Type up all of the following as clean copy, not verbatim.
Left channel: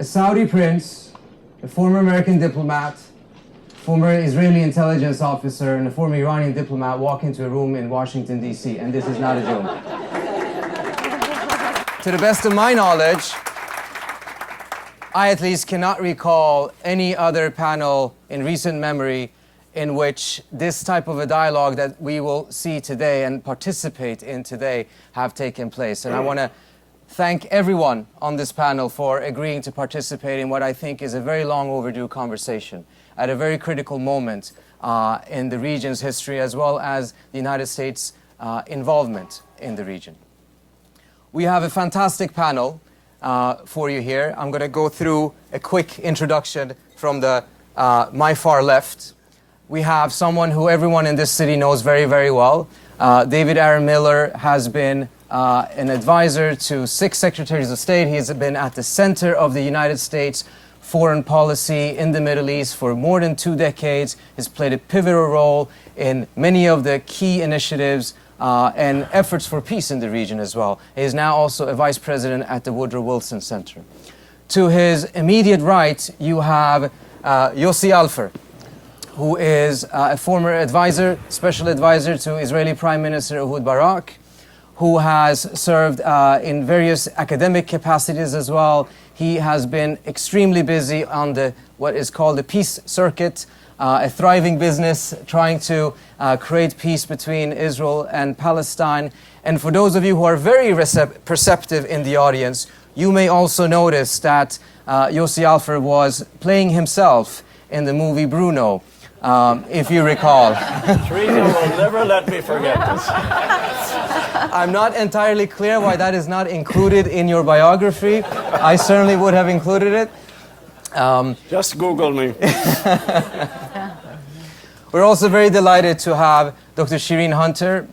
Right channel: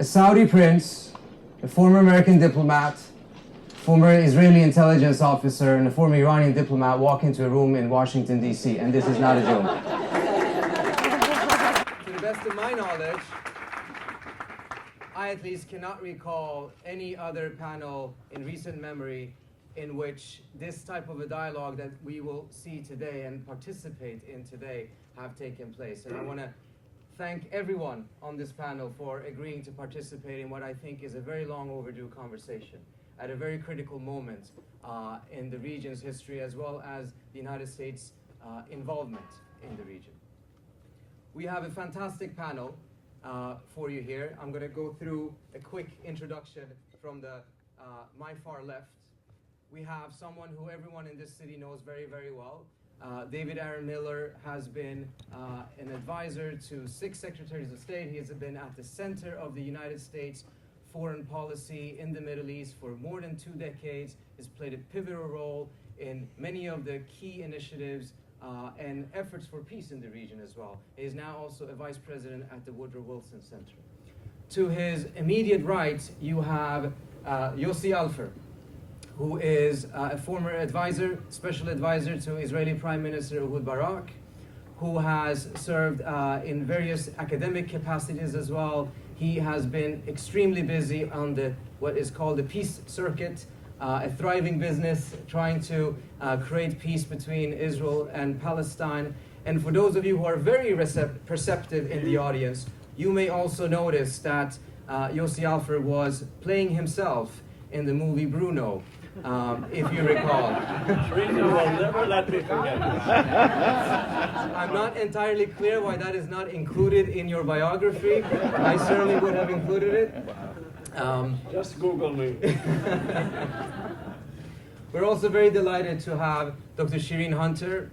A Saudi prince, a former American diplomat, former Israeli intelligence officer, and a former Iranian diplomat walk into a room in Washington, D.C., and this is not a joke. To the best of my knowledge, I at least cannot recall any other panel in recent memory in which this type of a dialogue that we will see today and participate in today have taken place. And I want to thank everyone on this panel for agreeing to participate in what I think is a very long overdue conversation at a very critical moment in the region's history, as well as the United States' involvement in the region. We have a fantastic panel for you here. I'm going to go through a quick introduction from the my far left. We have someone who everyone in this city knows very, very well. David Aaron Miller has been an advisor to 6 secretaries of state. He has been at the center of the United States foreign policy in the Middle East for more than 2 decades. He's played a pivotal role in many of the key initiatives and efforts for peace in the region as well. He is now also a vice president at the Woodrow Wilson Center. To his immediate right, you have Yossi Alpher, who is a former advisor, special advisor to Israeli Prime Minister Ehud Barak, who has served in various academic capacities as well. He has been extremely busy on what is called the peace circuit, a thriving business trying to create peace between Israel and Palestine. And for those of you who are very perceptive in the audience, you may also notice that Yossi Alpher was playing himself in the movie Bruno, if you recall. Trita will never let me forget this. I'm not entirely clear why that is not included in your biography. I certainly would have included it. Just Google me. We're also very delighted to have Dr. Shireen Hunter,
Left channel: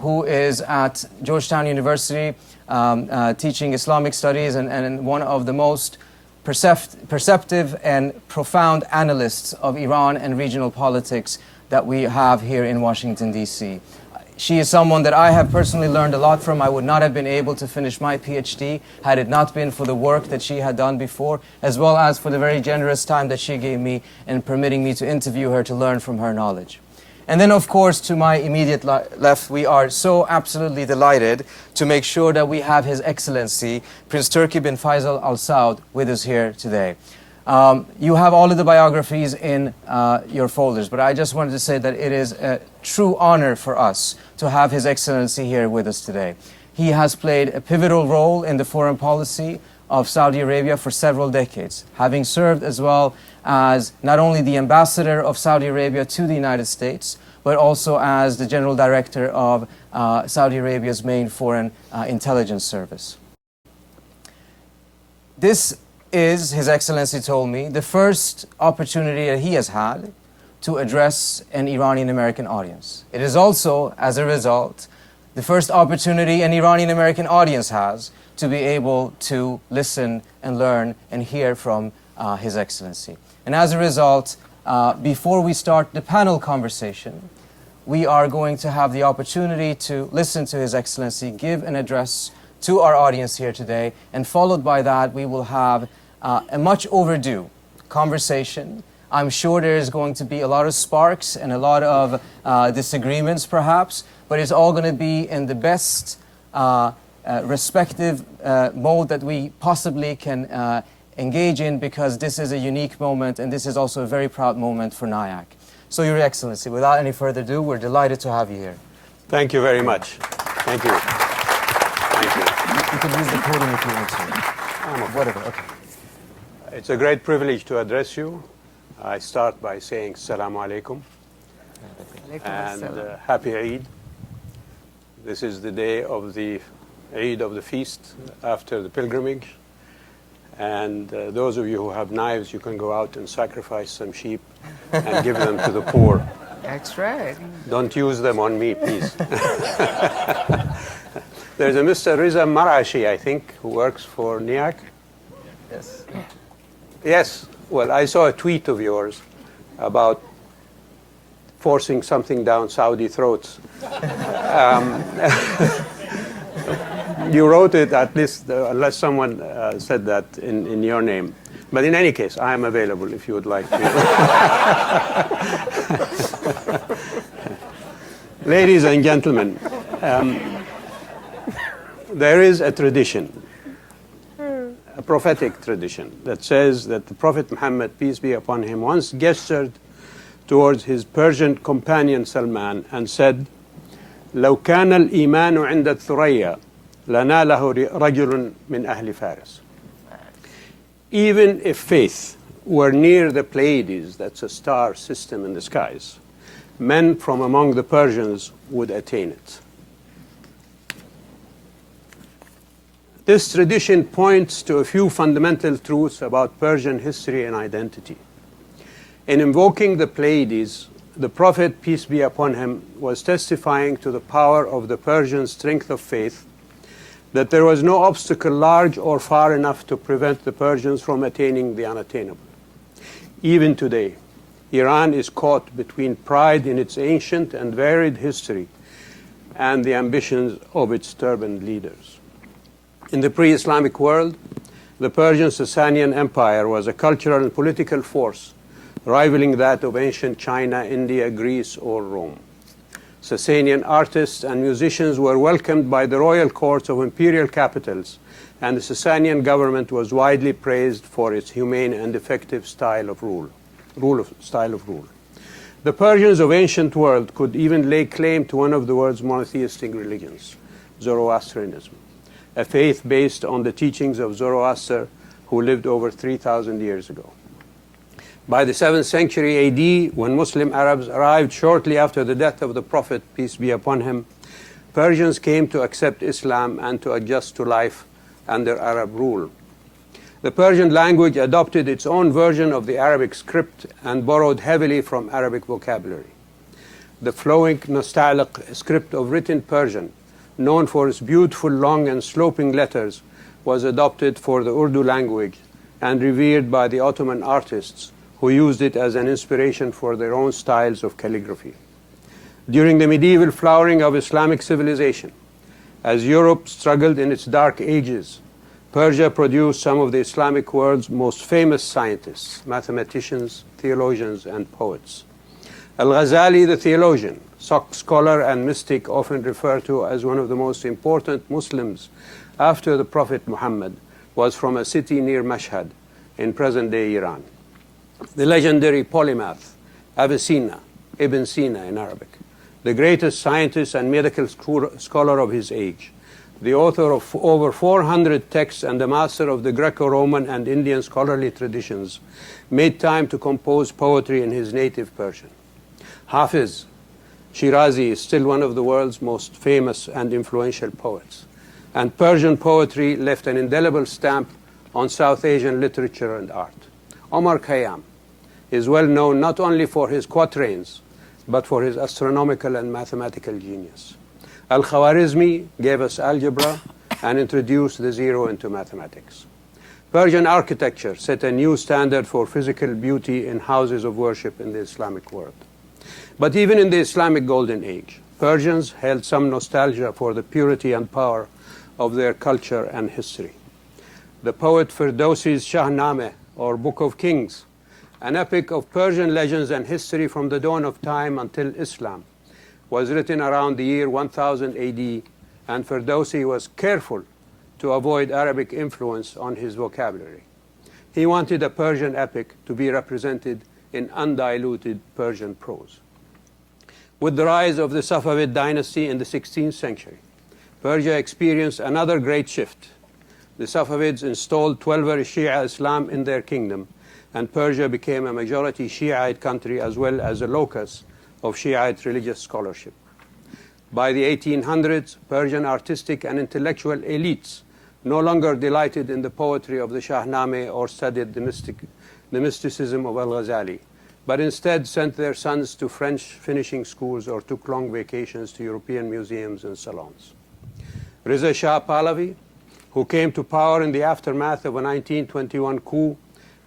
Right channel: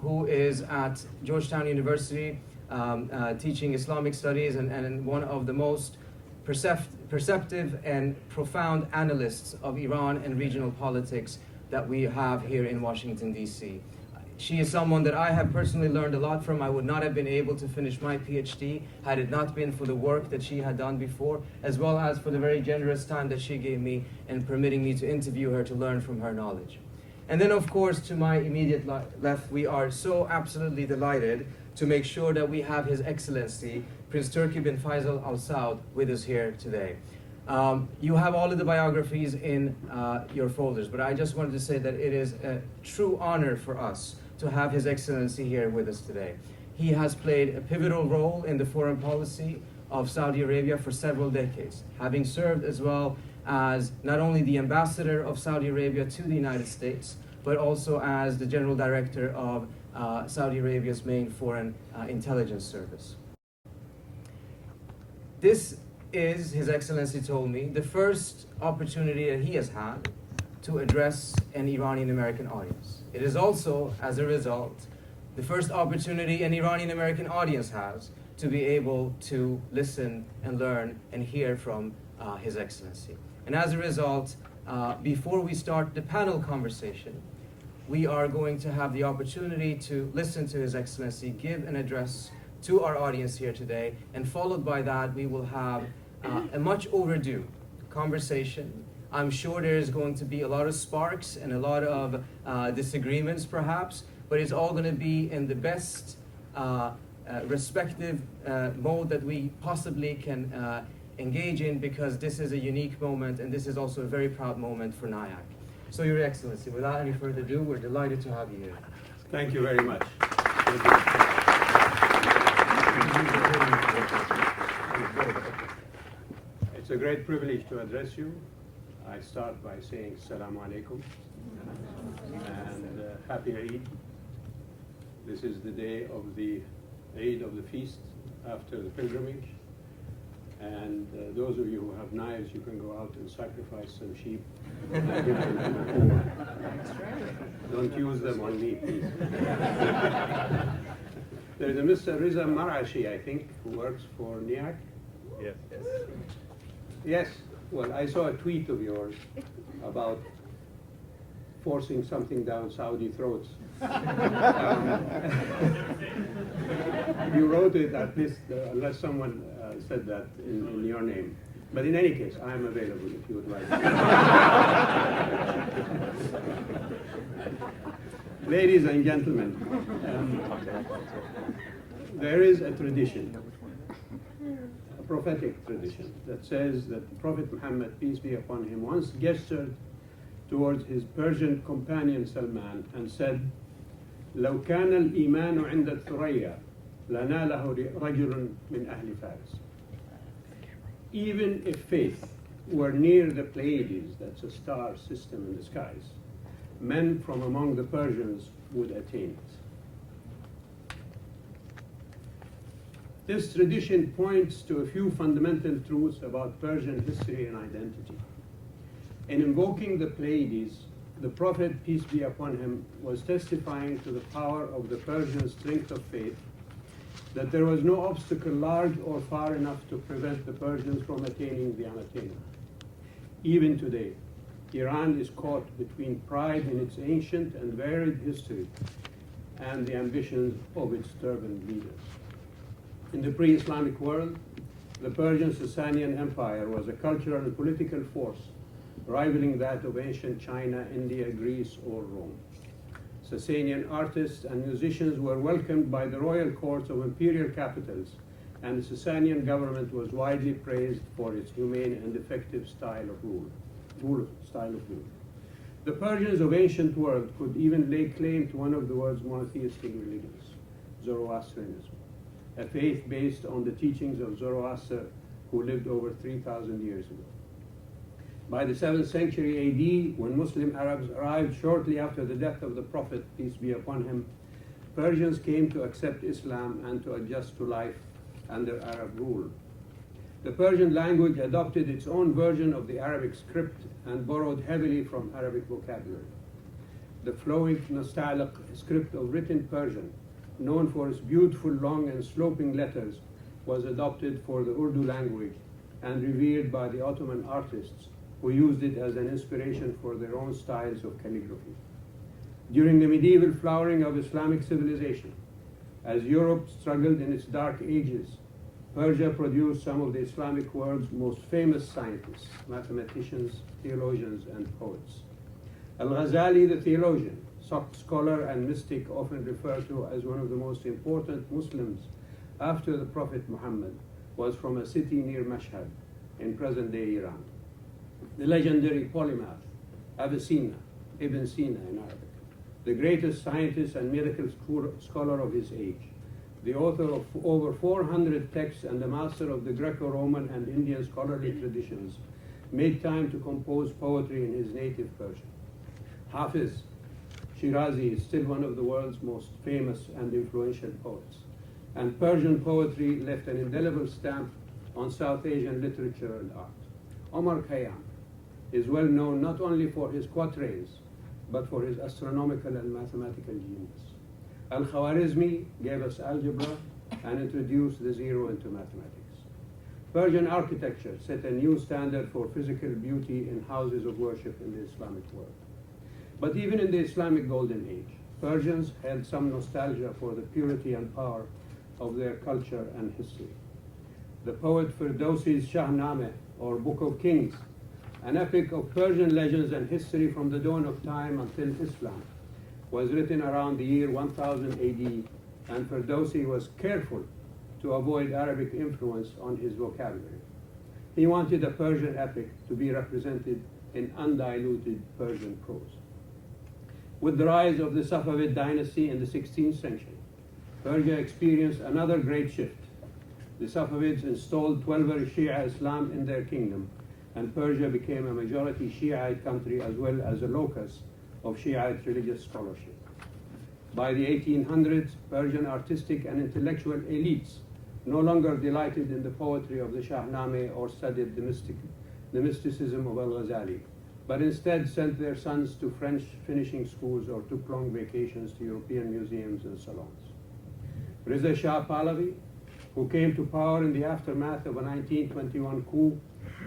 who is at Georgetown University teaching Islamic studies and one of the most perceptive and profound analysts of Iran and regional politics that we have here in Washington, D.C. She is someone that I have personally learned a lot from. I would not have been able to finish my PhD had it not been for the work that she had done before, as well as for the very generous time that she gave me in permitting me to interview her to learn from her knowledge. And then, of course, to my immediate left, we are so absolutely delighted to make sure that we have His Excellency, Prince Turki bin Faisal Al Saud, with us here today. You have all of the biographies in your folders, but I just wanted to say that it is a true honor for us to have His Excellency here with us today. He has played a pivotal role in the foreign policy of Saudi Arabia for several decades, having served as well as not only the ambassador of Saudi Arabia to the United States, but also as the general director of Saudi Arabia's main foreign intelligence service. This is, His Excellency told me, the first opportunity that he has had to address an Iranian-American audience. It is also, as a result, the first opportunity an Iranian-American audience has to be able to listen and learn and hear from His Excellency. And as a result, before we start the panel conversation, we are going to have the opportunity to listen to His Excellency give an address to our audience here today, and followed by that, we will have a much overdue conversation. I'm sure there is going to be a lot of sparks and a lot of disagreements, perhaps, but it's all going to be in the best respective mode that we possibly can engage in, because this is a unique moment and this is also a very proud moment for NIAC. So, Your Excellency, without any further ado, we're delighted to have you here. Thank you very much. Thank you. Thank you. You can use the podium if you want to. Whatever, okay. It's a great privilege to address you. I start by saying Assalamu alaikum and Happy Eid. This is the day of the Eid of the feast after the pilgrimage. And those of you who have knives, you can go out and sacrifice some sheep and give them to the poor. That's right. Don't use them on me, please. There's a Mr. Riza Marashi, I think, who works for NIAC. Yes. Yes. Well, I saw a tweet of yours about forcing something down Saudi throats. You wrote it, at least, unless someone said that in your name. But in any case, I am available if you would like to. Ladies and gentlemen, there is a tradition, a prophetic tradition, that says that the Prophet Muhammad, peace be upon him, once gestured towards his Persian companion Salman and said, لو كان الإيمان عند الثريا لناله رجل من أهل فارس. Even if faith were near the Pleiades, that's a star system in the skies, men from among the Persians would attain it. This tradition points to a few fundamental truths about Persian history and identity. In invoking the Pleiades, the Prophet, peace be upon him, was testifying to the power of the Persian strength of faith, that there was no obstacle large or far enough to prevent the Persians from attaining the unattainable. Even today, Iran is caught between pride in its ancient and varied history and the ambitions of its turbaned leaders. In the pre-Islamic world, the Persian Sasanian Empire was a cultural and political force rivaling that of ancient China, India, Greece, or Rome. Sasanian artists and musicians were welcomed by the royal courts of imperial capitals, and the Sasanian government was widely praised for its humane and effective style of rule. The Persians of ancient world could even lay claim to one of the world's monotheistic religions, Zoroastrianism, a faith based on the teachings of Zoroaster, who lived over 3,000 years ago. By the 7th century AD, when Muslim Arabs arrived shortly after the death of the Prophet, peace be upon him, Persians came to accept Islam and to adjust to life under Arab rule. The Persian language adopted its own version of the Arabic script and borrowed heavily from Arabic vocabulary. The flowing, nostalgic script of written Persian, known for its beautiful, long, and sloping letters, was adopted for the Urdu language and revered by the Ottoman artists, who used it as an inspiration for their own styles of calligraphy. During the medieval flowering of Islamic civilization, as Europe struggled in its dark ages, Persia produced some of the Islamic world's most famous scientists, mathematicians, theologians, and poets. Al-Ghazali, the theologian, scholar, and mystic, often referred to as one of the most important Muslims after the Prophet Muhammad, was from a city near Mashhad in present-day Iran. The legendary polymath, Avicenna, Ibn Sina in Arabic, the greatest scientist and medical scholar of his age, the author of over 400 texts and the master of the Greco-Roman and Indian scholarly traditions, made time to compose poetry in his native Persian. Hafiz Shirazi is still one of the world's most famous and influential poets, and Persian poetry left an indelible stamp on South Asian literature and art. Omar Khayyam is well known not only for his quatrains, but for his astronomical and mathematical genius. Al-Khwarizmi gave us algebra and introduced the zero into mathematics. Persian architecture set a new standard for physical beauty in houses of worship in the Islamic world. But even in the Islamic Golden Age, Persians held some nostalgia for the purity and power of their culture and history. The poet Ferdowsi's Shahnameh, or Book of Kings, an epic of Persian legends and history from the dawn of time until Islam, was written around the year 1000 AD, and Ferdowsi was careful to avoid Arabic influence on his vocabulary. He wanted a Persian epic to be represented in undiluted Persian prose. With the rise of the Safavid dynasty in the 16th century, Persia experienced another great shift. The Safavids installed Twelver Shia Islam in their kingdom, and Persia became a majority Shiite country as well as a locus of Shiite religious scholarship. By the 1800s, Persian artistic and intellectual elites no longer delighted in the poetry of the Shahnameh or studied the mysticism of Al-Ghazali, but instead sent their sons to French finishing schools or took long vacations to European museums and salons. Reza Shah Pahlavi, who came to power in the aftermath of a 1921 coup,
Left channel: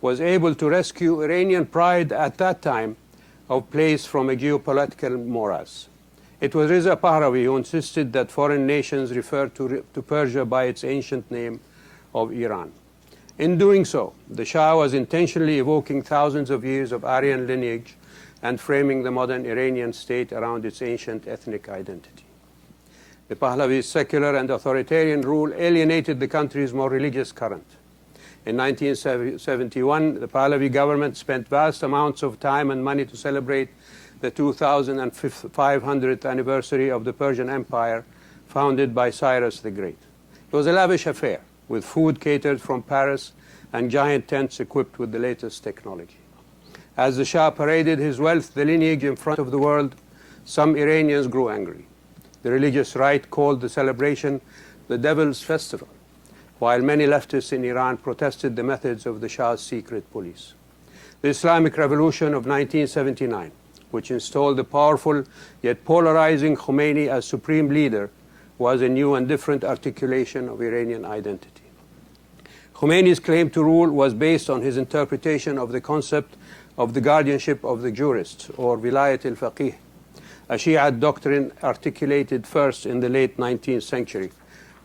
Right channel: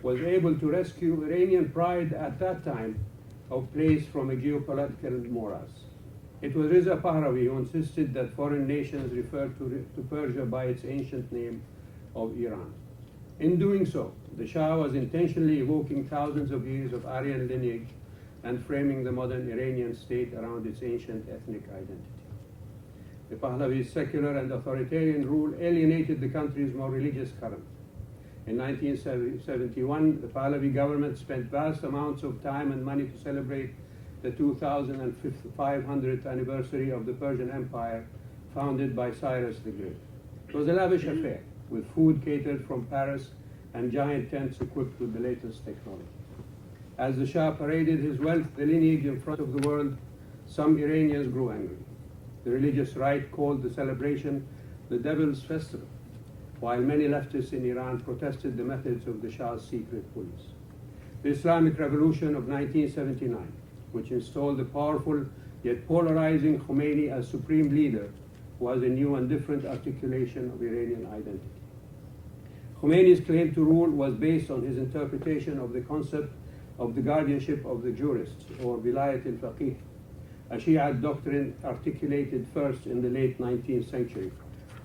was able to rescue Iranian pride at that time of place from a geopolitical morass. It was Reza Pahlavi who insisted that foreign nations refer to Persia by its ancient name of Iran. In doing so, the Shah was intentionally evoking thousands of years of Aryan lineage and framing the modern Iranian state around its ancient ethnic identity. The Pahlavi's secular and authoritarian rule alienated the country's more religious current. In 1971, the Pahlavi government spent vast amounts of time and money to celebrate the 2500th anniversary of the Persian Empire, founded by Cyrus the Great. It was a lavish affair, with food catered from Paris and giant tents equipped with the latest technology. As the Shah paraded his wealth, the lineage in front of the world, some Iranians grew angry. The religious right called the celebration the Devil's Festival, while many leftists in Iran protested the methods of the Shah's secret police. The Islamic Revolution of 1979, which installed the powerful yet polarizing Khomeini as supreme leader, was a new and different articulation of Iranian identity. Khomeini's claim to rule was based on his interpretation of the concept of the guardianship of the jurists, or Vilayat al-Faqih, a Shiite doctrine articulated first in the late 19th century,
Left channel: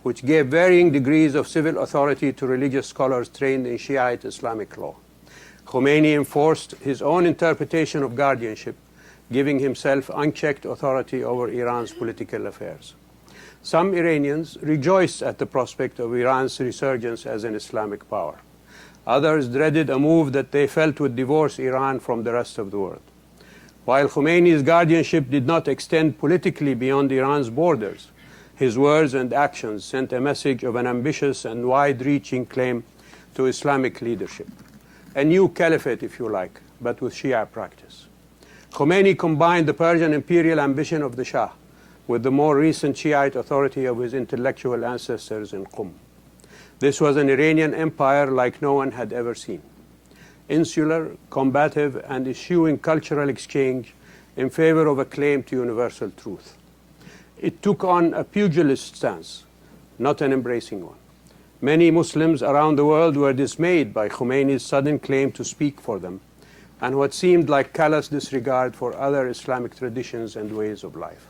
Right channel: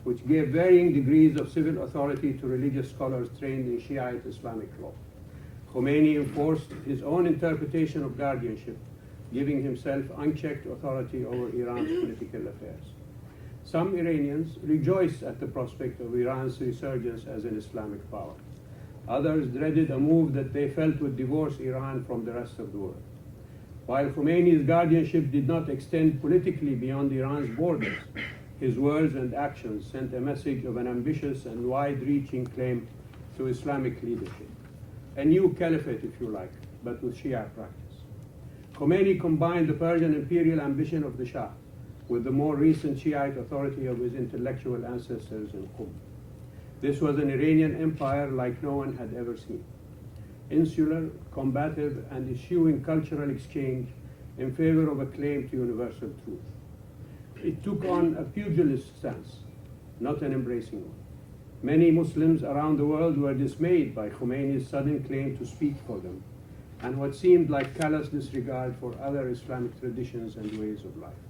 which gave varying degrees of civil authority to religious scholars trained in Shiite Islamic law. Khomeini enforced his own interpretation of guardianship, giving himself unchecked authority over Iran's political affairs. Some Iranians rejoiced at the prospect of Iran's resurgence as an Islamic power. Others dreaded a move that they felt would divorce Iran from the rest of the world. While Khomeini's guardianship did not extend politically beyond Iran's borders, his words and actions sent a message of an ambitious and wide-reaching claim to Islamic leadership. A new caliphate, if you like, but with Shia practice. Khomeini combined the Persian imperial ambition of the Shah with the more recent Shiite authority of his intellectual ancestors in Qum. This was an Iranian empire like no one had ever seen. Insular, combative, and eschewing cultural exchange in favor of a claim to universal truth. It took on a pugilist stance, not an embracing one. Many Muslims around the world were dismayed by Khomeini's sudden claim to speak for them, and what seemed like callous disregard for other Islamic traditions and ways of life.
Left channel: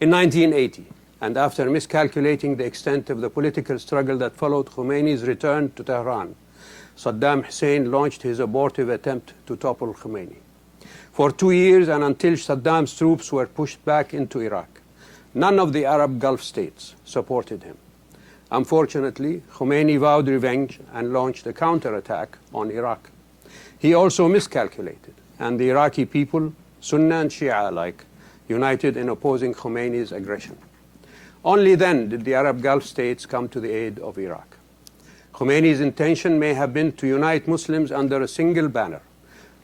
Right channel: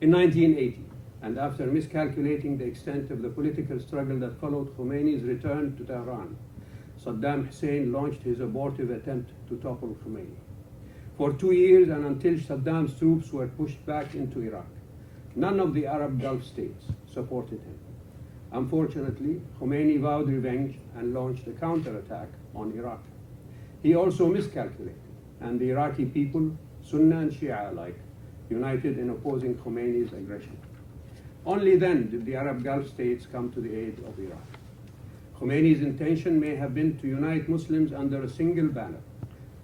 In 1980, and after miscalculating the extent of the political struggle that followed Khomeini's return to Tehran, Saddam Hussein launched his abortive attempt to topple Khomeini. For 2 years, and until Saddam's troops were pushed back into Iraq, none of the Arab Gulf states supported him. Unfortunately, Khomeini vowed revenge and launched a counterattack on Iraq. He also miscalculated, and the Iraqi people, Sunni and Shia alike, united in opposing Khomeini's aggression. Only then did the Arab Gulf states come to the aid of Iraq. Khomeini's intention may have been to unite Muslims under a single banner,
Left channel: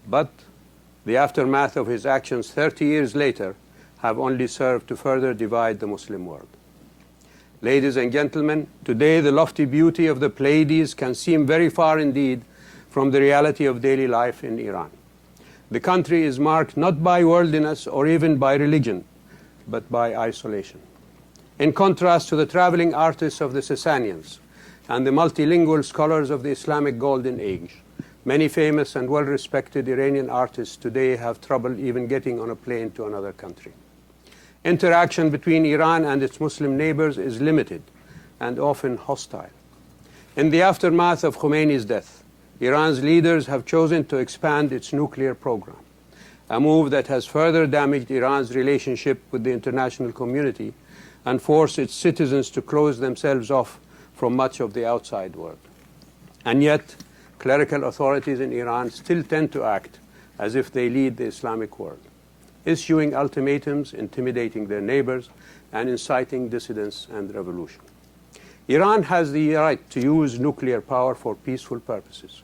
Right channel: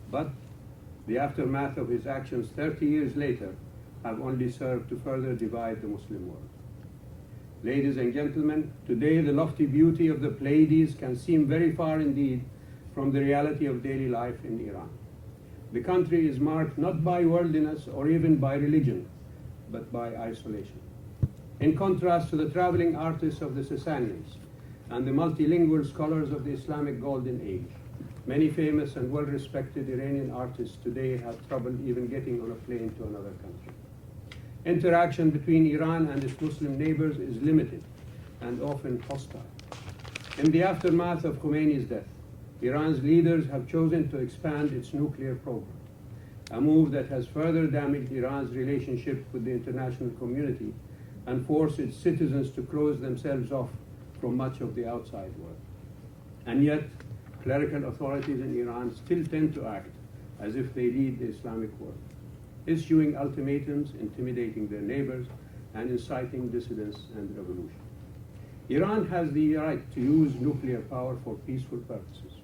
but the aftermath of his actions 30 years later have only served to further divide the Muslim world. Ladies and gentlemen, today the lofty beauty of the Pleiades can seem very far indeed from the reality of daily life in Iran. The country is marked not by worldliness or even by religion, but by isolation. In contrast to the traveling artists of the Sasanians and the multilingual scholars of the Islamic Golden Age, many famous and well-respected Iranian artists today have trouble even getting on a plane to another country. Interaction between Iran and its Muslim neighbors is limited and often hostile. In the aftermath of Khomeini's death, Iran's leaders have chosen to expand its nuclear program, a move that has further damaged Iran's relationship with the international community and forced its citizens to close themselves off from much of the outside world. And yet, clerical authorities in Iran still tend to act as if they lead the Islamic world, issuing ultimatums, intimidating their neighbors, and inciting dissidence and revolution. Iran has the right to use nuclear power for peaceful purposes,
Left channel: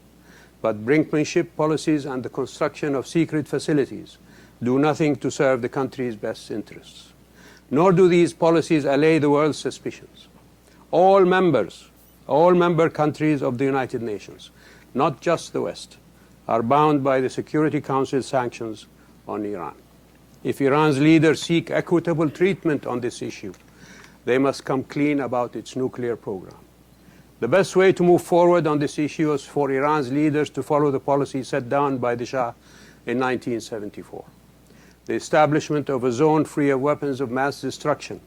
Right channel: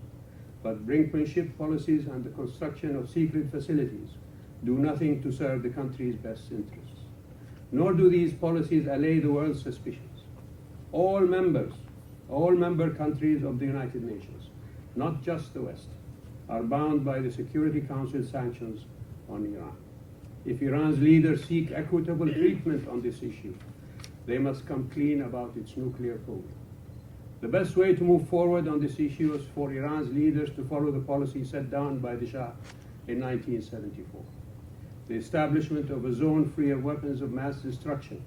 but brinkmanship policies and the construction of secret facilities do nothing to serve the country's best interests. Nor do these policies allay the world's suspicions. All member countries of the United Nations, not just the West, are bound by the Security Council sanctions on Iran. If Iran's leaders seek equitable treatment on this issue, they must come clean about its nuclear program. The best way to move forward on this issue is for Iran's leaders to follow the policy set down by the Shah in 1974. The establishment of a zone free of weapons of mass destruction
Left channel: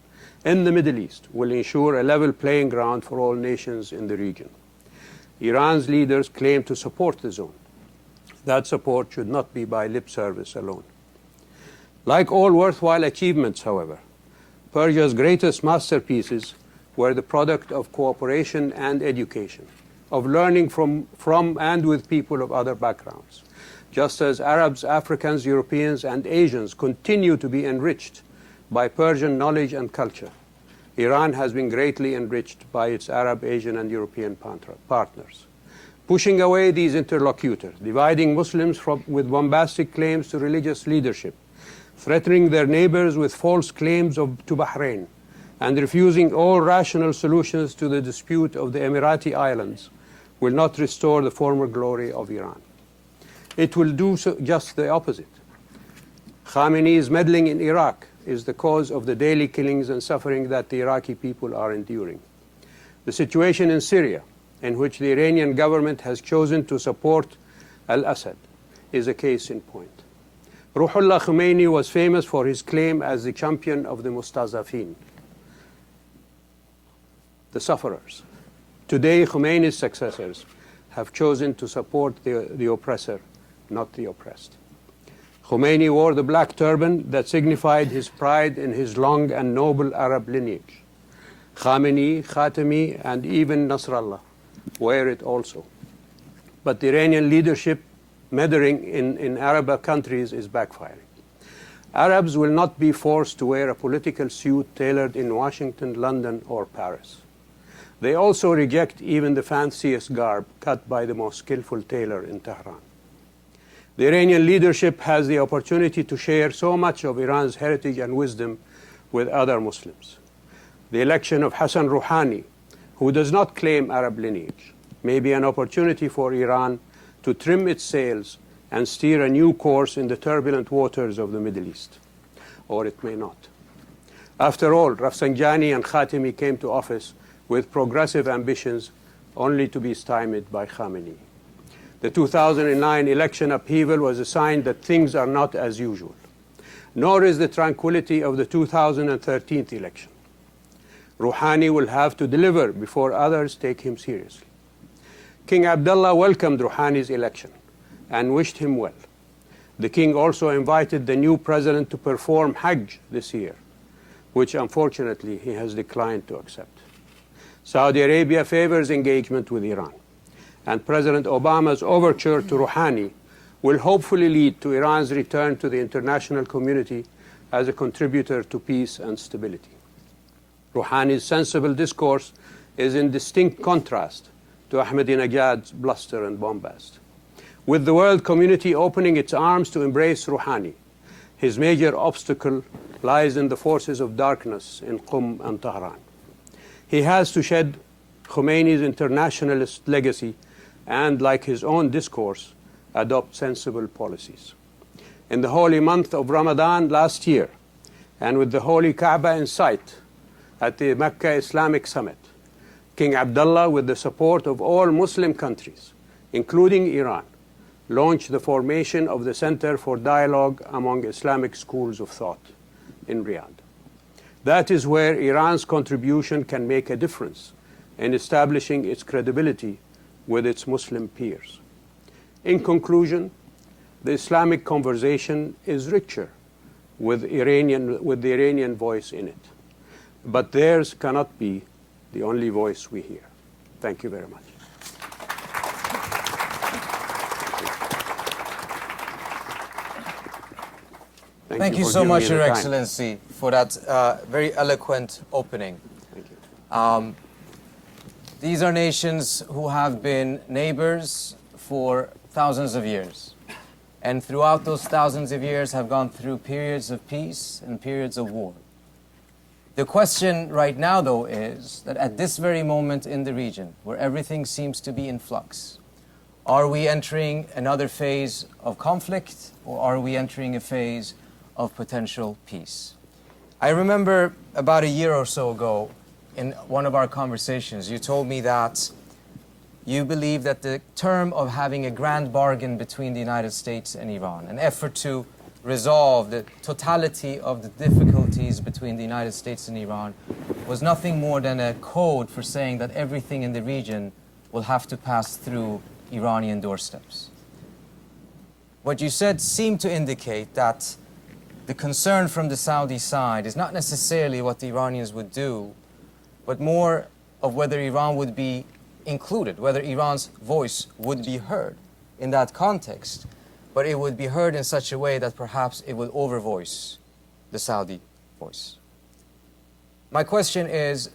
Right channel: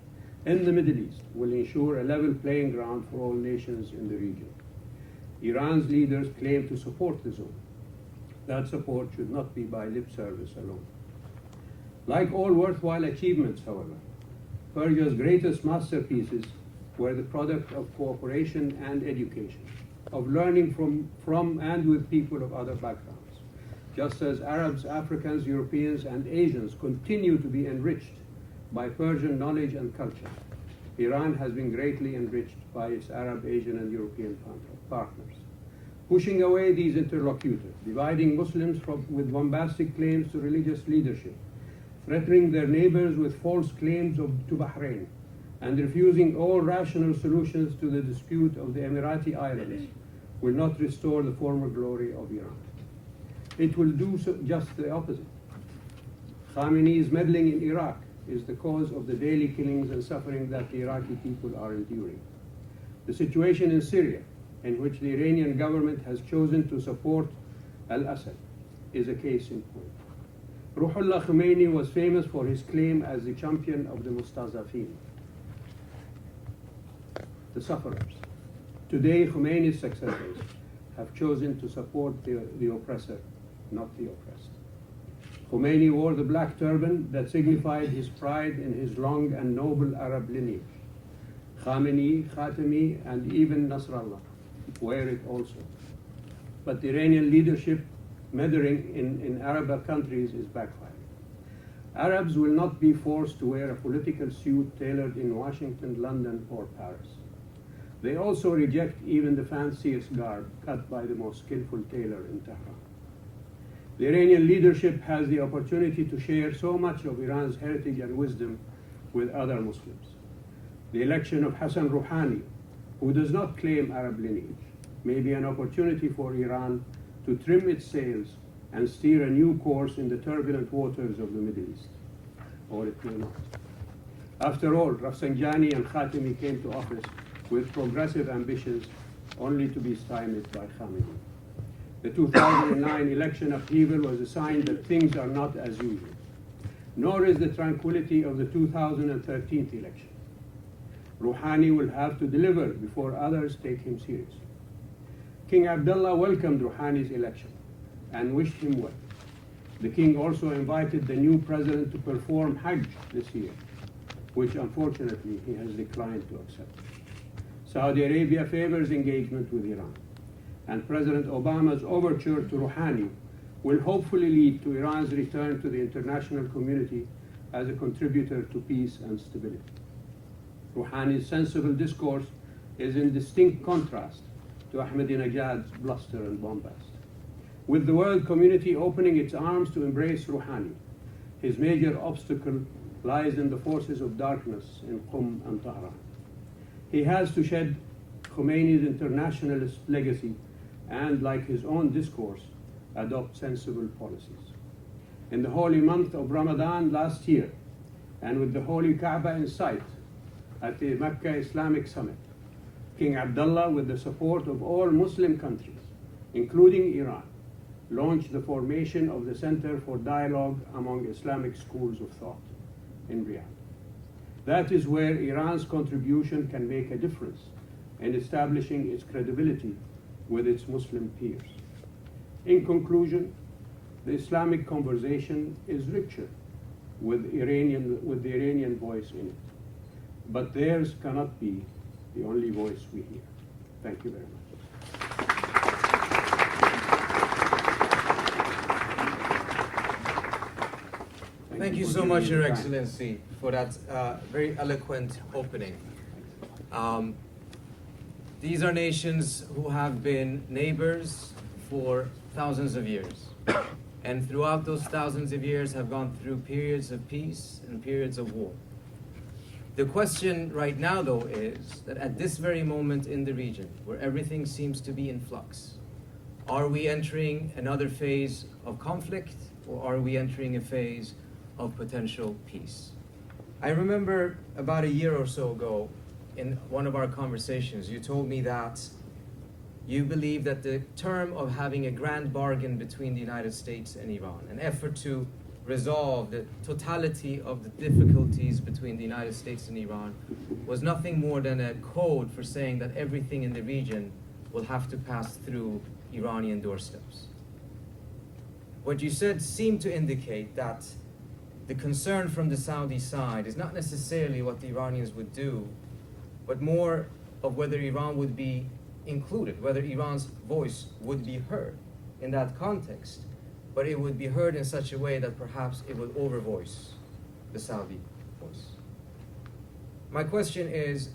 in the Middle East will ensure a level playing ground for all nations in the region. Iran's leaders claim to support the zone. That support should not be by lip service alone. Like all worthwhile achievements, however, Persia's greatest masterpieces were the product of cooperation and education, of learning from and with people of other backgrounds. Just as Arabs, Africans, Europeans, and Asians continue to be enriched by Persian knowledge and culture, Iran has been greatly enriched by its Arab, Asian, and European partners. Pushing away these interlocutors, dividing Muslims with bombastic claims to religious leadership, threatening their neighbors with false claims to Bahrain, and refusing all rational solutions to the dispute of the Emirati Islands will not restore the former glory of Iran. It will do just the opposite. Khamenei's meddling in Iraq is the cause of the daily killings and suffering that the Iraqi people are enduring. The situation in Syria, in which the Iranian government has chosen to support al-Assad, is a case in point. Ruhollah Khomeini was famous for his claim as the champion of the Mustazafin, the sufferers. Today, Khomeini's successors have chosen to support the oppressor, not the oppressed. Khomeini wore the black turban that signified his pride in his long and noble Arab lineage. Khamenei, Khatami, and even Nasrallah wear it also. But the Iranian leadership meddling in Arab countries is backfiring. Arabs will not be forced to wear a political suit tailored in Washington, London, or Paris. They also reject even the fanciest garb cut by the most skillful tailor in Tehran. The Iranian leadership has the opportunity to share so much of Iran's heritage and wisdom with other Muslims. The election of Hassan Rouhani, who does not claim Arab lineage, may be an opportunity for Iran to trim its sails and steer a new course in the turbulent waters of the Middle East. Or it may not. After all, Rafsanjani and Khatami came to office with progressive ambitions only to be stymied by Khamenei. The 2009 election upheaval was a sign that things are not as usual, nor is the tranquility of the 2013 election. Rouhani will have to deliver before others take him seriously. King Abdullah welcomed Rouhani's election and wished him well. The king also invited the new president to perform Hajj this year, which unfortunately he has declined to accept. Saudi Arabia favors engagement with Iran, and President Obama's overture to Rouhani will hopefully lead to Iran's return to the international community as a contributor to peace and stability. Rouhani's sensible discourse is in distinct contrast to Ahmadinejad's bluster and bombast. With the world community opening its arms to embrace Rouhani, his major obstacle lies in the forces of darkness in Qum and Tehran. He has to shed Khomeini's internationalist legacy and, like his own discourse, adopt sensible policies. In the holy month of Ramadan last year, and with the holy Kaaba in sight at the Mecca Islamic Summit, King Abdullah, with the support of all Muslim countries, including Iran, launched the formation of the Center for Dialogue among Islamic Schools of Thought in Riyadh. That is where Iran's contribution can make a difference in establishing its credibility with its Muslim peers. In conclusion, the Islamic conversation is richer with the Iranian voice in it. But theirs cannot be the only voice we hear. Thank you very much. Thank you so much, Your Excellency, for that very eloquent opening. These are nations who have been neighbors for thousands of years. And throughout those thousands of years have gone through periods of peace and periods of war. The question right now, though, is that at this very moment in the region, where everything seems to be in flux, are we entering another phase of conflict, or are we entering a phase of potential peace? I remember about a year or so ago, in one of our conversations, you told me that you believe that the term of having a grand bargain between the United States and Iran, an effort to resolve the totality of the difficulties between the United States and Iran was nothing more than a code for saying that everything in the region will have to pass through Iranian doorsteps. What you said seemed to indicate that the concern from the Saudi side is not necessarily what the Iranians would do, but more of whether Iran would be included, whether Iran's voice would be heard in that context, but it would be heard in such a way that perhaps it will overvoice the Saudi voice. My question is,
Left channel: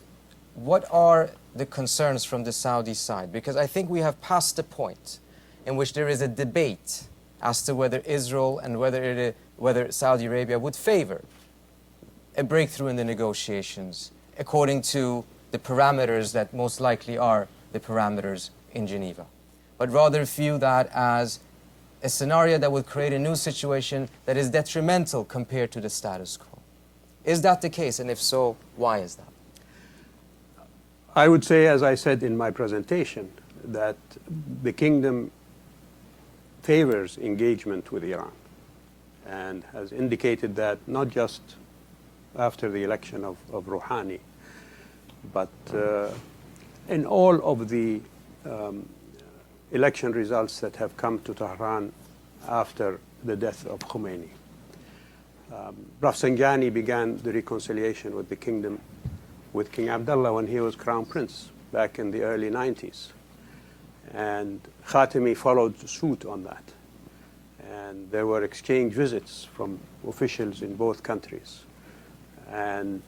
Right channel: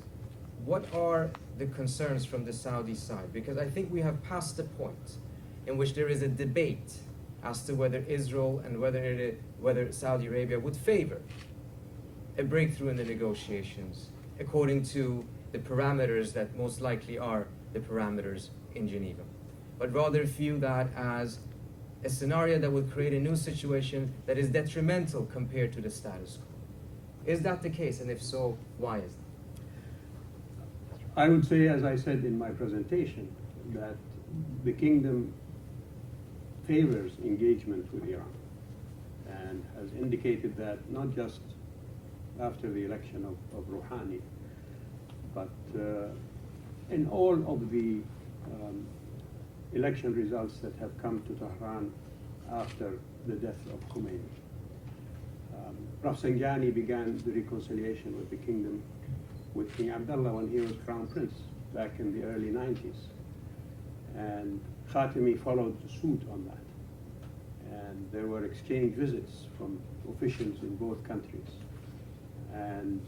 what are the concerns from the Saudi side? Because I think we have passed the point in which there is a debate as to whether Israel and whether Saudi Arabia would favor a breakthrough in the negotiations according to the parameters that most likely are the parameters in Geneva, but rather view that as a scenario that would create a new situation that is detrimental compared to the status quo. Is that the case? And if so, why is that? I would say, as I said in my presentation, that the kingdom favors engagement with Iran and has indicated that not just after the election of Rouhani, but in all of the election results that have come to Tehran after the death of Khomeini. Rafsanjani began the reconciliation with the kingdom with King Abdullah when he was crown prince back in the early 90s. And Khatami followed suit on that. And there were exchange visits from officials in both countries. And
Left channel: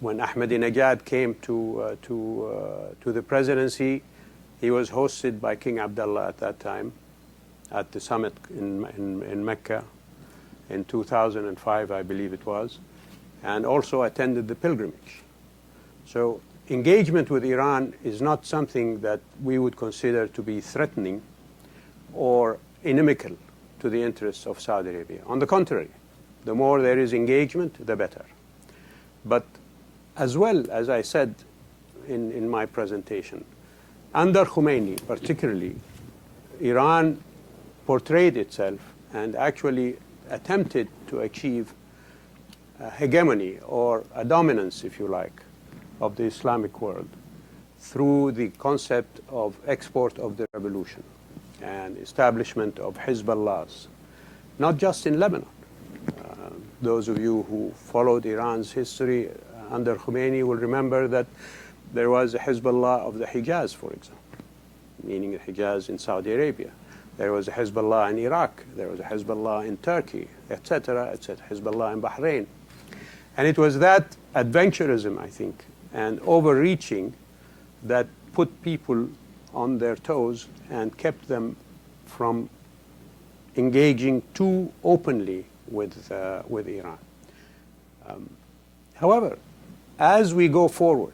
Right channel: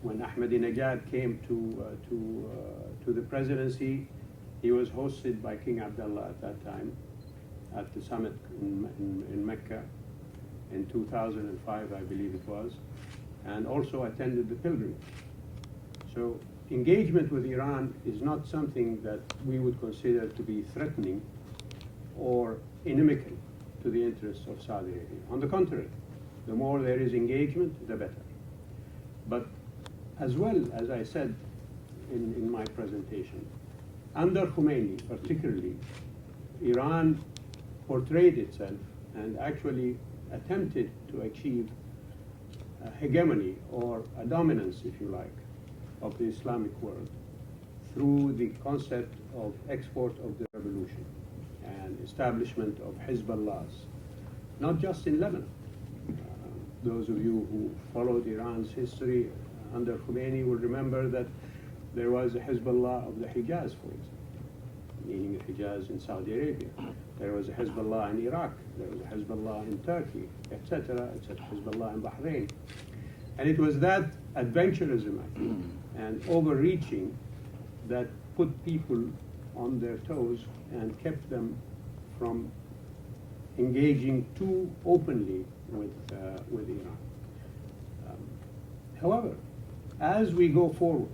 when Ahmadinejad came to the presidency, he was hosted by King Abdullah at that time at the summit in Mecca in 2005, I believe it was, and also attended the pilgrimage. So engagement with Iran is not something that we would consider to be threatening or inimical to the interests of Saudi Arabia. On the contrary, the more there is engagement, the better. But as well, as I said in my presentation, under Khomeini particularly, Iran portrayed itself and actually attempted to achieve a hegemony or a dominance, if you like, of the Islamic world through the concept of export of the revolution and establishment of Hezbollahs, not just in Lebanon. Those of you who followed Iran's history under Khomeini will remember that there was a Hezbollah of the Hijaz, for example, meaning the Hijaz in Saudi Arabia. There was a Hezbollah in Iraq. There was a Hezbollah in Turkey, etc., etc., Hezbollah in Bahrain. And it was that adventurism, I think, and overreaching that put people on their toes and kept them from engaging too openly with Iran. However, as we go forward,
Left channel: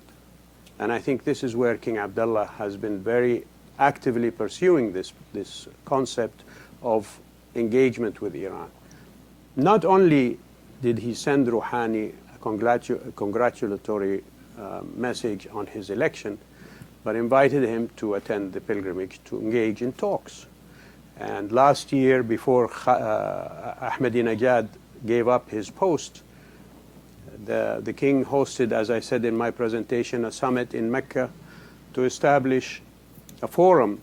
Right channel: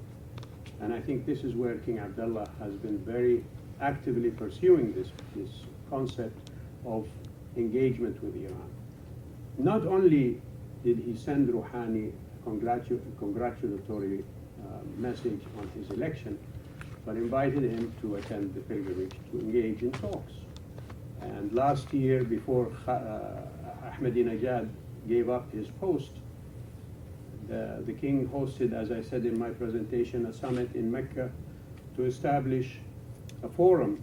and I think this is where King Abdullah has been very actively pursuing this concept of engagement with Iran. Not only did he send Rouhani a congratulatory message on his election, but invited him to attend the pilgrimage to engage in talks. And last year, before Ahmadinejad gave up his post, the king hosted, as I said in my presentation, a summit in Mecca to establish a forum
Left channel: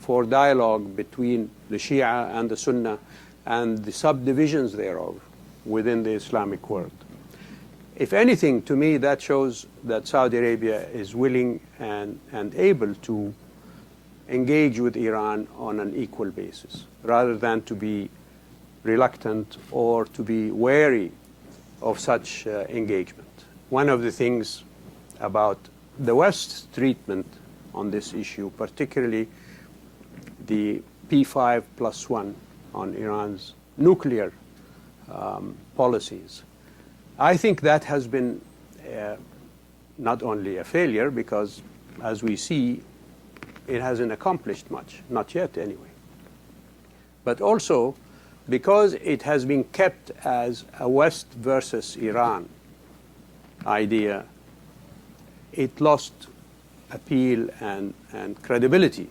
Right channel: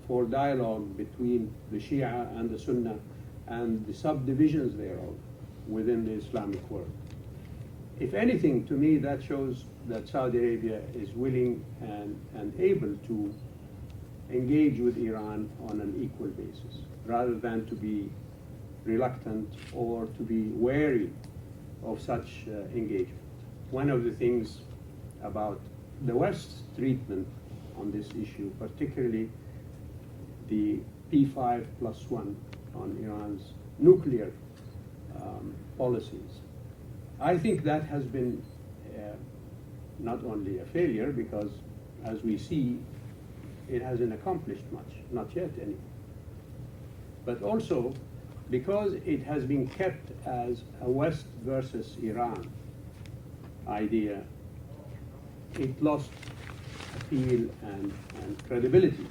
for dialogue between the Shia and the Sunnah and the subdivisions thereof within the Islamic world. If anything, to me, that shows that Saudi Arabia is willing and able to engage with Iran on an equal basis, rather than to be reluctant or to be wary of such engagement. One of the things about the West's treatment on this issue, particularly the P5+1 on Iran's nuclear policies, I think that has been not only a failure, because as we see, it hasn't accomplished much, not yet anyway, but also because it has been kept as a West versus Iran idea, it lost appeal and credibility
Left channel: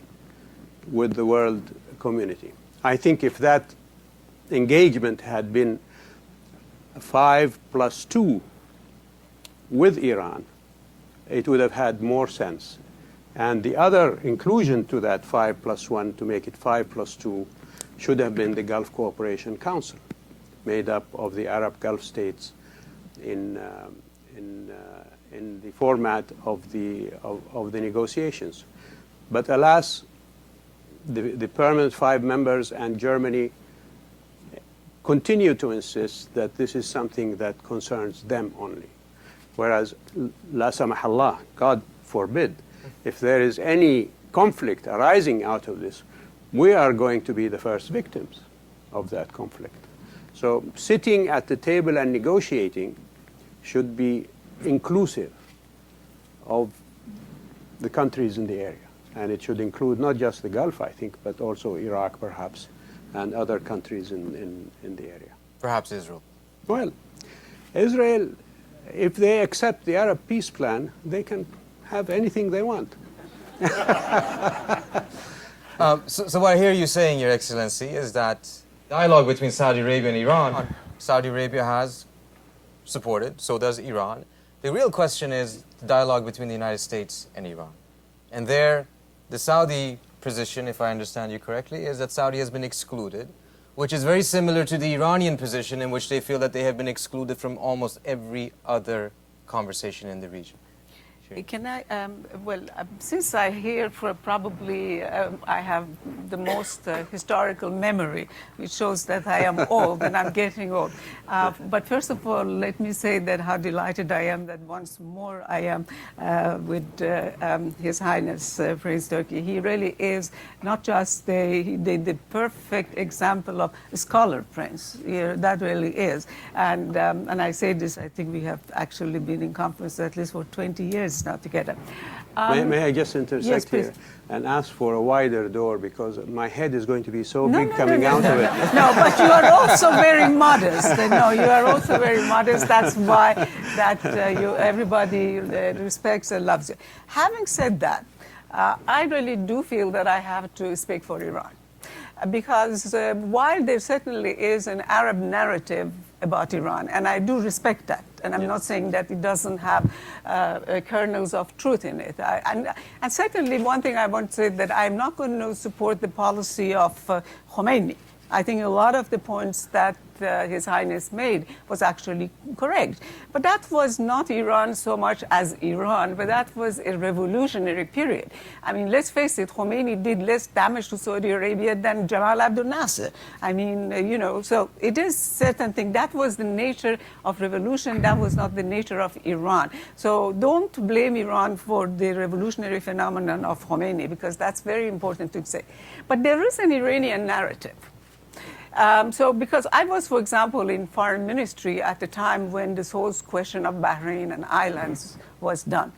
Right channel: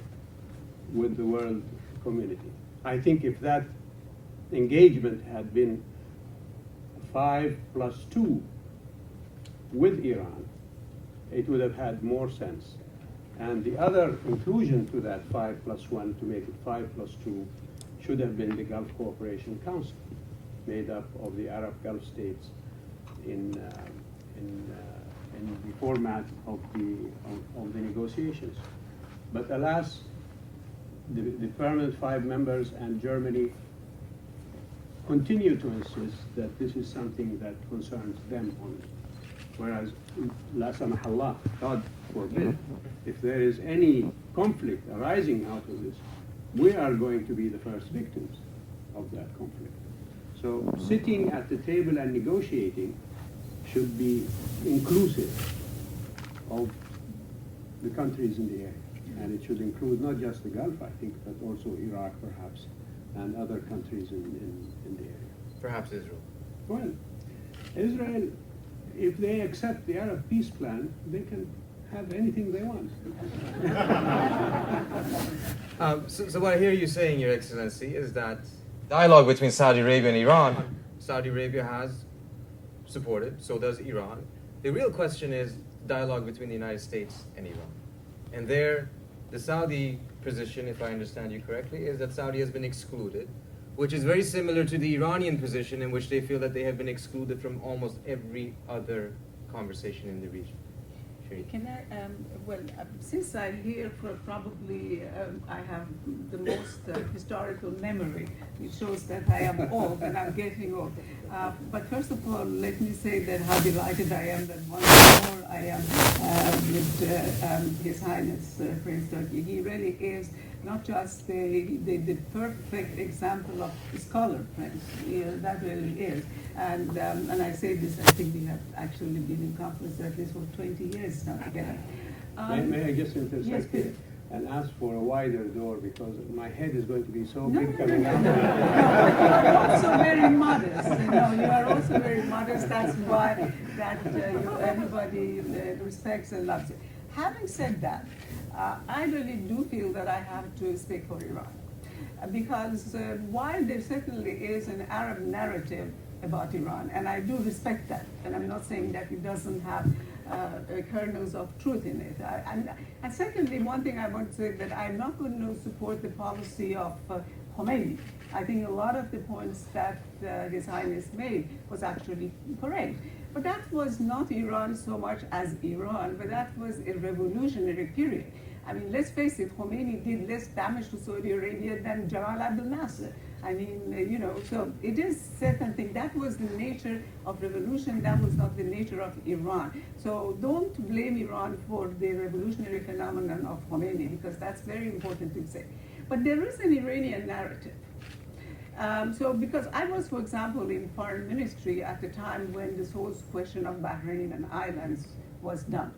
with the world community. I think if that engagement had been 5+2 with Iran, it would have had more sense. And the other inclusion to that 5+1 to make it 5+2 should have been the Gulf Cooperation Council, made up of the Arab Gulf states in the format of the negotiations. But alas, the permanent 5 members and Germany continue to insist that this is something that concerns them only. Whereas, la samahallah, God forbid, if there is any conflict arising out of this, we are going to be the first victims of that conflict. So sitting at the table and negotiating should be inclusive of the countries in the area. And it should include not just the Gulf, I think, but also Iraq, perhaps, and other countries in the area. Perhaps Israel. Well, Israel, if they accept the Arab peace plan, they can have anything they want. So what I hear you saying, Your Excellency, is that dialogue between Saudi Arabia and Iran, Saudi Arabia has supported, so does Iran. The real question is the dialogue between the United States and Iran. And there, the Saudi position, if I understand you correctly, is that Saudi has been excluded, which is very similar to the Iranian position in which they feel that they have been excluded from almost every other conversation in the region. Can I, since I hear for probably I have the most historical memory, which shows that I am old and I'm getting old. But first of all, let me say that how delighted I am that once more I am with His Highness Prince Turki. He really is not just the perfect example of a scholar prince. That really is. And I say this, I think we have actually been in conference at least for 20 years now together. May I just intersect yes, please. here and ask for a wider door, because my head is going to be so big coming out of it. No, but you are also very modest. No, you are also very modest. That's why everybody respects and loves you. Having said that, I really do feel that I have to speak for Iran. Because while there certainly is an Arab narrative about Iran, and I do respect that, and I'm not saying that it doesn't have kernels of truth in it. And secondly, one thing I want to say that I'm not going to support the policy of Khomeini. I think a lot of the points that His Highness made was actually correct. But that was not Iran so much as Iran, but that was a revolutionary period. I mean, let's face it, Khomeini did less damage to Saudi Arabia than Jamal Abdel Nasser. I mean, so it is certain thing. That was the nature of revolution. That was not the nature of Iran. So don't blame Iran for the revolutionary phenomenon of Khomeini, because that's very important to say. But there is an Iranian narrative. Because I was, for example, in foreign ministry at the time when this whole question of Bahrain and islands was done.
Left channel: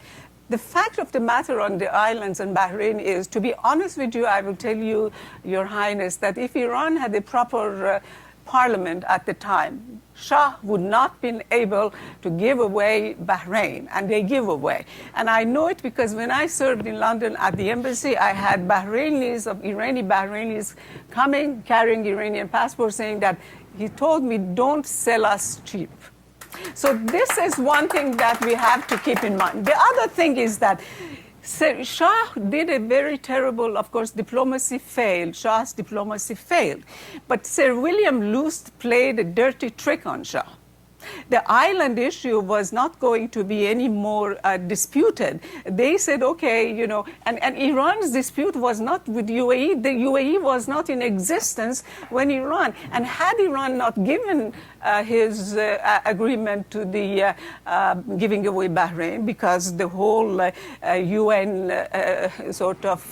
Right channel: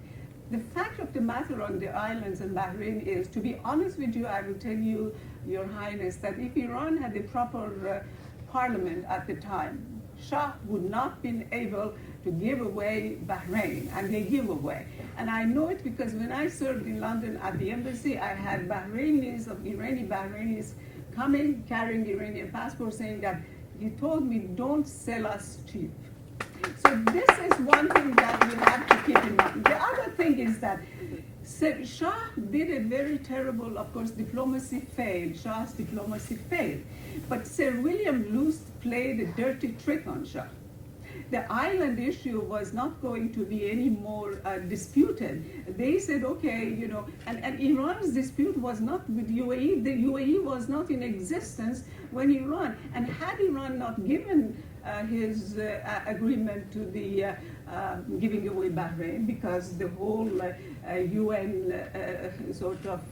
The fact of the matter on the islands and Bahrain is, to be honest with you, I will tell you, Your Highness, that if Iran had a proper parliament at the time, Shah would not been able to give away Bahrain, and they give away. And I know it because when I served in London at the embassy, I had Bahrainis, of Iranian Bahrainis, coming, carrying Iranian passports, saying that he told me, don't sell us cheap. So this is one thing that we have to keep in mind. The other thing is that Shah did a very terrible, of course, diplomacy failed. Shah's diplomacy failed. But Sir William Lust played a dirty trick on Shah. The island issue was not going to be any more disputed. They said, okay, and Iran's dispute was not with UAE. The UAE was not in existence when Iran, and had Iran not given his agreement to the giving away Bahrain, because the whole UN sort of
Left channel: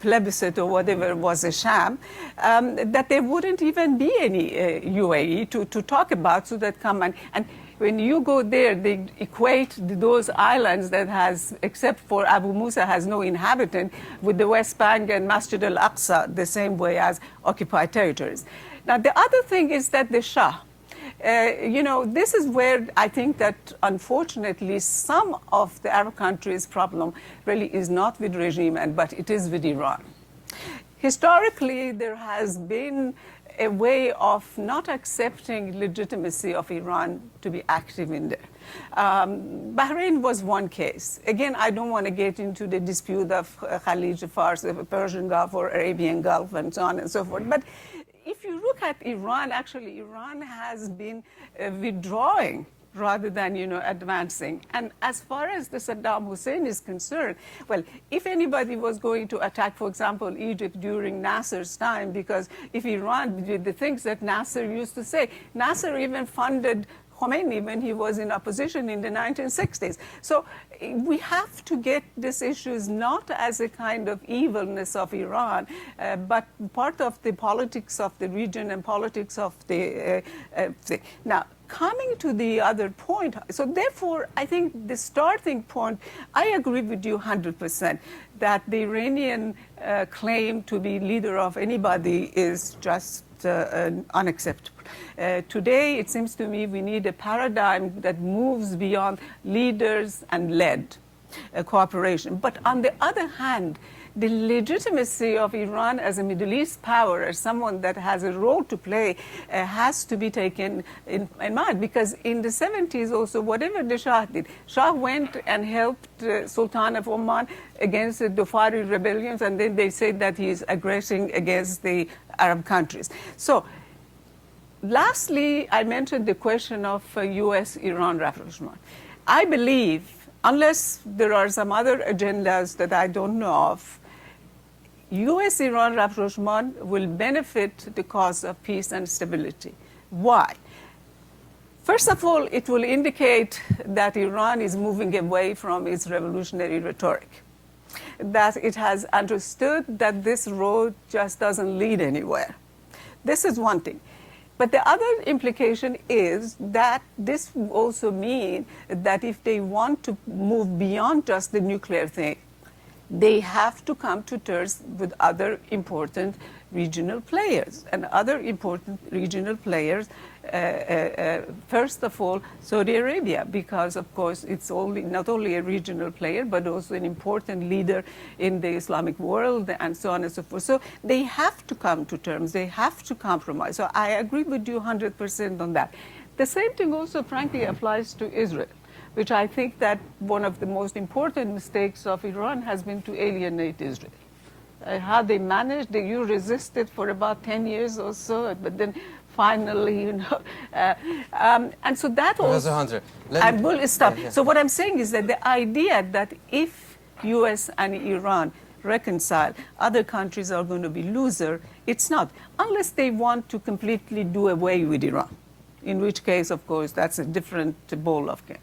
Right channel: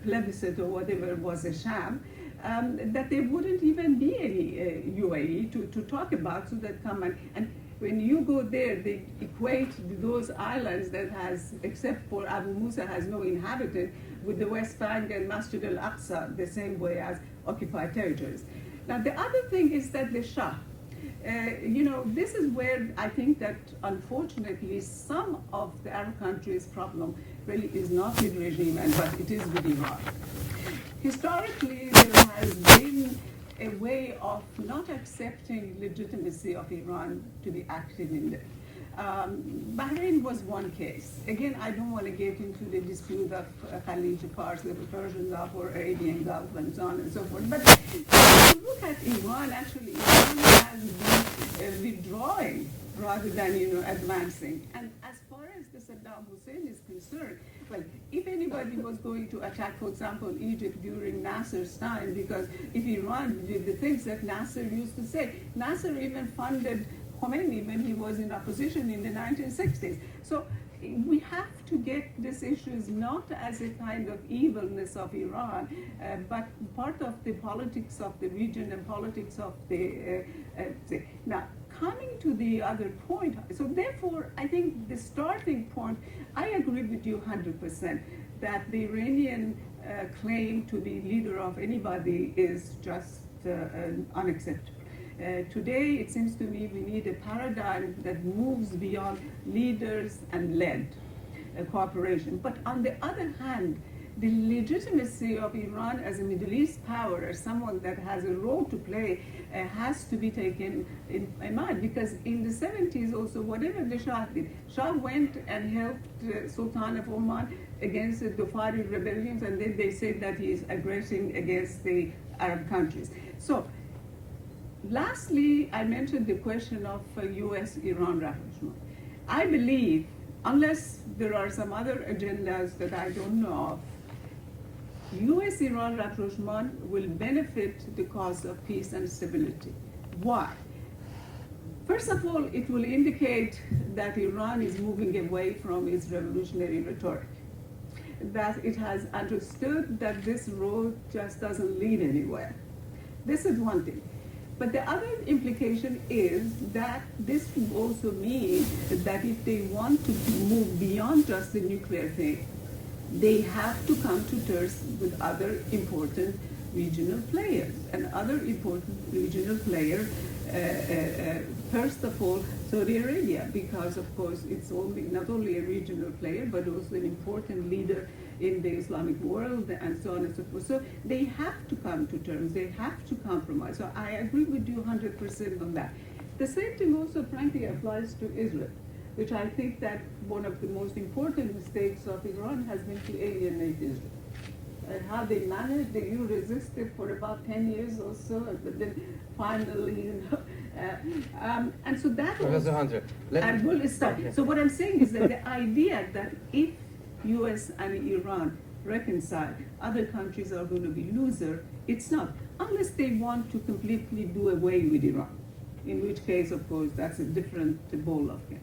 plebiscite or whatever was a sham, that there wouldn't even be any UAE to talk about, so that come and when you go there, they equate those islands that has, except for Abu Musa, has no inhabitant, with the West Bank and Masjid al-Aqsa, the same way as occupied territories. Now, the other thing is that the Shah, this is where I think that, unfortunately, some of the Arab countries' problem really is not with regime, but it is with Iran. Historically, there has been a way of not accepting legitimacy of Iran to be active in there. Bahrain was one case. Again, I don't want to get into the dispute of Khalij Fars, the Persian Gulf or Arabian Gulf, and so on and so forth. But if you look at Iran, actually, Iran has been withdrawing rather than, advancing. And as far as the Saddam Hussein is concerned, well, if anybody was going to attack, for example, Egypt during Nasser's time, because if Iran did the things that Nasser used to say, Nasser even funded Khomeini when he was in opposition in the 1960s. So we have to get these issues not as a kind of evilness of Iran, but part of the politics of the region and politics of the now, coming to the other point, so therefore, I think the starting point, I agree with you 100% that the Iranian claim to be leader of anybody is just unacceptable. Today, it seems to me we need a paradigm that moves beyond leaders and led cooperation. But on the other hand, the legitimacy of Iran as a Middle East power, as someone that has a role to play, has to be taken in mind. Because in the 70s also, whatever the Shah did, Shah went and helped Sultan of Oman against the Dhofari rebellions, and then they said that he is aggressing against the Arab countries. So, lastly, I mentioned the question of US-Iran rapprochement. I believe, unless there are some other agendas that I don't know of, US-Iran rapprochement will benefit the cause of peace and stability. Why? First of all, it will indicate that Iran is moving away from its revolutionary rhetoric, that it has understood that this road just doesn't lead anywhere. This is one thing. But the other implication is that this will also mean that if they want to move beyond just the nuclear thing, they have to come to terms with other important regional players. And other important regional players, first of all, Saudi Arabia, because of course it's not only a regional player, but also an important leader in the Islamic world and so on and so forth. So they have to come to terms, they have to compromise. So I agree with you 100% on that. The same thing also frankly applies to Israel, which I think that one of the most important mistakes of Iran has been to alienate Israel. How they managed, you resisted for about 10 years or so, but then finally, and so that Professor also, Hunter, I will stop. So what I'm saying is that the idea that if US and Iran reconcile, other countries are going to be loser, it's not, unless they want to completely do away with Iran, in which case, of course, that's a different ball of game.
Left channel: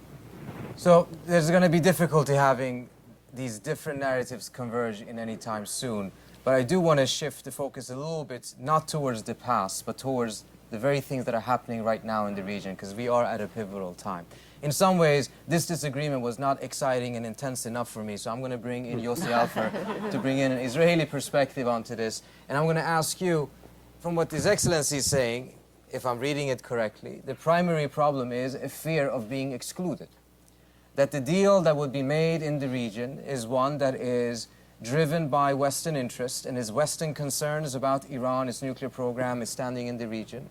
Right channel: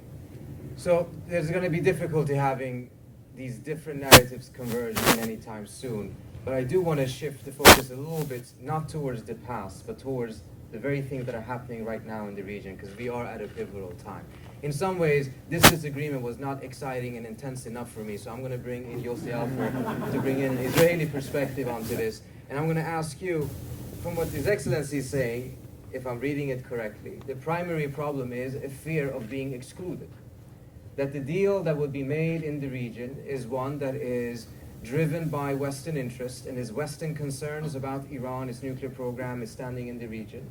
So there's going to be difficulty having these different narratives converging anytime soon. But I do want to shift the focus a little bit, not towards the past, but towards the very things that are happening right now in the region, because we are at a pivotal time. In some ways, this disagreement was not exciting and intense enough for me, so I'm going to bring in Yossi Alpher to bring in an Israeli perspective onto this. And I'm going to ask you, from what His Excellency is saying, if I'm reading it correctly, the primary problem is a fear of being excluded. That the deal that would be made in the region is one that is driven by Western interest and is Western concerns about Iran, its nuclear program, its standing in the region,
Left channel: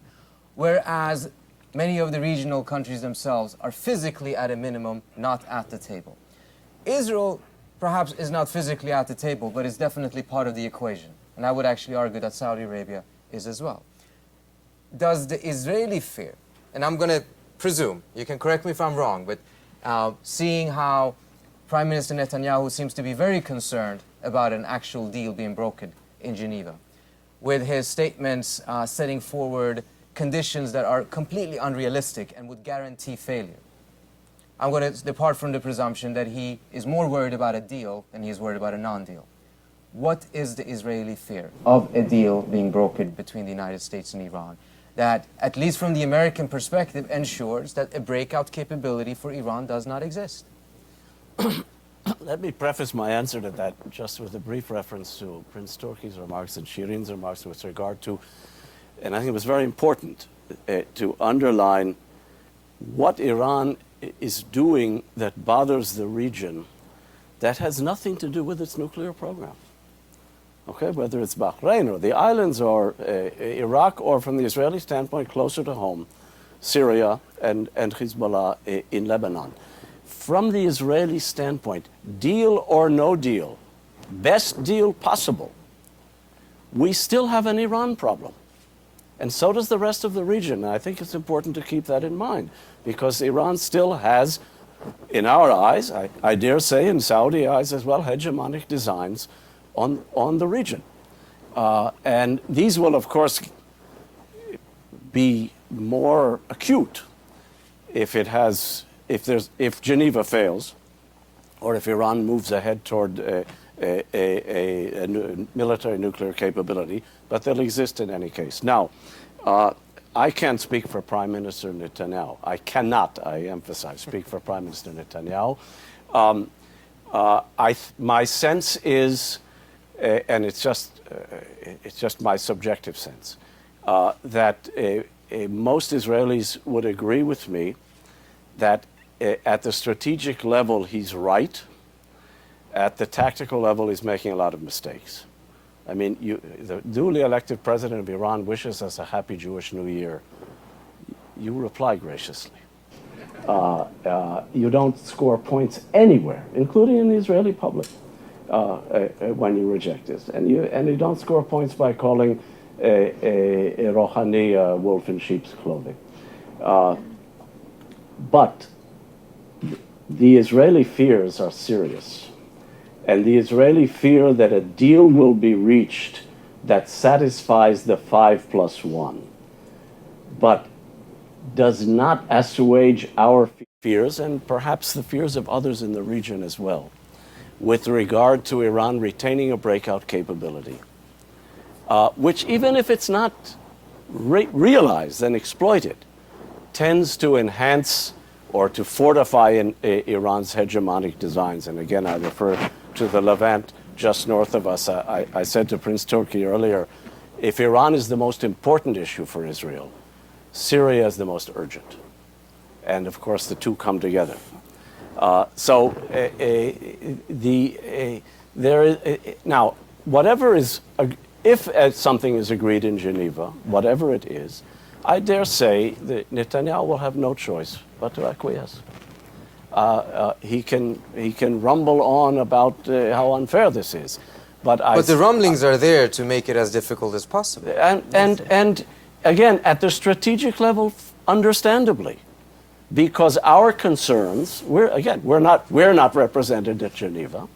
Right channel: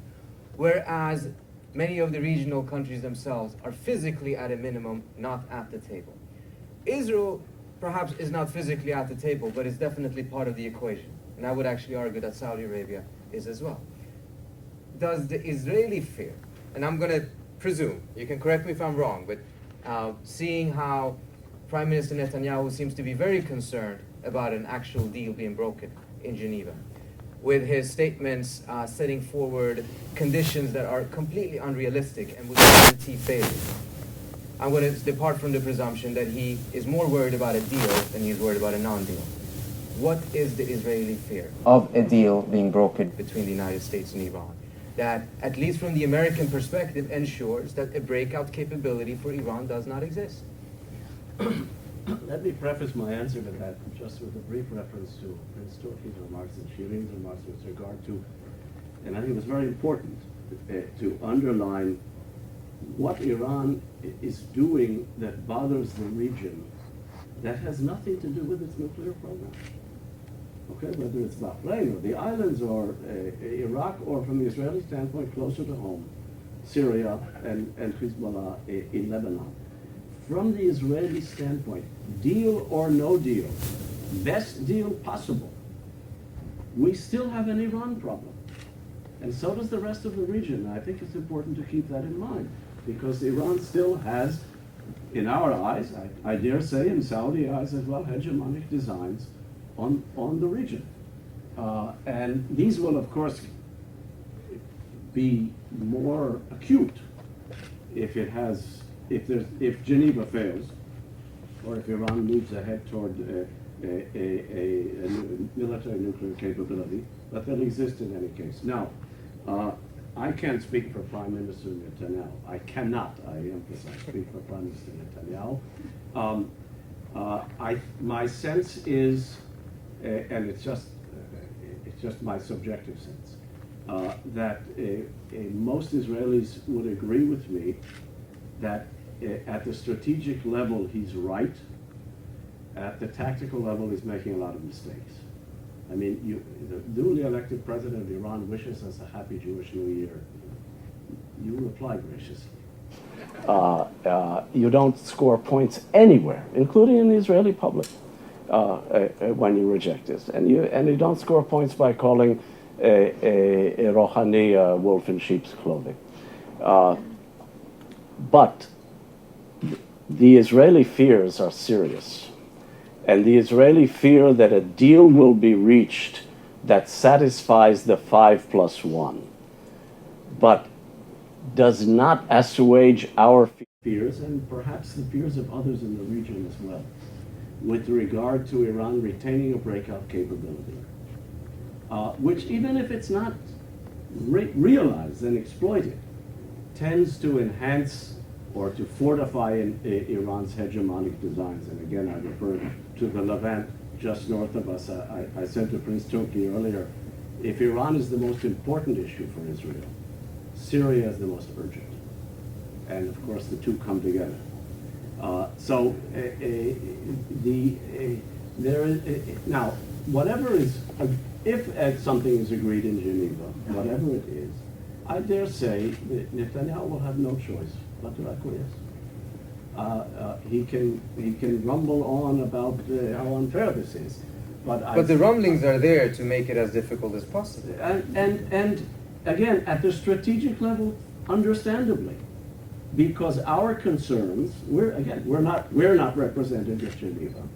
whereas many of the regional countries themselves are physically, at a minimum, not at the table. Israel perhaps is not physically at the table, but is definitely part of the equation. And I would actually argue that Saudi Arabia is as well. Does the Israeli fear, and I'm going to presume, you can correct me if I'm wrong, but seeing how Prime Minister Netanyahu seems to be very concerned about an actual deal being brokered in Geneva, with his statements setting forward conditions that are completely unrealistic and would guarantee failure. I'm going to depart from the presumption that he is more worried about a deal than he's worried about a non-deal. What is the Israeli fear of a deal being brokered between the United States and Iran that, at least from the American perspective, ensures that a breakout capability for Iran does not exist? Let me preface my answer to that just with a brief reference to Prince Turki's remarks and Shireen's remarks with regard to, and I think it was very important to underline what Iran is doing that bothers the region that has nothing to do with its nuclear program. okay, whether it's Bahrain or the islands or Iraq, or from the Israeli standpoint, closer to home, Syria and Hezbollah in Lebanon. From the Israeli standpoint, deal or no deal, best deal possible, we still have an Iran problem. And so does the rest of the region. And I think it's important to keep that in mind, because Iran still has, in our eyes, I dare say in Saudi eyes as well, hegemonic designs on the region. And these will, of course, be more acute if Geneva fails, or if Iran moves ahead toward a military nuclear capability, but they'll exist in any case. Now, I can't speak for Prime Minister Netanyahu. I cannot, I emphasize, speak for Prime Minister Netanyahu. My sense is, and it's just my subjective sense, that most Israelis would agree with me that at the strategic level he's right. At the tactical level, he's making a lot of mistakes. I mean, the newly elected president of Iran wishes us a happy Jewish New Year. You reply graciously. You don't score points anywhere, including in the Israeli public, when you reject this. And you don't score points by calling a Rouhani a wolf in sheep's clothing. But the Israeli fears are serious. And the Israeli fear that a deal will be reached that satisfies the 5+1, but does not assuage our fears, and perhaps the fears of others in the region as well, with regard to Iran retaining a breakout capability, which, even if it's not realized and exploited, tends to enhance or to fortify Iran's hegemonic designs. And again, I refer to the Levant just north of us. I said to Prince Turki earlier, if Iran is the most important issue for Israel, Syria is the most urgent. And of course, the two come together. Now, whatever is, if something is agreed in Geneva, whatever it is, I dare say that Netanyahu will have no choice but to acquiesce. He can rumble on about how unfair this is, but the rumblings are there to make it as difficult as possible. And again, at the strategic level, understandably, because our concerns, we're not represented at Geneva.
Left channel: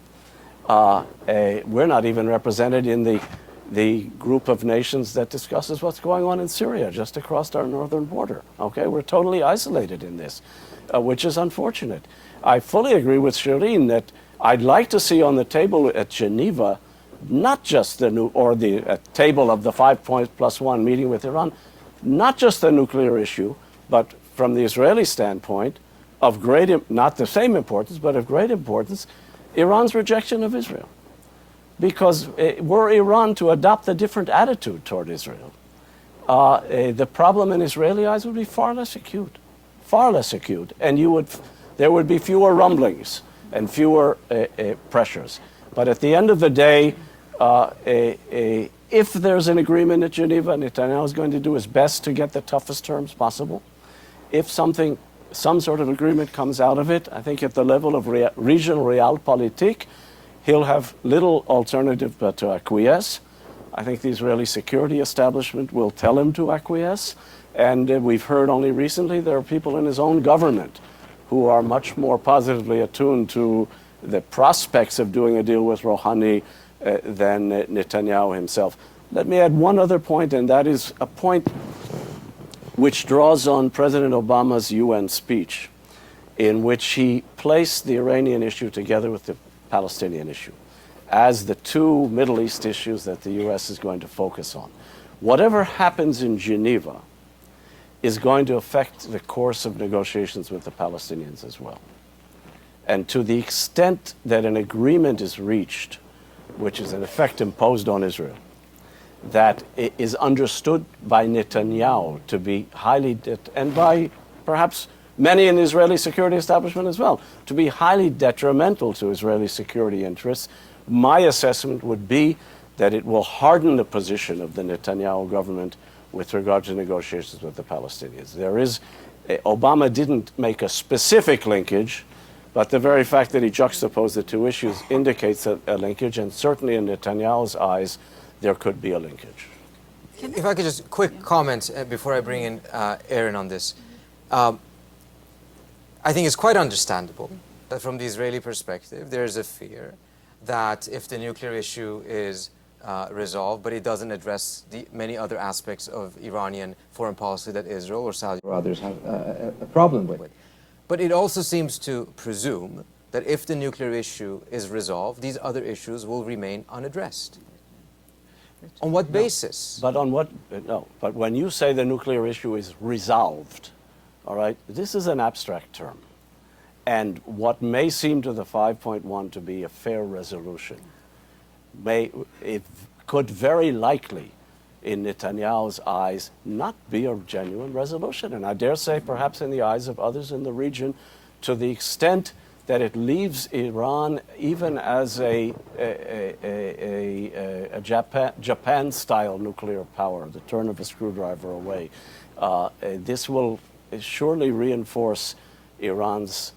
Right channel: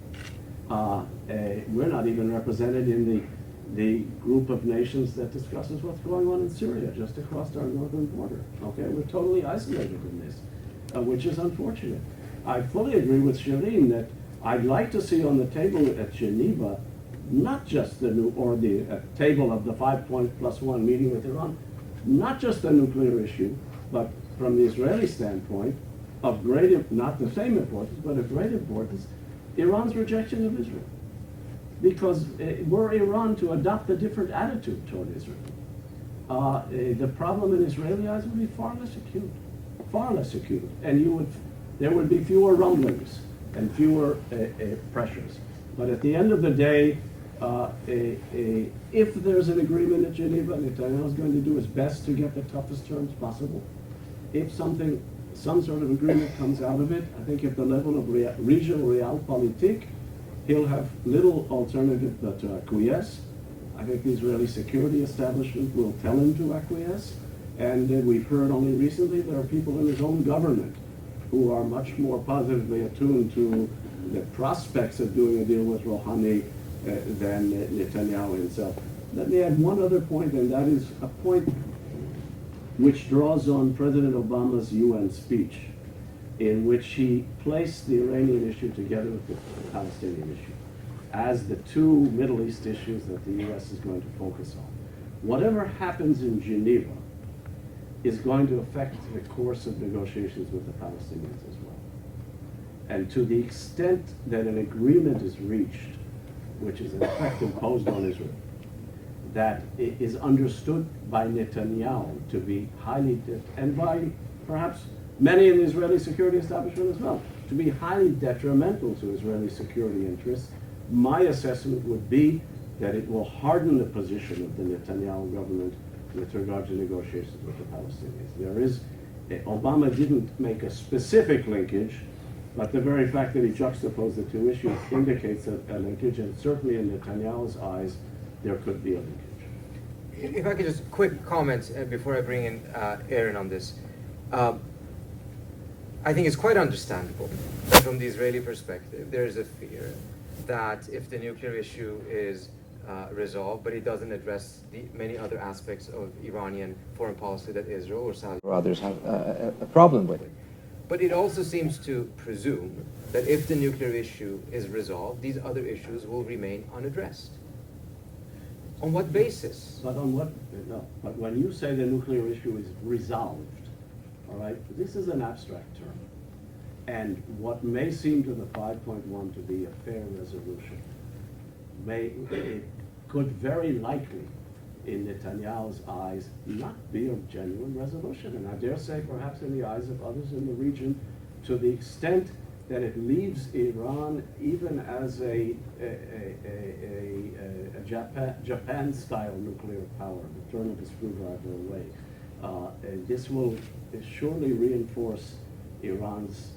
We're not even represented in the group of nations that discusses what's going on in Syria, just across our northern border. Okay, we're totally isolated in this, which is unfortunate. I fully agree with Shireen that I'd like to see on the table at Geneva not just the table of the 5+1 meeting with Iran, not just the nuclear issue, but from the Israeli standpoint, of not the same importance, but of great importance, Iran's rejection of Israel. Because were Iran to adopt a different attitude toward Israel, the problem in Israeli eyes would be far less acute, and there would be fewer rumblings and fewer pressures. But at the end of the day, if there's an agreement at Geneva, Netanyahu is going to do his best to get the toughest terms possible. If some sort of agreement comes out of it, I think at the level of regional realpolitik, he'll have little alternative but to acquiesce. I think the Israeli security establishment will tell him to acquiesce. And we've heard only recently there are people in his own government who are much more positively attuned to the prospects of doing a deal with Rouhani than Netanyahu himself. Let me add one other point, and that is a point which draws on President Obama's UN speech, in which he placed the Iranian issue together with the Palestinian issue as the two Middle East issues that the U.S. is going to focus on. Whatever happens in Geneva is going to affect the course of negotiations with the Palestinians as well. And to the extent that an agreement is reached, which is in effect imposed on Israel, that is understood by Netanyahu to be and by perhaps many in the Israeli security establishment as well, to be highly detrimental to Israeli security interests, my assessment would be that it will harden the position of the Netanyahu government with regard to negotiations with the Palestinians. Obama didn't make a specific linkage, but the very fact that he juxtaposed the two issues indicates a linkage, and certainly in Netanyahu's eyes, there could be a linkage. If I could just quick comment before I bring in Aaron on this. I think it's quite understandable that from the Israeli perspective, there's a fear that if the nuclear issue is resolved, but it doesn't address the many other aspects of Iranian foreign policy that Israel or Saudi or others have a problem with. But it also seems to presume that if the nuclear issue is resolved, these other issues will remain unaddressed. On what basis? But on what, no, but when you say the nuclear issue is resolved, all right, this is an abstract term. And what may seem to the 5.1 to be a fair resolution, it could very likely, in Netanyahu's eyes, not be a genuine resolution. And I dare say, perhaps in the eyes of others in the region, to the extent that it leaves Iran even as a Japan-style nuclear power, the turn of a screwdriver away. This will surely reinforce Iran's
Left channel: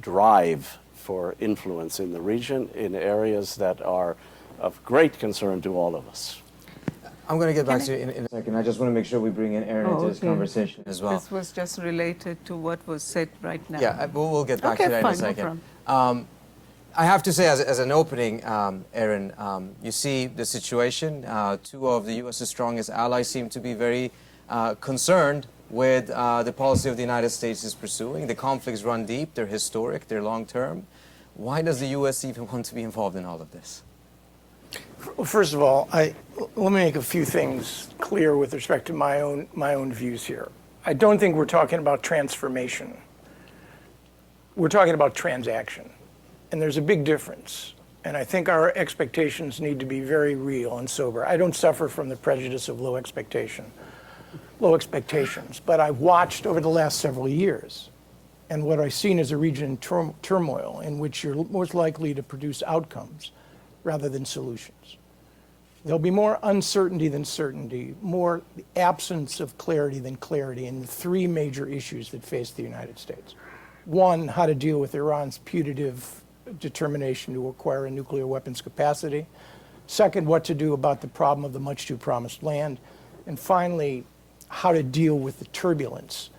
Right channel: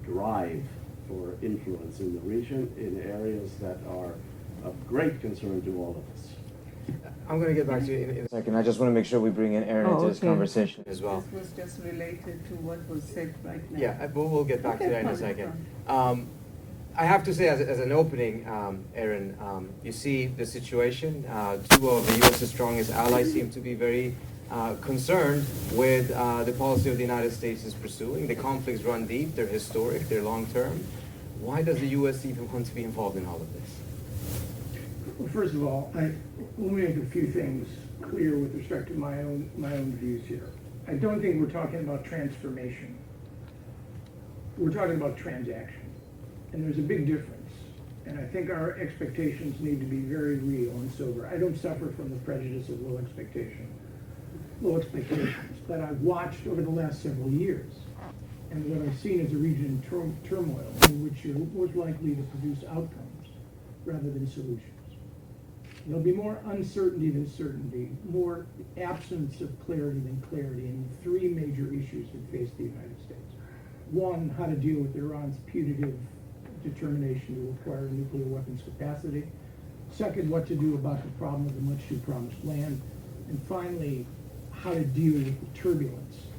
drive for influence in the region in areas that are of great concern to all of us. I'm going to get back to you in a second. I just want to make sure we bring in Aaron into this conversation as well. This was just related to what was said right now. Yeah, we'll get back to that in a second. No I have to say, as an opening, Aaron, you see the situation. Two of the U.S.'s strongest allies seem to be very concerned with the policy of the United States is pursuing. The conflicts run deep, they're historic, they're long-term. Why does the U.S. even want to be involved in all of this? Well, first of all, let me make a few things clear with respect to my own views here. I don't think we're talking about transformation. We're talking about transaction. And there's a big difference. And I think our expectations need to be very real and sober. I don't suffer from the prejudice of low expectations. But I've watched over the last several years, and what I've seen is a region in turmoil in which you're most likely to produce outcomes rather than solutions. There'll be more uncertainty than certainty, more absence of clarity than clarity in the three major issues that face the United States. One, how to deal with Iran's putative determination to acquire a nuclear weapons capacity. Second, what to do about the problem of the much too promised land. And finally, how to deal with the turbulence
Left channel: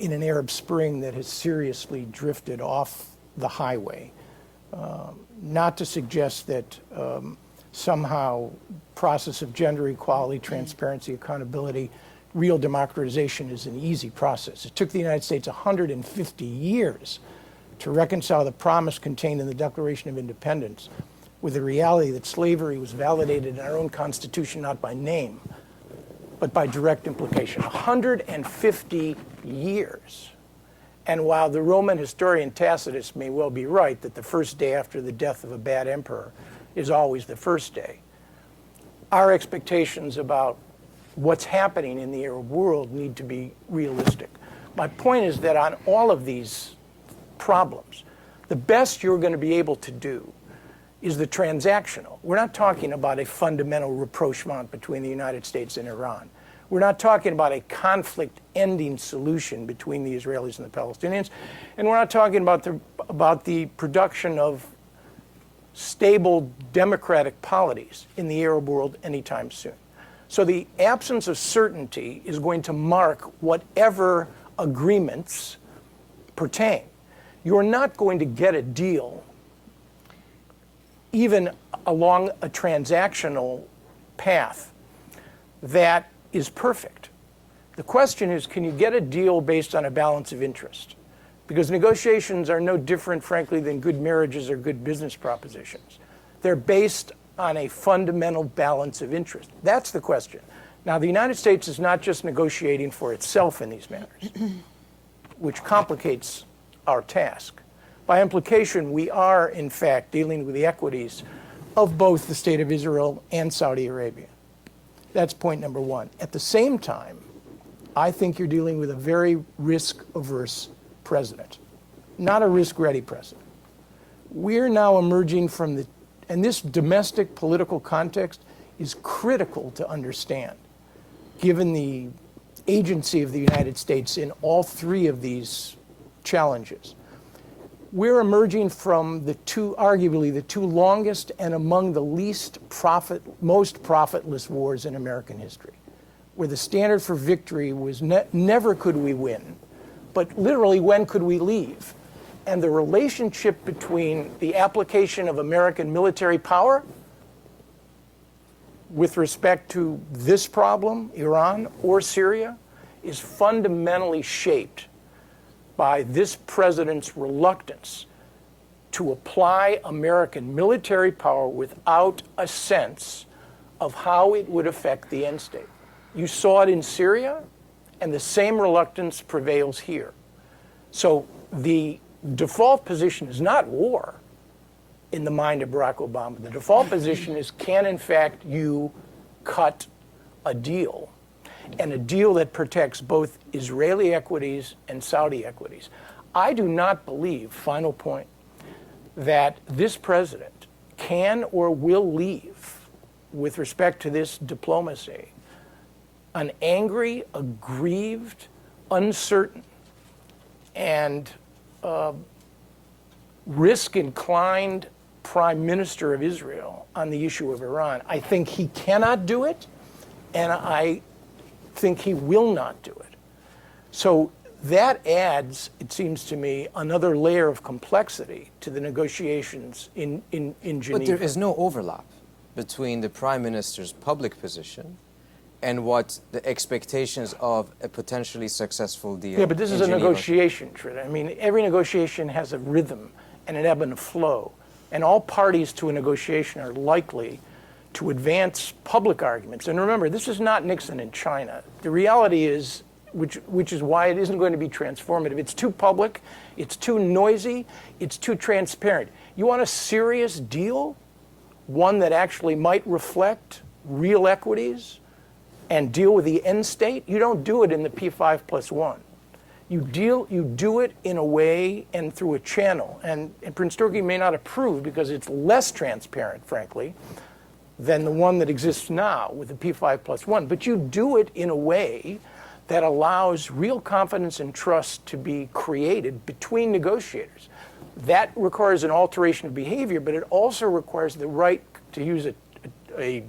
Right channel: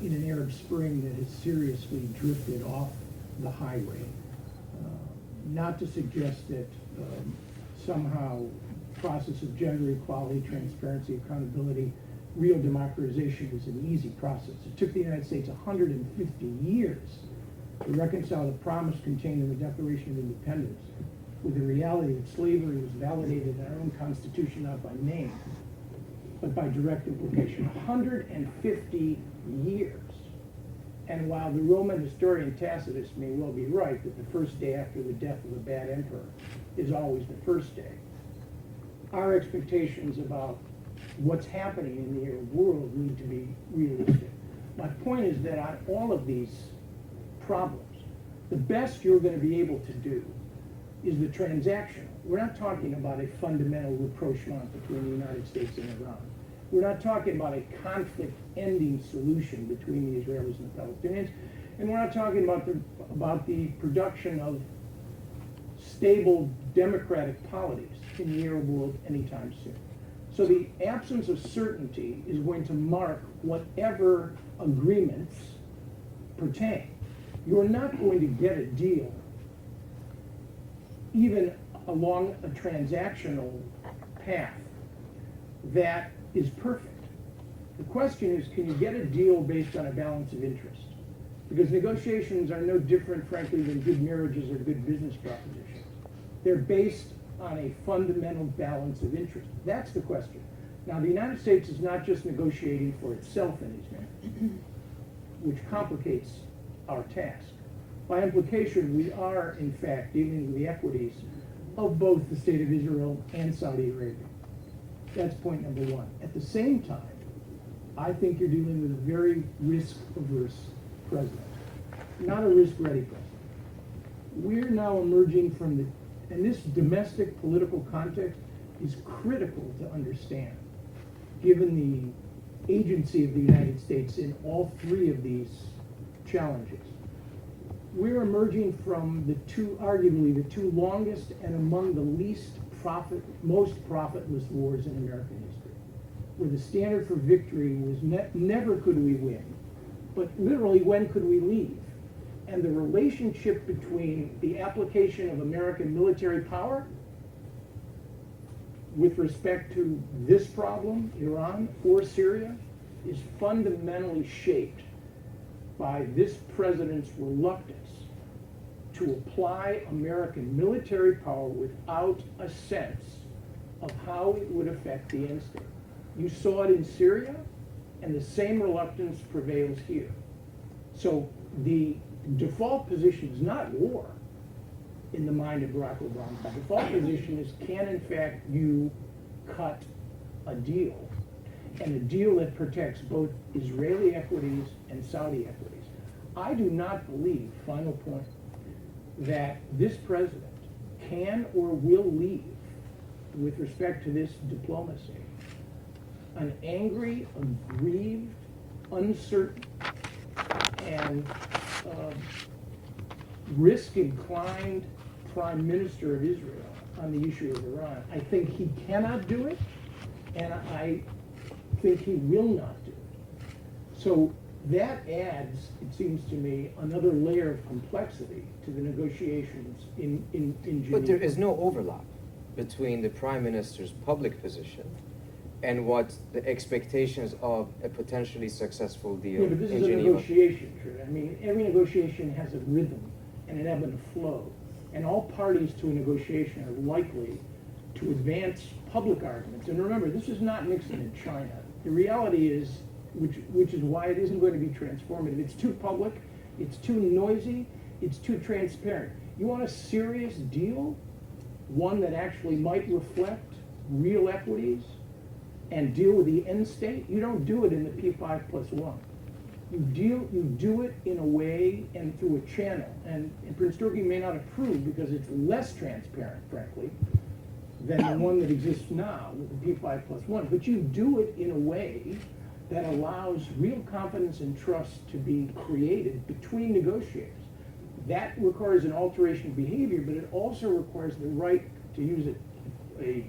in an Arab Spring that has seriously drifted off the highway. Not to suggest that somehow process of gender equality, transparency, accountability, real democratization is an easy process. It took the United States 150 years to reconcile the promise contained in the Declaration of Independence with the reality that slavery was validated in our own Constitution, not by name, but by direct implication. 150 years. And while the Roman historian Tacitus may well be right that the first day after the death of a bad emperor is always the first day, our expectations about what's happening in the Arab world need to be realistic. My point is that on all of these problems, the best you're going to be able to do is the transactional. We're not talking about a fundamental rapprochement between the United States and Iran. We're not talking about a conflict-ending solution between the Israelis and the Palestinians. And we're not talking about the production of stable democratic polities in the Arab world anytime soon. So the absence of certainty is going to mark whatever agreements pertain. You're not going to get a deal even along a transactional path that is perfect. The question is, can you get a deal based on a balance of interest? Because negotiations are no different, frankly, than good marriages or good business propositions. They're based on a fundamental balance of interest. That's the question. Now, the United States is not just negotiating for itself in these matters, which complicates our task. By implication, we are, in fact, dealing with the equities of both the State of Israel and Saudi Arabia. That's point number one. At the same time, I think you're dealing with a very risk-averse president, not a risk-ready president. We're now emerging from the And this domestic political context is critical to understand, given the agency of the United States in all three of these challenges. We're emerging from arguably the two longest and among the most profitless wars in American history, where the standard for victory was never could we win, but literally when could we leave? And the relationship between the application of American military power with respect to this problem, Iran or Syria, is fundamentally shaped by this president's reluctance to apply American military power without a sense of how it would affect the end state. You saw it in Syria, and the same reluctance prevails here. So the default position is not war in the mind of Barack Obama. The default position is, can in fact you cut a deal, and a deal that protects both Israeli equities and Saudi equities. I do not believe, final point, that this president can or will leave, with respect to this diplomacy, an angry, aggrieved, uncertain, and risk-inclined prime minister of Israel on the issue of Iran. I think he cannot do it, and I think he will not do it. So that adds, it seems to me, another layer of complexity to the negotiations in Geneva. But there is no overlap between the Prime Minister's public position and what the expectations of a potentially successful deal. Yeah, but this is a negotiation, Trita. I mean, every negotiation has a rhythm and an ebb and a flow. And all parties to a negotiation are likely to advance public arguments. And remember, this is not Nixon in China. The reality is, which is why it isn't going to be transformative. It's too public, it's too noisy, it's too transparent. You want a serious deal, one that actually might reflect real equities and deal with the end state? You don't do it in the P5+1. You do it in a way and through a channel. And Prince Turki may not approve because it's less transparent, frankly, than the one that exists now with the P5+1. But you do it in a way that allows real confidence and trust to be created between negotiators. That requires an alteration of behavior, but it also requires the right, to use a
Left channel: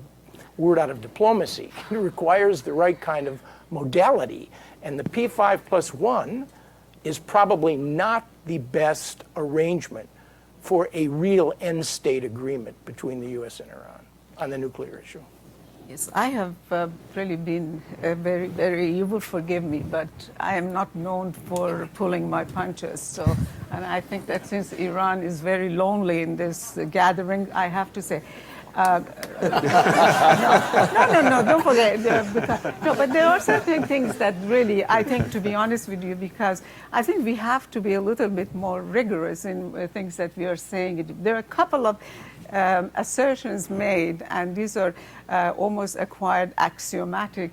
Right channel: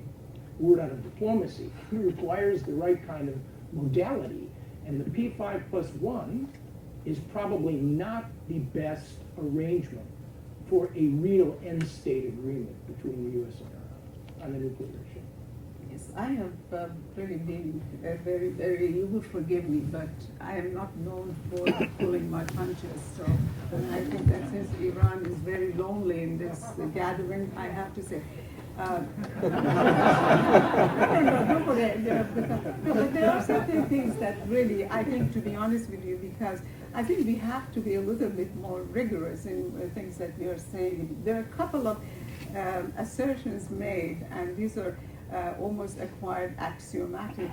word out of diplomacy, it requires the right kind of modality. And the P5+1 is probably not the best arrangement for a real end state agreement between the US and Iran on the nuclear issue. Yes, I have really been very, you will forgive me, but I am not known for pulling my punches. So, and I think that since Iran is very lonely in this gathering, I have to say, no, don't forget. No, but there are certain things that really, I think, to be honest with you, because I think we have to be a little bit more rigorous in things that we are saying. There are a couple of assertions made, and these are almost acquired axiomatic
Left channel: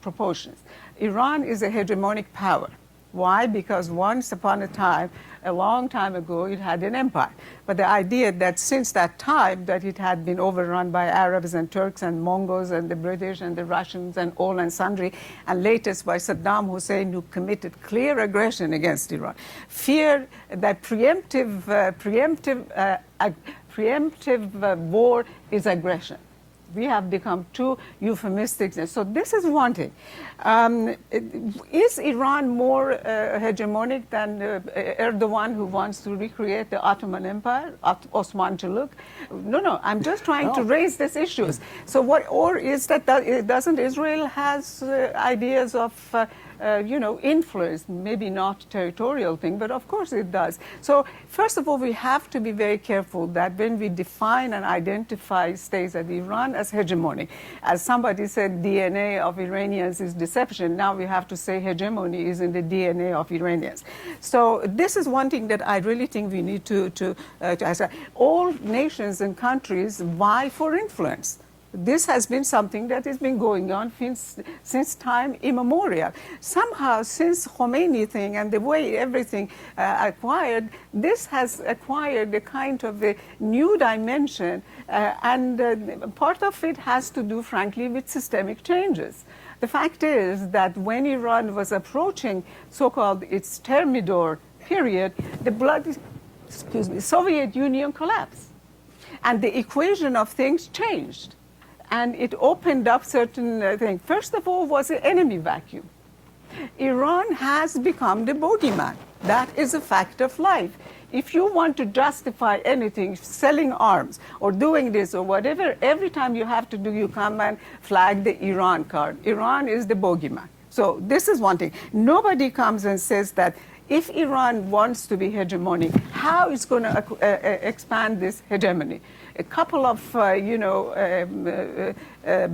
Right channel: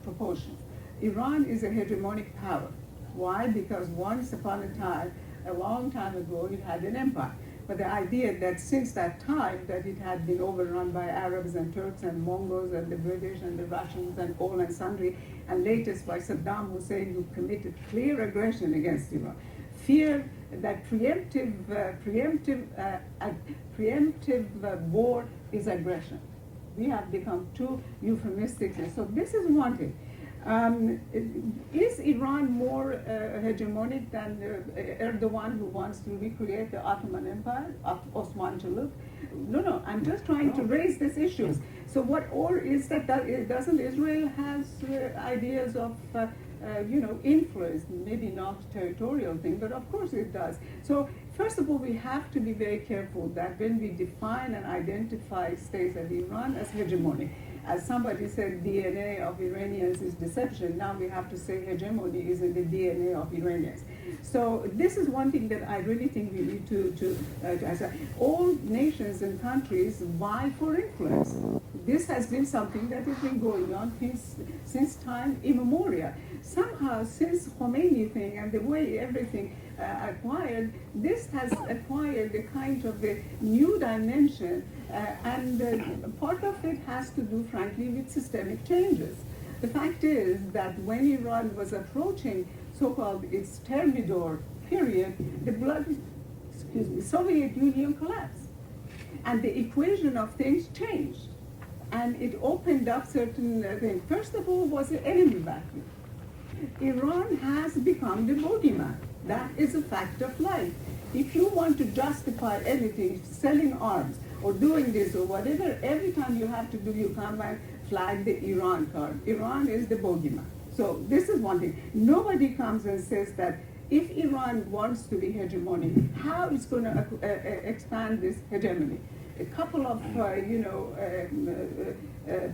proportions. Iran is a hegemonic power. Why? Because once upon a time, a long time ago, it had an empire. But the idea that since that time that it had been overrun by Arabs and Turks and Mongols and the British and the Russians and all and sundry, and latest by Saddam Hussein, who committed clear aggression against Iran. Fear that preemptive war is aggression. We have become too euphemistic. So this is one thing. Is Iran more hegemonic than Erdogan, who wants to recreate the Ottoman Empire, Osman Chuluk? No, I'm just trying to raise these issues. So what, or is that doesn't Israel has ideas of influence, maybe not territorial thing, but of course it does. So first of all, we have to be very careful that when we define and identify states as Iran as hegemony, as somebody said, DNA of Iranians is deception. Now we have to say hegemony is in the DNA of Iranians. So this is one thing that I really think we need to all nations and countries vie for influence. this has been something that has been going on since time immemorial. Somehow, since Khomeini thing and the way everything acquired, this has acquired a kind of a new dimension, and part of it has to do, frankly, with systemic changes. The fact is that when Iran was approaching so-called its Thermidor period, the Soviet Union collapsed. And the equation of things changed. And it opened up certain things. First of all was the enemy vacuum. Iran has become the bogeyman. That is a fact of life. If you want to justify anything, selling arms or doing this or whatever, every time you have to do, you come and flag the Iran card. Iran is the bogeyman. So this is one thing. Nobody comes and says that if Iran wants to be hegemonic, how it's going to expand this hegemony? A couple of,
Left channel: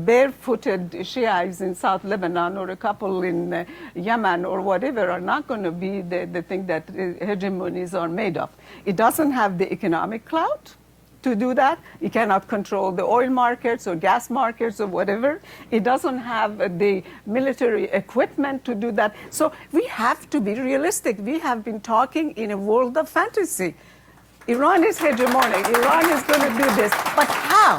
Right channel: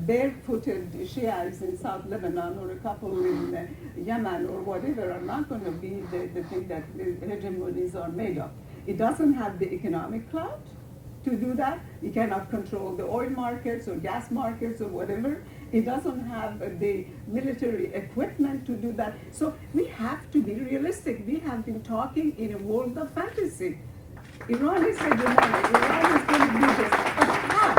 barefooted Shiites in South Lebanon or a couple in Yemen or whatever are not going to be the thing that hegemonies are made of. It doesn't have the economic clout to do that. It cannot control the oil markets or gas markets or whatever. It doesn't have the military equipment to do that. So we have to be realistic. We have been talking in a world of fantasy. Iran is hegemonic. Iran is going to do this. But how?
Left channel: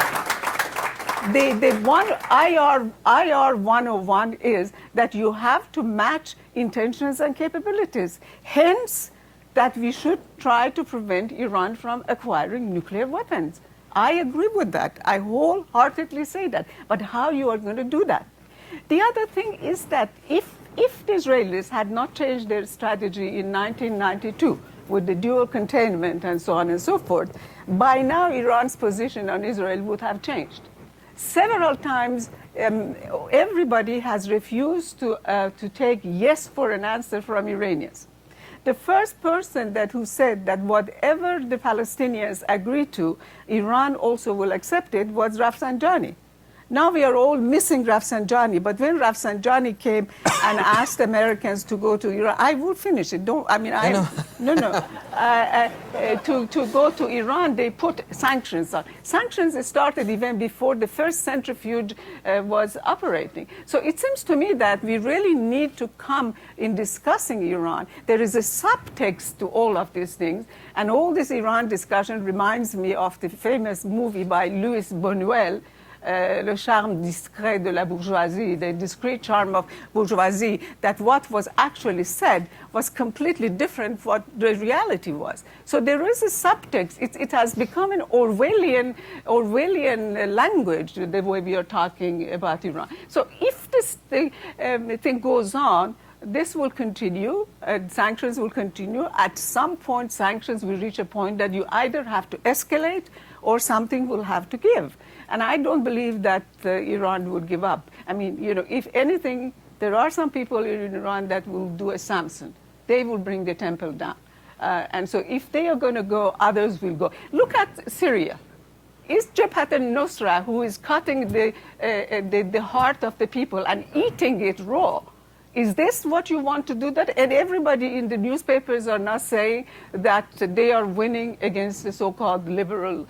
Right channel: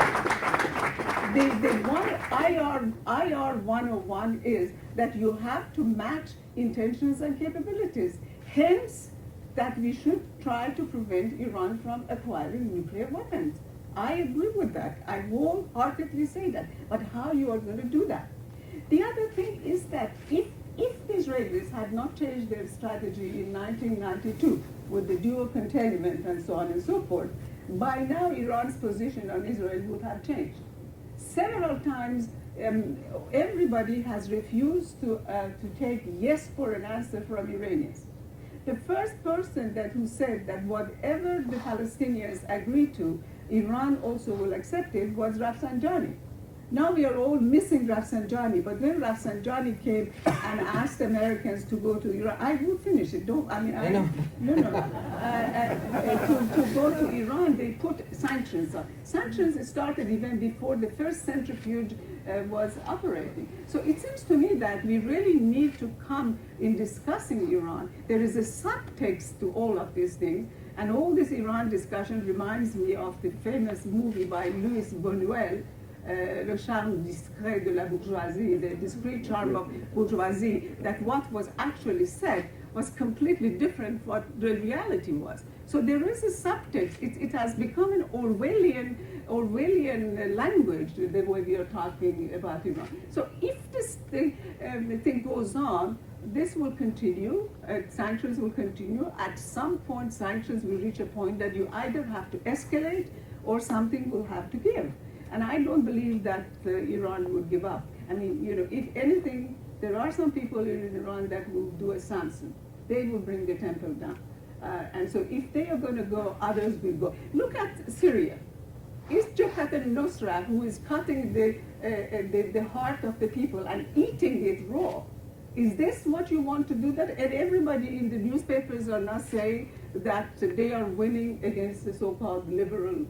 The one IR 101 is that you have to match intentions and capabilities. Hence, that we should try to prevent Iran from acquiring nuclear weapons. I agree with that. I wholeheartedly say that. But how you are going to do that? The other thing is that if the Israelis had not changed their strategy in 1992 with the dual containment and so on and so forth, by now Iran's position on Israel would have changed. Several times, everybody has refused to take yes for an answer from Iranians. The first person who said that whatever the Palestinians agree to, Iran also will accept it, was Rafsanjani. Now we are all missing Rafsanjani, but when Rafsanjani came and asked Americans to go to Iran, I will finish it. To go to Iran, they put sanctions on. Sanctions started even before the first centrifuge was operating. So it seems to me that we really need to come in discussing Iran. There is a subtext to all of these things, and all this Iran discussion reminds me of the famous movie by Louis Buñuel, Le charme discret de la bourgeoisie, the discreet charm of bourgeoisie, that what was actually said was completely different from what the reality was. So there is a subtext. It has become an Orwellian language, the way we are talking about Iran. So if this thing goes on, this will continue, sanctions will continue. At some point, sanctions will reach a point that you either have to escalate or something will have to give. And I don't believe that Iran would give up. I mean, if anything, there are some people in Iran that will do a Samson. They will bring the temple down. And so if they are going to go, others will go. Look at Syria. Is Jabhat al-Nusra, who is cutting the heart of the people and eating it raw, is this what you want to do? That? And everybody in the newspapers are now saying that they are winning against the so-called liberal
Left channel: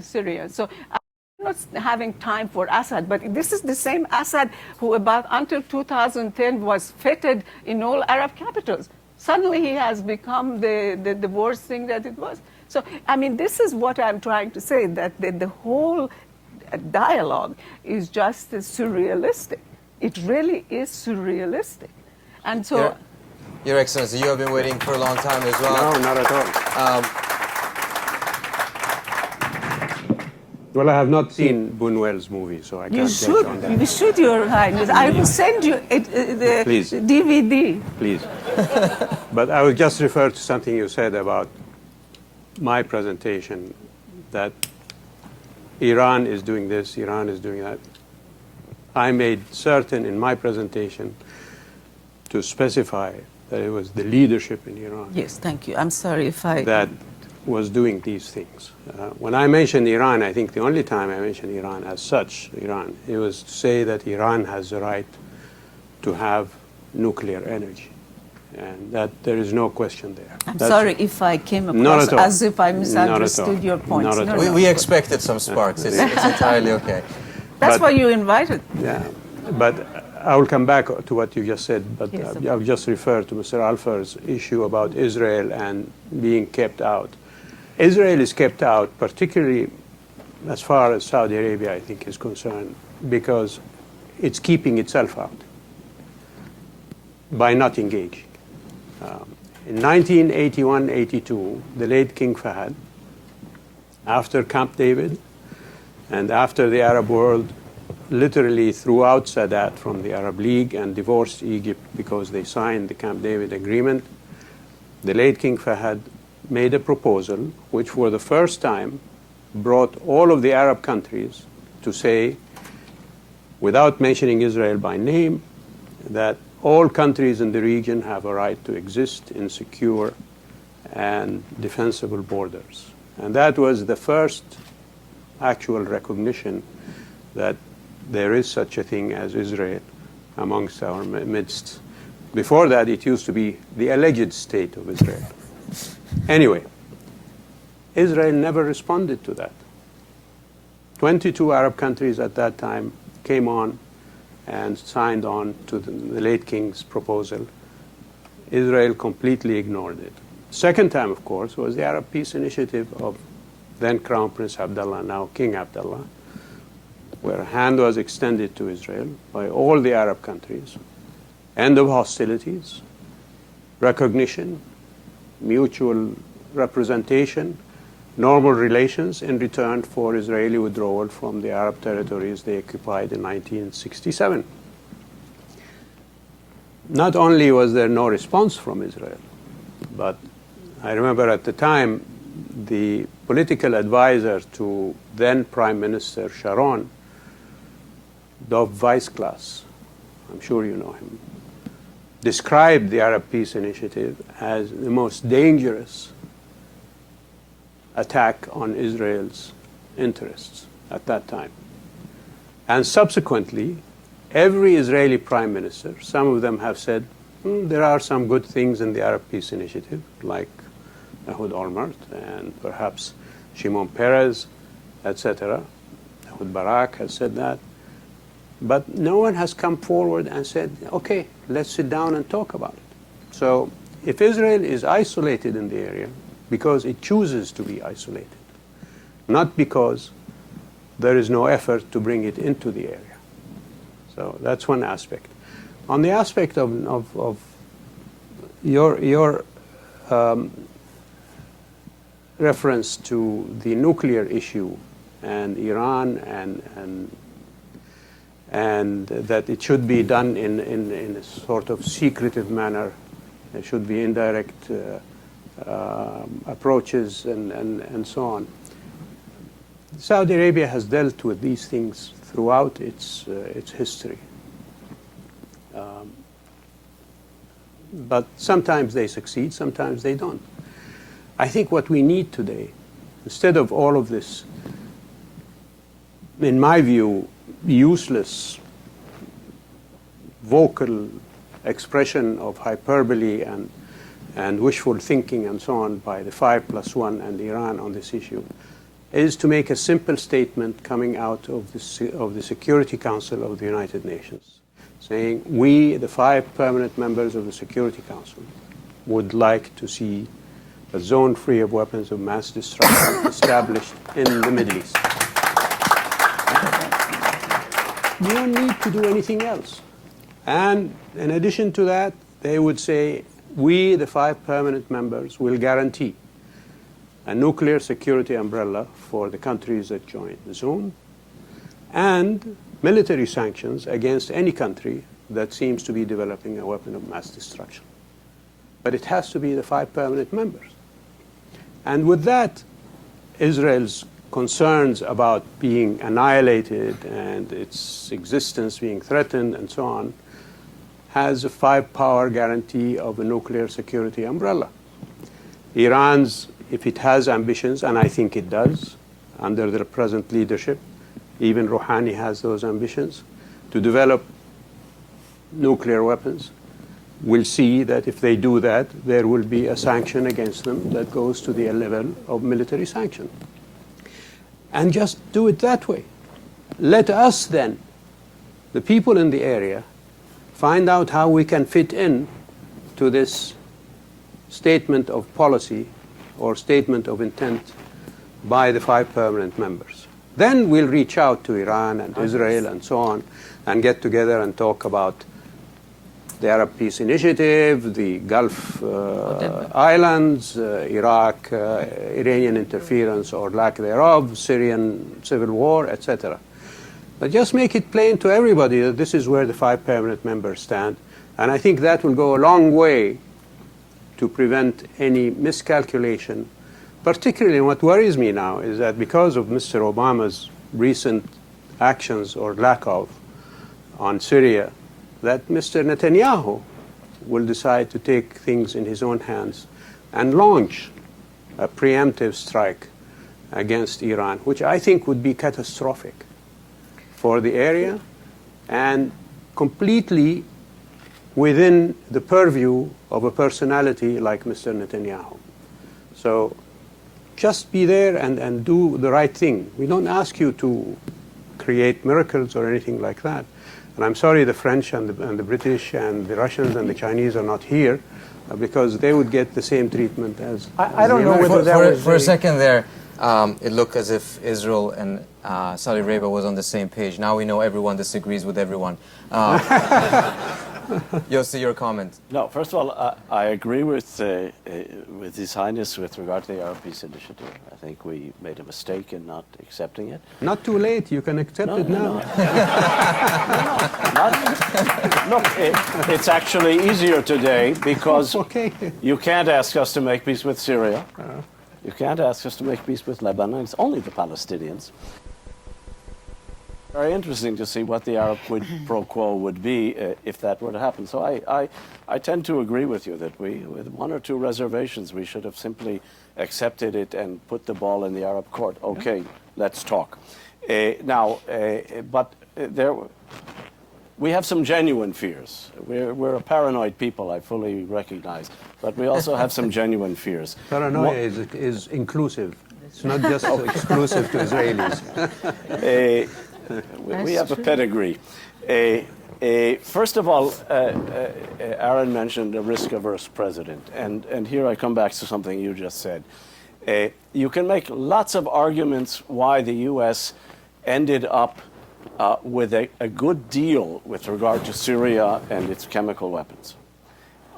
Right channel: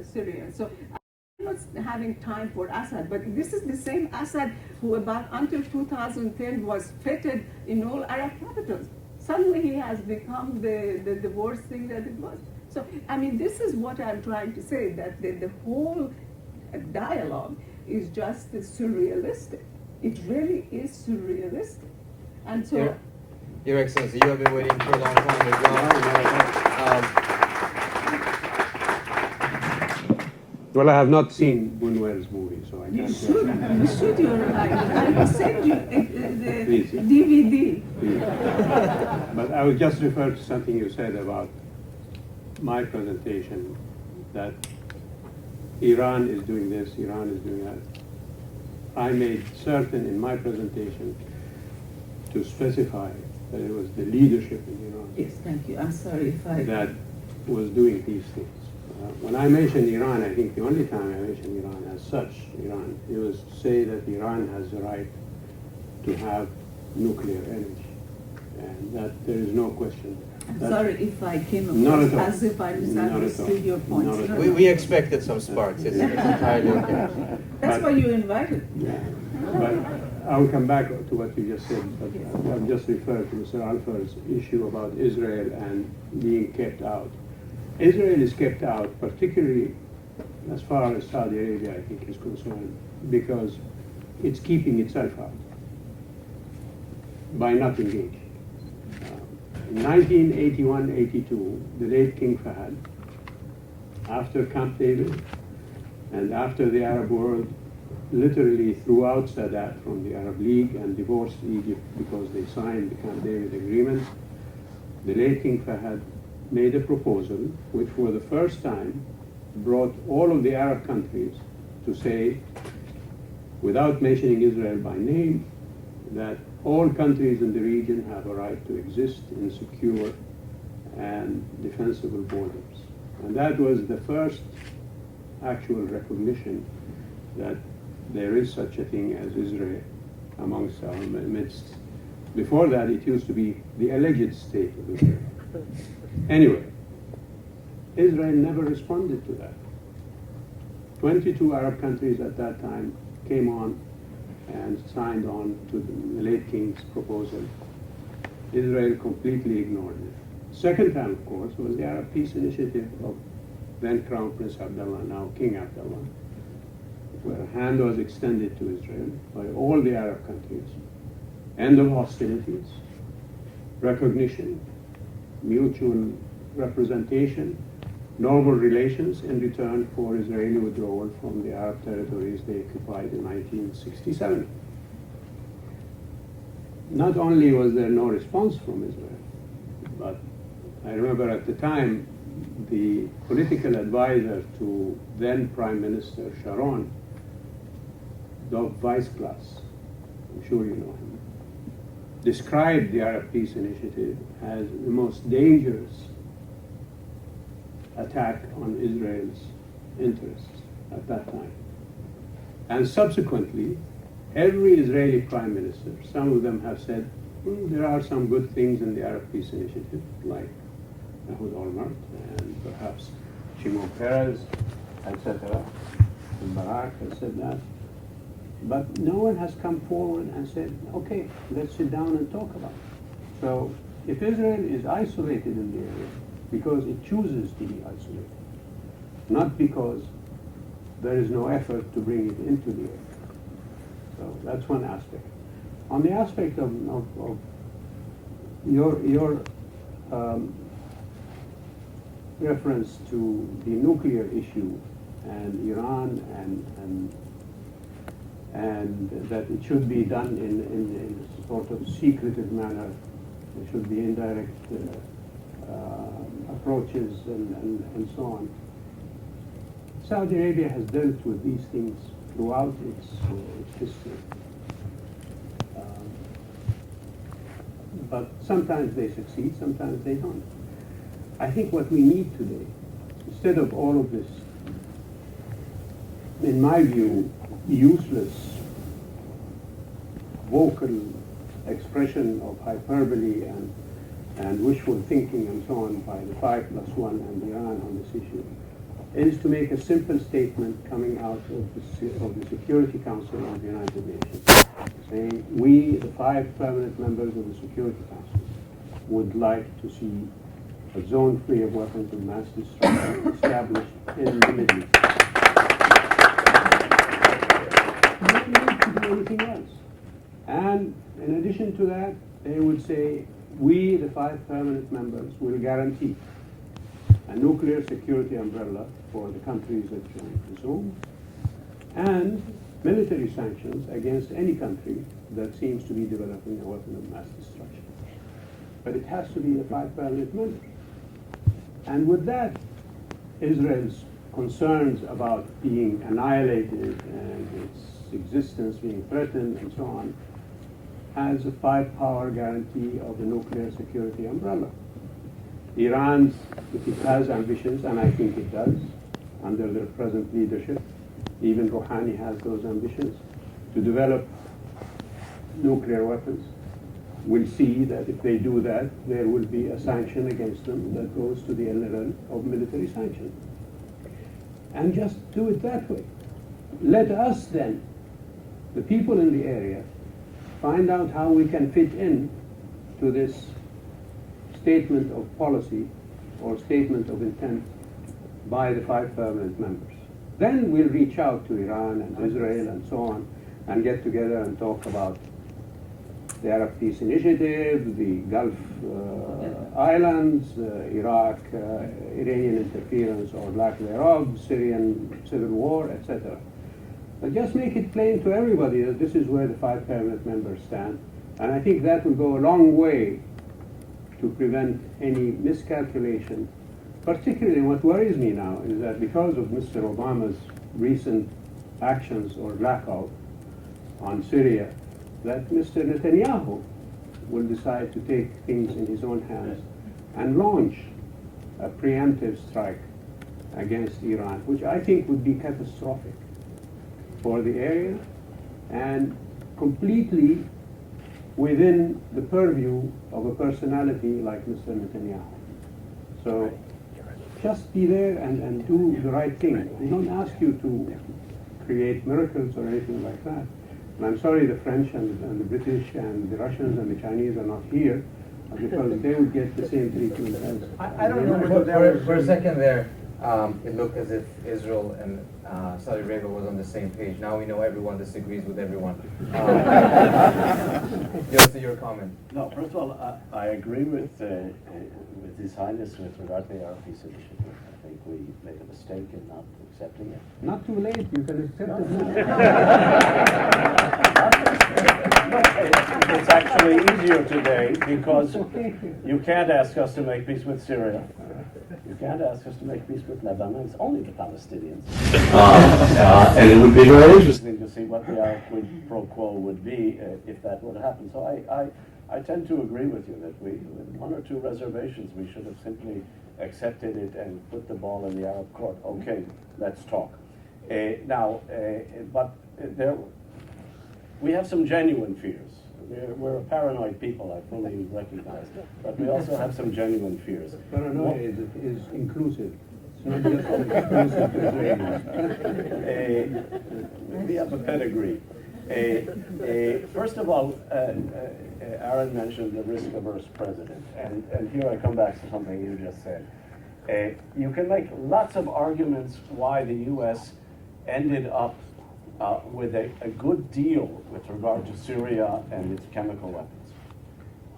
Syrians. So I'm not having time for Assad, but this is the same Assad who until 2010 was feted in all Arab capitals. Suddenly he has become the worst thing that it was. So, I mean, this is what I'm trying to say, that the whole dialogue is just surrealistic. It really is surrealistic. And so... Your Excellency, you have been waiting for a long time as well. No, not at all. Well, I have not seen Buñuel's movie, so I can't judge on that. You should, Your Highness. I will send you the Please. DVD. Please. But I will just refer to something you said about my presentation, that Iran is doing this, Iran is doing that. I made certain in my presentation to specify that it was the leadership in Iran. Yes, thank you. I'm sorry if I... That was doing these things. When I mentioned Iran, I think the only time I mentioned Iran as such, it was to say that Iran has the right to have nuclear energy, and that there is no question there. I'm sorry if I came across as if I misunderstood your point. Not at all. We expected some sparks. It's entirely okay. That's But- why you invited. Yeah, but I will come back to what you just said, but Yes. I'll just refer to Mr. Alpher's issue about Israel and being kept out. Israel is kept out, particularly as far as Saudi Arabia, I think, is concerned, because it's keeping itself out by not engaging. In 1981-82, the late King Fahd, after Camp David, and after the Arab world literally threw out Sadat from the Arab League and divorced Egypt because they signed the Camp David agreement, the late King Fahd made a proposal which for the first time brought all of the Arab countries to say, without mentioning Israel by name, that all countries in the region have a right to exist in secure and defensible borders. And that was the first actual recognition that there is such a thing as Israel amongst our midst. Before that, it used to be the alleged state of Israel. Anyway, Israel never responded to that. 22 Arab countries at that time came on and signed on to the late king's proposal. Israel completely ignored it. Second time, of course, was the Arab Peace Initiative of then Crown Prince Abdullah, now King Abdullah, where a hand was extended to Israel by all the Arab countries. End of hostilities, recognition, mutual representation, normal relations in return for Israeli withdrawal from the Arab territories they occupied in 1967. Not only was there no response from Israel, but I remember at the time the political advisor to then Prime Minister Sharon, Dov Weissglass, I'm sure you know him, described the Arab Peace Initiative as the most dangerous attack on Israel's interests at that time. And subsequently, every Israeli prime minister, some of them have said, there are some good things in the Arab Peace Initiative, like Ehud Olmert and perhaps Shimon Peres, etc. Ehud Barak has said that. But no one has come forward and said, okay, let's sit down and talk about it. So if Israel is isolated in the area, because it chooses to be isolated, not because there is no effort to bring it into the area. So that's one aspect. On the aspect of your reference to the nuclear issue and Iran and that it should be done in a sort of secretive manner, there should be indirect approaches and so on. Saudi Arabia has dealt with these things throughout its history. But sometimes they succeed, sometimes they don't. I think what we need today, instead of all of this, in my view, useless vocal expression of hyperbole and wishful thinking and so on by the 5+1 and Iran on this issue, is to make a simple statement coming out of the Security Council of the United Nations, saying, we, the 5 permanent members of the Security Council, would like to see a zone free of weapons of mass destruction established in the Middle East. No need to do anything else. And in addition to that, they would say, we, the 5 permanent members, will guarantee a nuclear security umbrella for the countries that join the zone, and military sanctions against any country that seems to be developing a weapon of mass destruction. But it has to be the 5 permanent members. And with that, Israel's concerns about being annihilated and its existence being threatened and so on, has a 5-power guarantee of a nuclear security umbrella. Iran's, if it has ambitions, and I think it does, under the present leadership, even Rouhani has those ambitions, to develop nuclear weapons, will see that if they do that, there will be a sanction against them that goes to the level of military sanction. And just do it that way. let us then, the people in the area, find out how we can fit in to this statement of policy or statement of intent by the 5 permanent members. Then we'll reach out to Iran and Israel and so on and get together and talk about the Arab Peace Initiative, the Gulf Islands, Iraq, Iranian interference or lack thereof, Syrian civil war, etc. But just make it plain to everybody that this is where the 5 permanent members stand. And I think that will go a long way to prevent any miscalculation. Particularly what worries me now is that because of Mr. Obama's recent actions or lack of on Syria, that Mr. Netanyahu will decide to take things in his own hands and launch a preemptive strike against Iran, which I think would be catastrophic for the area and completely within the purview of a personality like Mr. Netanyahu. So just be there and do the right thing. We don't ask you to create miracles or anything like that. And I'm sorry the French and the British and the Russians and the Chinese are not here because they would get the same treatment as I don't know whether that was for a second there, it looked as if Israel and Saudi Arabia was on the same page. Now we know everyone disagrees with everyone. Yossi, your comment. No, first of all, I agree with His Highness with regard to the Arab Peace Initiative. I think we made a mistake in not accepting it. Not too late, you can accept it now. Look, it's actually easier today because Okay. you can't ask us to make peace with Syria. You can't ask us to make peace with Lebanon. It's only the Palestinians. And it would be very interesting to see what the Arab quid pro quo would be if that were to happen. So I tend to agree with you that we, with 1 or 2 reservations, we should have simply accepted it and put the ball in the Arab court. Okay, let's talk. We have some genuine fears. We're a paranoid people, I fully recognize, but we also have some genuine fears. Paranoia is inclusive. It's not just exclusive to Israelis. We have a pedigree. First of all, Aaron mentioned a risk-averse president, and here I come back to something you just said. You can make lots of arguments why the U.S. ended up with a good deal with regard to Syria and its chemical weapons,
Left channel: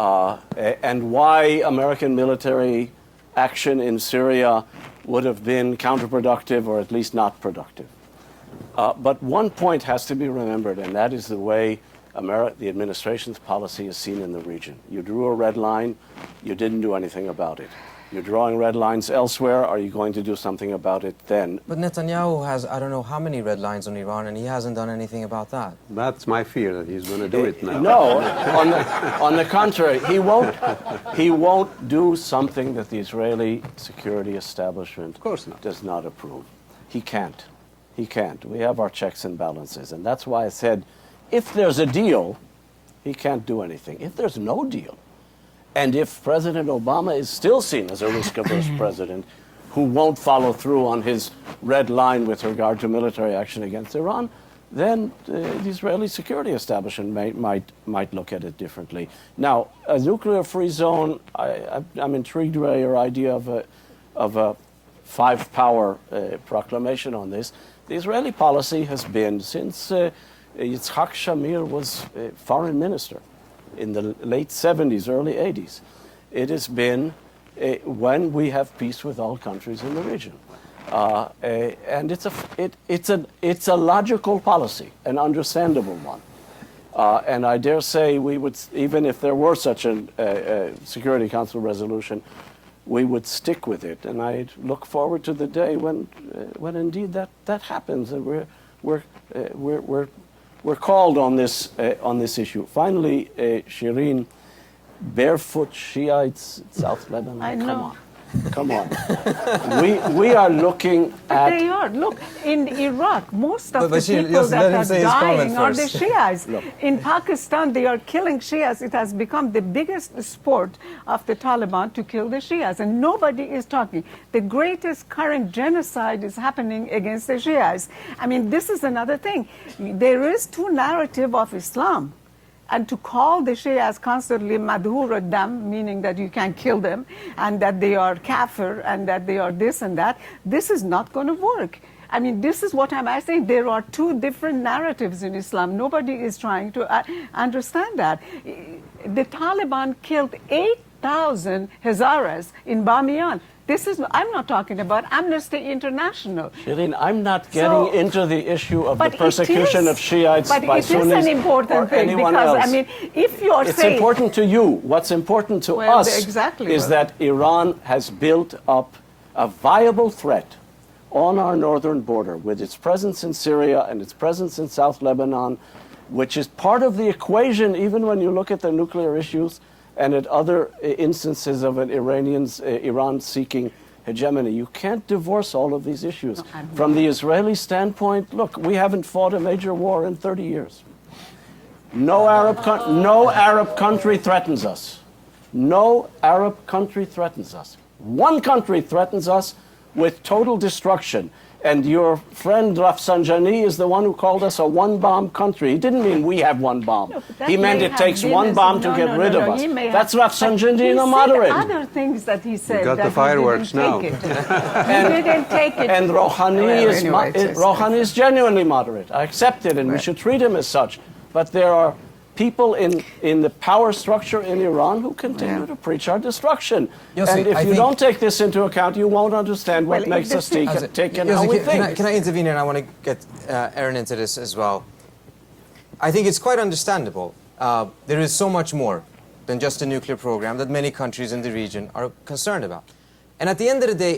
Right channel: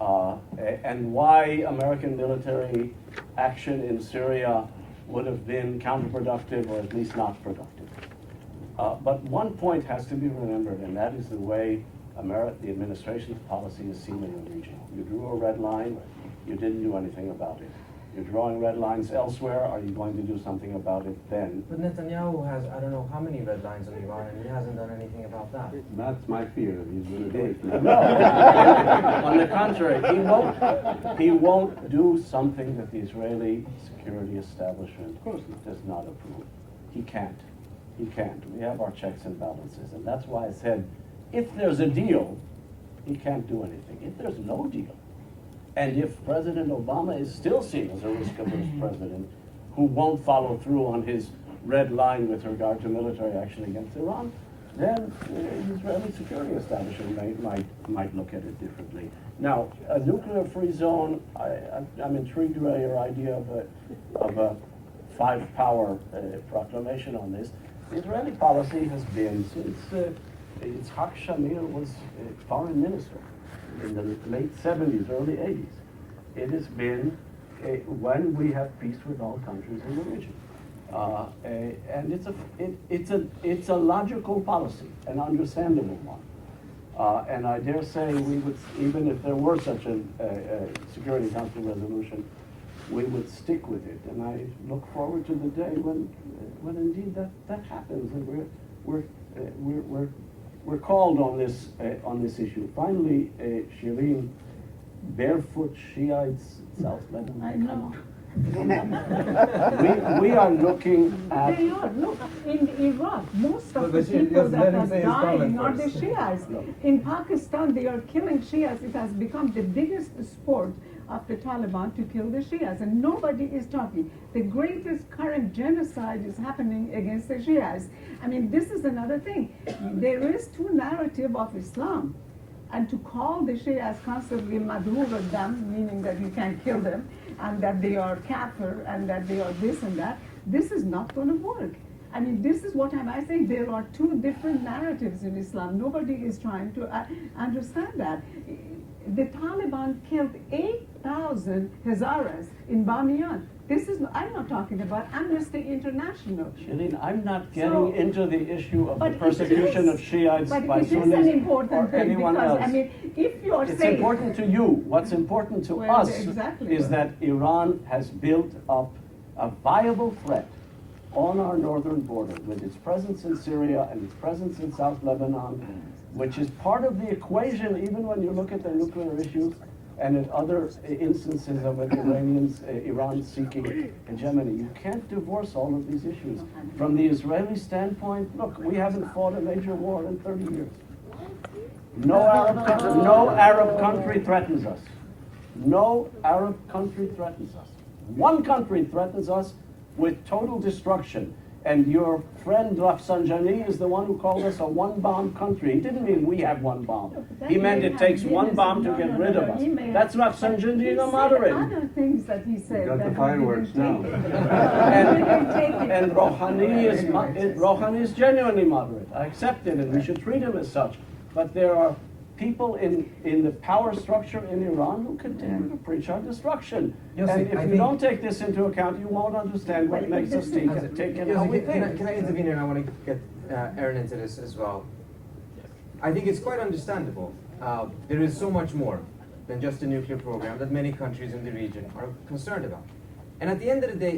and why American military action in Syria would have been counterproductive or at least not productive. But one point has to be remembered, and that is the way the administration's policy is seen in the region. You drew a red line, you didn't do anything about it. You're drawing red lines elsewhere. Are you going to do something about it then? But Netanyahu has, I don't know how many red lines on Iran, and he hasn't done anything about that. That's my fear, that he's going to do it now. No, on the contrary, he won't do something that the Israeli security establishment Of course not. does not approve. He can't. He can't. We have our checks and balances, and that's why I said, if there's a deal, he can't do anything. If there's no deal, and if President Obama is still seen as a risk-averse president who won't follow through on his red line with regard to military action against Iran, then the Israeli security establishment might look at it differently. Now, a nuclear-free zone, I'm intrigued by your idea of a 5-power proclamation on this. The Israeli policy has been, since Yitzhak Shamir was foreign minister, in the late 70s, early 80s. It has been when we have peace with all countries in the region. And it's a logical policy, an understandable one. And I dare say we would, even if there were such a Security Council resolution, we would stick with it. And I look forward to the day when indeed that happens, and we're called on this issue. Finally, Shireen, barefoot Shiites, South Lebanon. I know. Come on. Come on. We are looking But at... they are. Look, in Iraq, most of But the Bashir, people just let that him are say his comment dying are the first. Shiites. In Pakistan, they are killing Shiites. It has become the biggest sport of the Taliban to kill the Shiites, and nobody is talking. The greatest current genocide is happening against the Shiites. I mean, this is another thing. There is two narrative of Islam. And to call the Shias constantly madhur ad-dam, meaning that you can't kill them, and that they are kafir, and that they are this and that, this is not going to work. I mean, this is what I'm saying. There are two different narratives in Islam. Nobody is trying to understand that. The Taliban killed 8,000 Hazaras in Bamiyan. This is, I'm not talking about Amnesty International. Shireen, I'm not getting into the issue of the persecution of Shiites by Sunnis But it is an important thing anyone because, else. I mean, if you're It's saying... important to you. What's important to Well, us exactly. is that Iran has built up a viable threat on our northern border with its presence in Syria and its presence in South Lebanon, which is part of the equation even when you look at the nuclear issues and at other instances of an Iran seeking hegemony. You can't divorce all of these issues. From the Israeli standpoint, look, we haven't fought a major war in 30 years. No Arab country threatens us. No Arab country threatens us. One country threatens us with total destruction. And your friend Rafsanjani is the one who called us a one-bomb country. He didn't mean we have one bomb. He meant it takes one bomb to get rid of us. That's Rafsanjani in a moderate. Other things that he said. You got that the fireworks he now. didn't take it. He didn't take it. And Well, Rouhani is genuinely moderate. I accept it, and we should treat him as such. But there are people in the power structure in Iran who continue to preach our destruction. Yossi, and if I you think- don't take this into account, you won't understand what Well, makes us tick and Yossi, how we think. can I intervene here? And I want to get Aaron into this as well. I think it's quite understandable. There is so much more than just a nuclear program that many countries in the region are concerned about. And at the end of the day,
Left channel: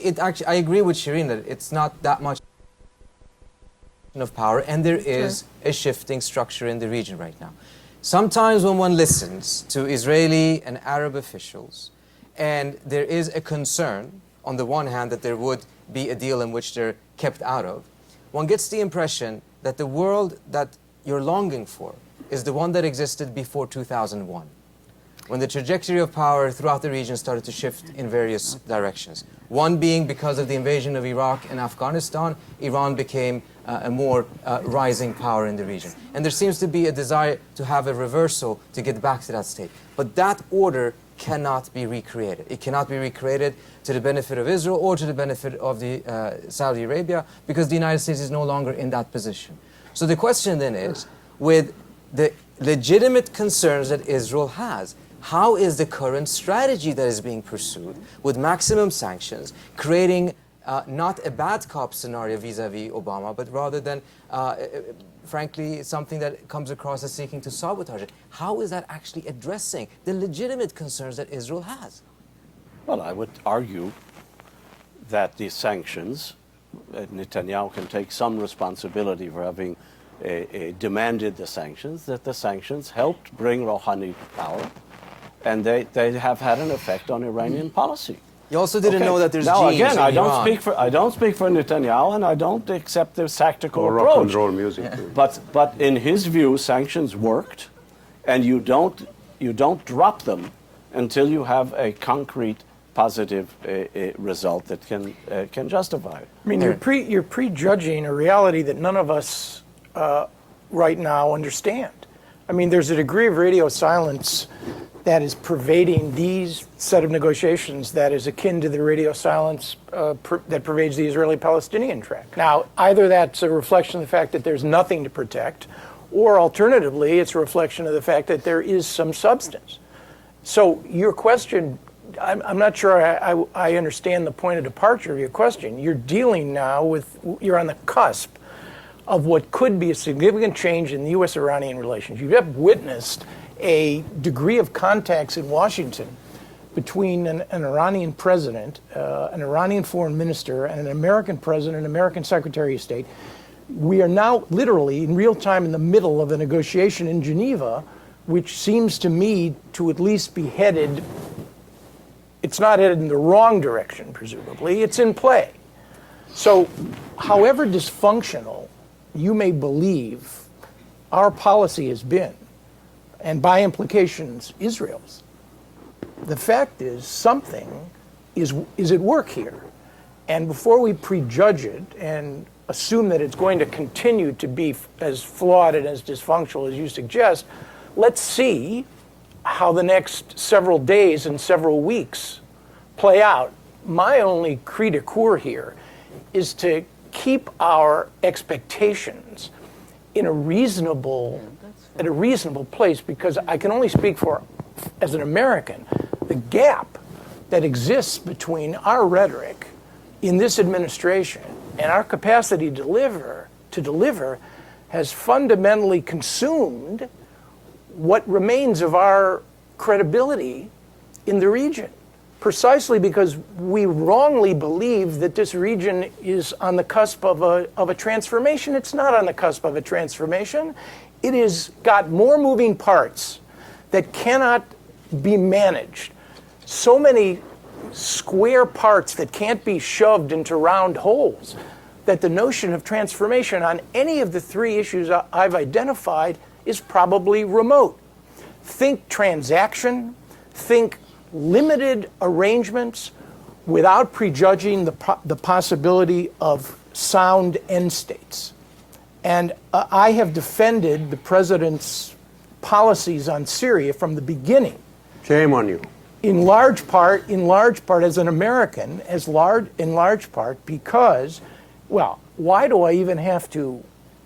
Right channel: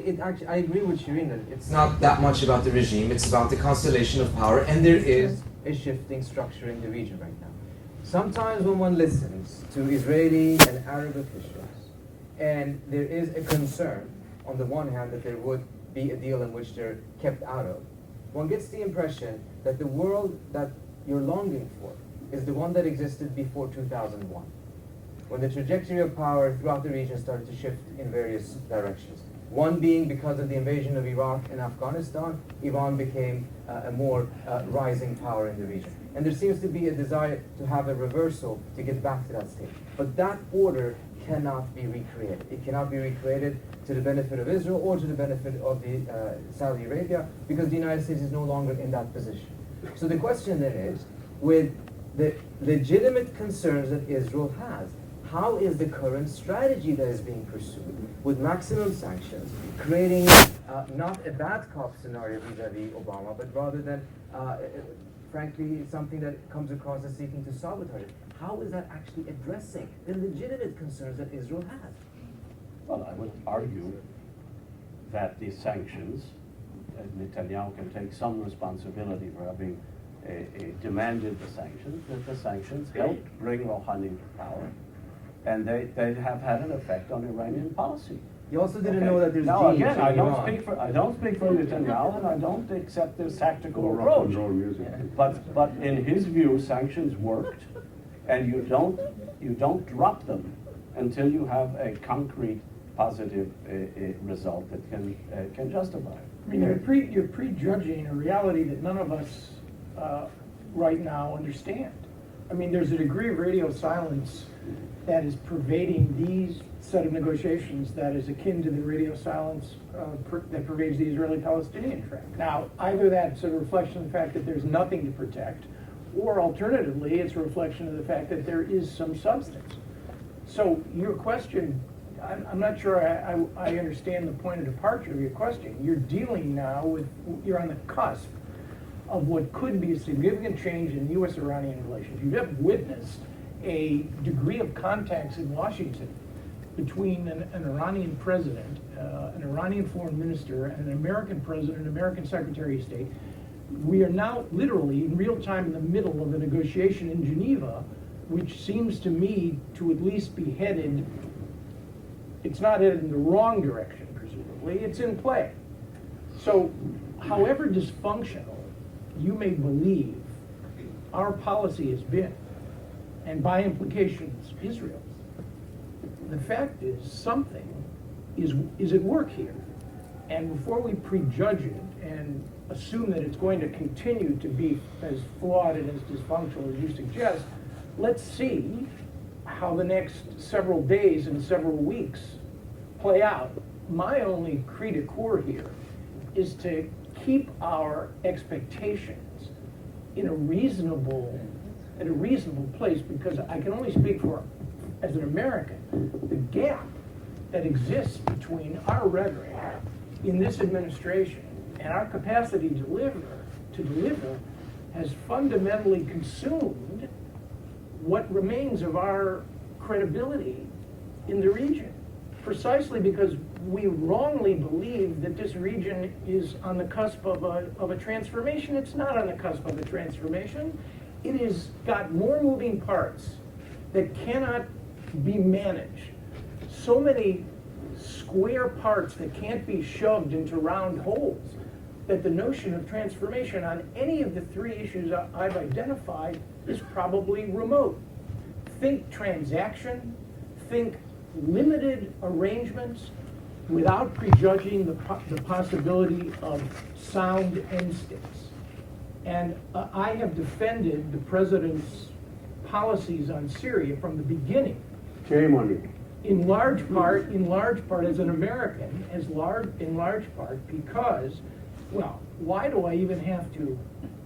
I agree with Shireen that it's not that much about the regime, it's about the constellation of power, and there is a shifting structure in the region right now. Sometimes when one listens to Israeli and Arab officials, and there is a concern, on the one hand, that there would be a deal in which they're kept out of, one gets the impression that the world that you're longing for is the one that existed before 2001, when the trajectory of power throughout the region started to shift in various directions. One being because of the invasion of Iraq and Afghanistan, Iran became a more rising power in the region. And there seems to be a desire to have a reversal to get back to that state. But that order cannot be recreated. It cannot be recreated to the benefit of Israel or to the benefit of Saudi Arabia, because the United States is no longer in that position. So the question then is, with the legitimate concerns that Israel has, how is the current strategy that is being pursued with maximum sanctions, creating not a bad cop scenario vis-a-vis Obama, but rather than, frankly, something that comes across as seeking to sabotage it? How is that actually addressing the legitimate concerns that Israel has? Well, I would argue that these sanctions, Netanyahu can take some responsibility for having demanded the sanctions, that the sanctions helped bring Rouhani to power, and they have had an effect on Iranian policy. You also didn't know that there's now, genes again, in I don't Iran. speak for Netanyahu, and I don't accept their tactical Or approach. rock and roll music. But in his view, sanctions worked, and you don't drop them until you have a concrete positive result that can justify it. I mean, you're prejudging a reality that none of us right now understand. I mean, there's a degree of radio silence that is pervading these set of negotiations that is akin to the radio silence that pervades the Israeli-Palestinian track. Now, either that's a reflection of the fact that there's nothing to protect, or alternatively, it's a reflection of the fact that there is some substance. So your question, I'm not sure I understand the point of departure of your question. You're dealing now with, you're on the cusp of what could be a significant change in the U.S.-Iranian relations. You have witnessed a degree of contacts in Washington between an Iranian president, an Iranian foreign minister, and an American president, an American secretary of state. We are now literally in real time in the middle of a negotiation in Geneva, which seems to me to at least be headed It's not headed in the wrong direction, presumably. It's in play. So however dysfunctional you may believe our policy has been, and by implications, Israel's, the fact is something is at work here. And before we prejudge it and assume that it's going to continue to be as flawed and as dysfunctional as you suggest, let's see how the next several days and several weeks play out. My only cri de coeur here is to keep our expectations in a reasonable place, because I can only speak for, as an American, the gap that exists between our rhetoric in this administration and our capacity to deliver has fundamentally consumed what remains of our credibility in the region, precisely because we wrongly believe that this region is on the cusp of a transformation. It's not on the cusp of a transformation. It has got more moving parts that cannot be managed. So many square parts that can't be shoved into round holes, that the notion of transformation on any of the three issues I've identified is probably remote. Think transaction, think limited arrangements without prejudging the possibility of sound end states. And I have defended the president's policies on Syria from the beginning. Shame on you. In large part as an American, in large part because, well, why do I even have to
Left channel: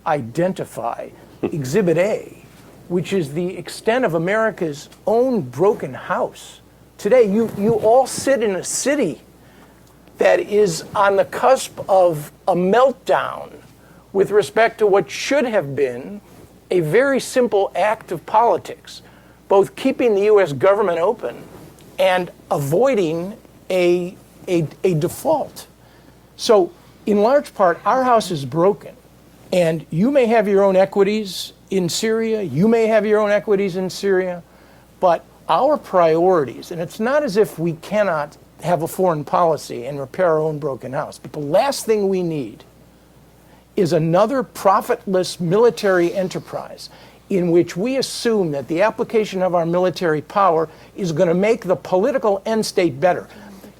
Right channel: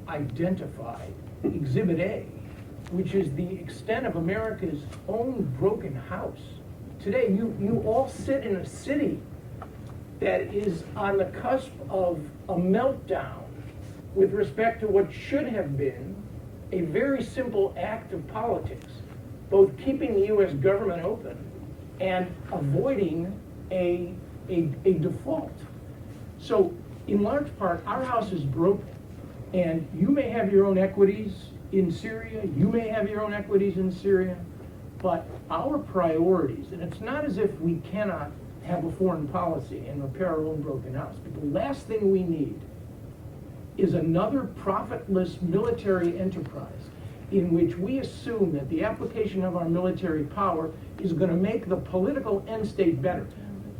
identify Exhibit A, which is the extent of America's own broken house? Today, you all sit in a city that is on the cusp of a meltdown with respect to what should have been a very simple act of politics, both keeping the U.S. government open and avoiding a default. So in large part, our house is broken. And you may have your own equities in Syria, you may have your own equities in Syria, but our priorities, and it's not as if we cannot have a foreign policy and repair our own broken house, but the last thing we need is another profitless military enterprise in which we assume that the application of our military power is going to make the political end state better.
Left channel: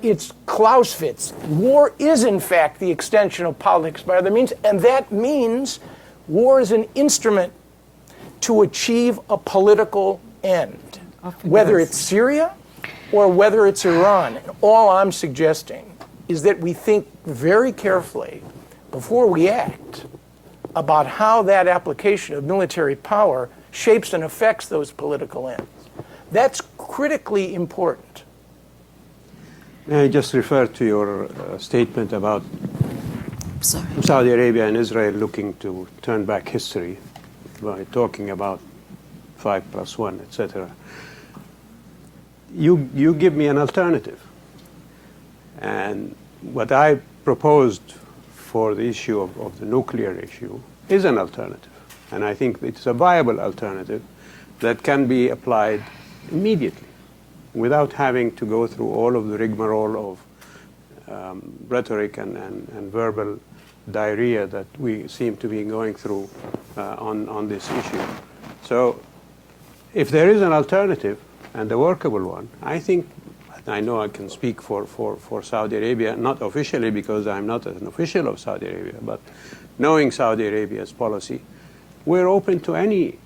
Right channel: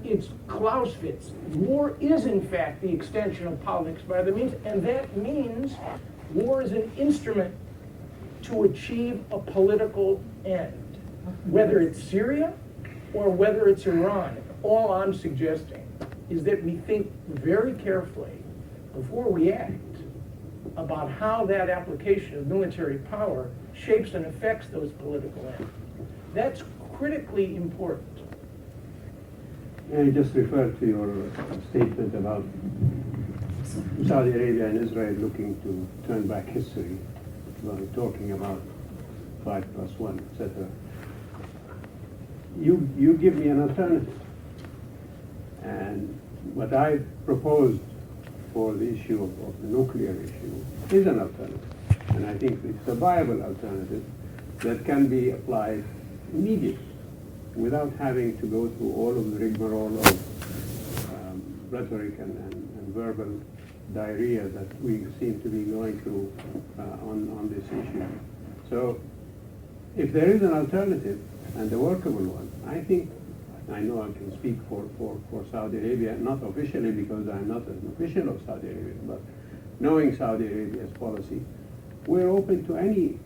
It's Clausewitz. War is, in fact, the extension of politics by other means, and that means war is an instrument to achieve a political end, whether it's Syria or whether it's Iran. And all I'm suggesting is that we think very carefully before we act about how that application of military power shapes and affects those political ends. That's critically important. May I just refer to your statement about Saudi Arabia and Israel looking to turn back history by talking about 5+1, etc. You give me an alternative. And what I proposed for the issue of the nuclear issue is an alternative. And I think it's a viable alternative that can be applied immediately without having to go through all of the rigmarole of rhetoric and verbal diarrhea that we seem to be going through on this issue. So if there is an alternative and a workable one, I think, I know I can speak for Saudi Arabia, not officially because I'm not an official of Saudi Arabia, but knowing Saudi Arabia's policy, we're open to any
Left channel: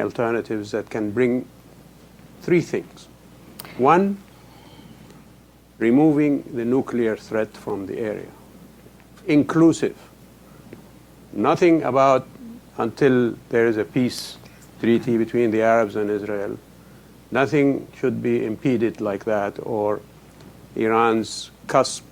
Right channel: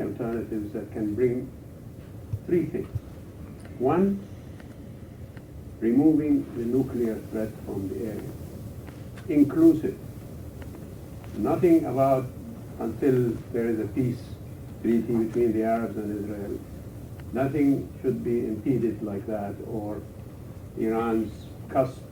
alternatives that can bring three things. One, removing the nuclear threat from the area, inclusive. Nothing about until there is a peace treaty between the Arabs and Israel. Nothing should be impeded like that, or Iran's cusp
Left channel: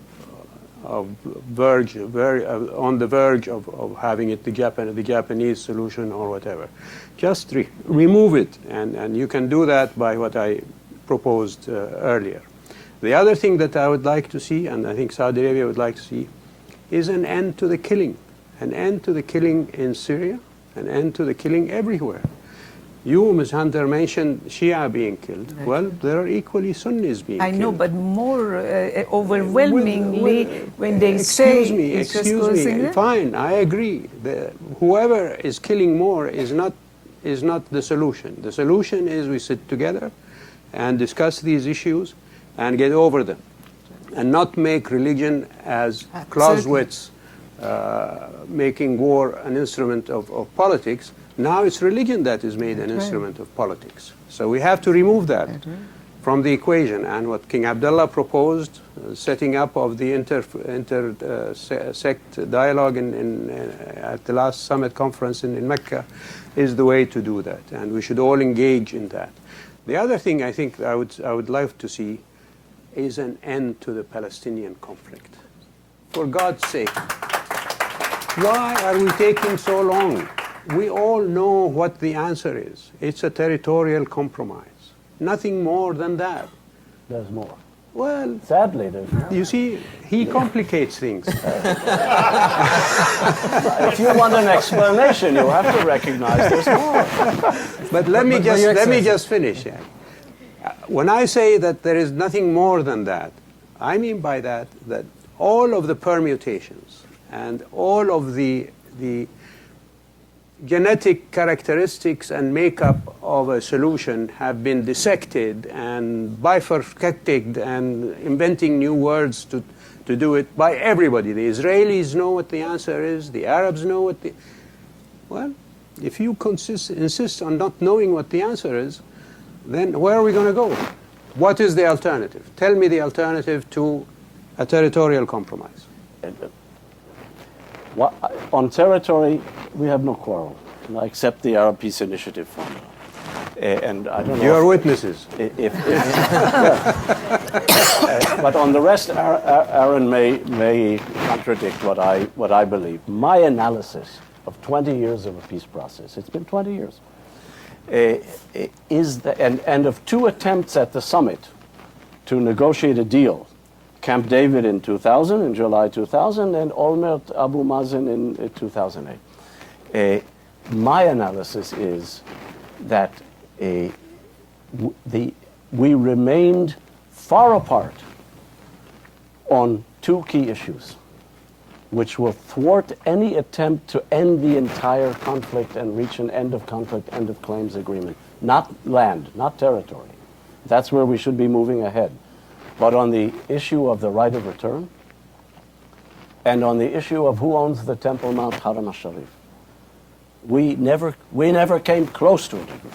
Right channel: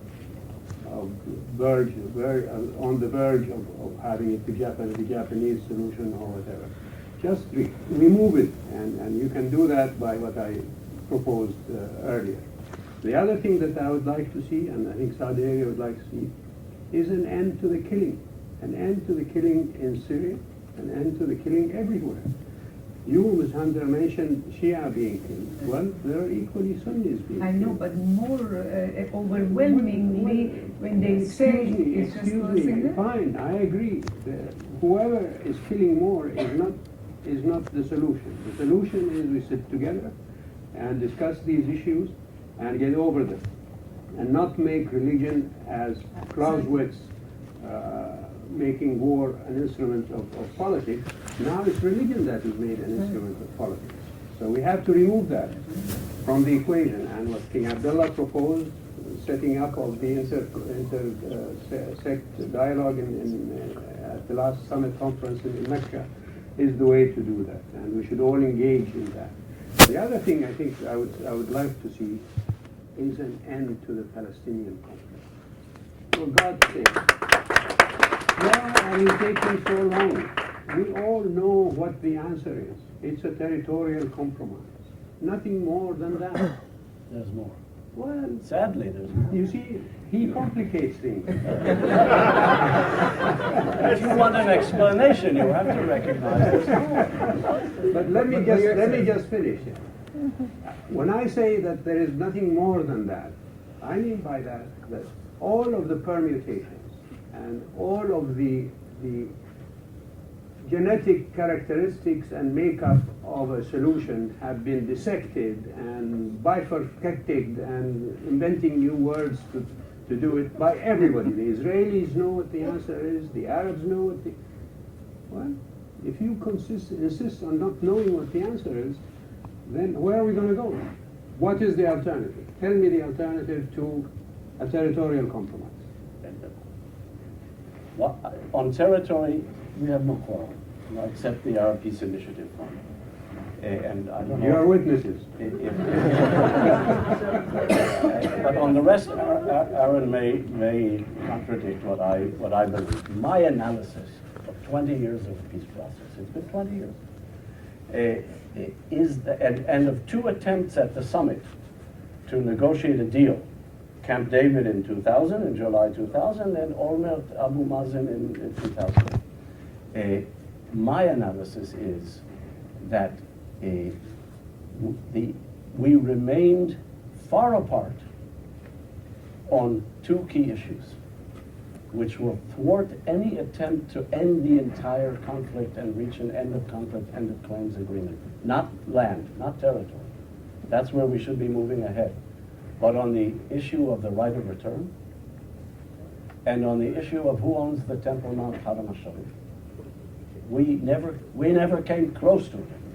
of on the verge of having it the Japanese solution or whatever. Just remove it, and you can do that by what I proposed earlier. The other thing that I would like to see, and I think Saudi Arabia would like to see, is an end to the killing. An end to the killing in Syria, an end to the killing everywhere. You, Ms. Hunter, mentioned Shia being killed. Well, there are equally Sunnis being I killed. know, but more overwhelmingly, when they say it's just excuse closing me. it. Fine, I agree. Whoever is killing more is not the solution. The solution is we sit together and discuss these issues and get over them, and not make religion as Clausewitz making war an instrument of politics. Now it's religion that is made an instrument of politics. So we have to remove that from the equation. And what King Abdullah proposed, setting up of the inter-sect dialogue at the last summit conference in Mecca, is the way to do that. And we should all engage in that. The other thing I think I would love to see is an end to the Palestinian conflict. For God's sake, why are we taking so long? We all know what the answer is. It's a territorial compromise. Nothing more than that. There's more. Well, Sadly, there's more. you see, he complicates things. If you want an explanation, you have to recognize there's more. But let me just finish. Yeah. When I say that there is nothing more than that, I mean by that all of the permutations and all of the genetic characteristics and makeup of a solution have been dissected and bifurcated and inventing new words to do it by everybody. The Israelis know what the answer is. The Arabs know what the... Well, if you insist on not knowing what the answer is, then where are we going to go? What is the alternative? Tell me the alternative to a territorial compromise. On territory, we have no quarrel. I accept the Arab Peace Initiative Fund. And I don't know. You're witnesses. But on the rest, Aaron may contradict what I believe. My analysis of 20 years of a peace process, it's been 20 years, and of two attempts at the summit to negotiate a deal, Camp David in 2000, in July 2000, and Olmert Abu Mazen in 2008. My analysis is that we remained far apart on two key issues, which will thwart any attempt to end the entire conflict and reach an end of conflict, end of claims agreement. Not land, not territory. That's where we should be moving ahead. But on the issue of the right of return, and on the issue of who owns the Temple Mount Haram al-Sharif, we never came close to an agreement.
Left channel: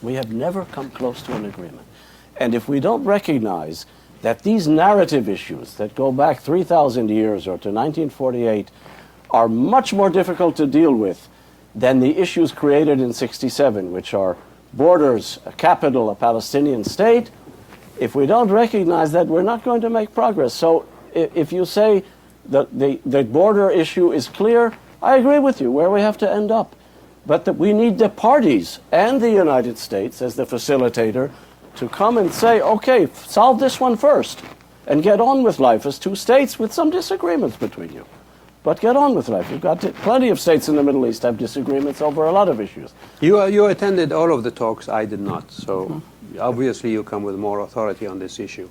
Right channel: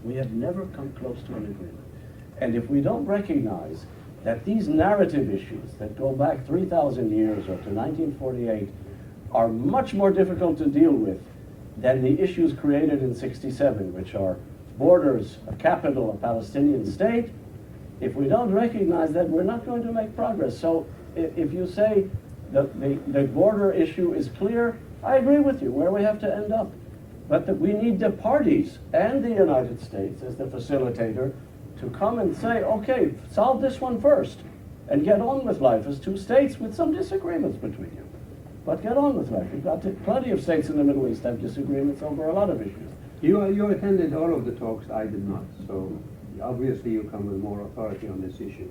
We have never come close to an agreement. And if we don't recognize that these narrative issues that go back 3,000 years or to 1948 are much more difficult to deal with than the issues created in 67, which are borders, a capital, a Palestinian state, if we don't recognize that, we're not going to make progress. So if you say that the border issue is clear, I agree with you where we have to end up. But that we need the parties and the United States as the facilitator to come and say, okay, solve this one first and get on with life as two states with some disagreements between you. But get on with life. You've got plenty of states in the Middle East have disagreements over a lot of issues. You attended all of the talks. I did not. So obviously you come with more authority on this issue.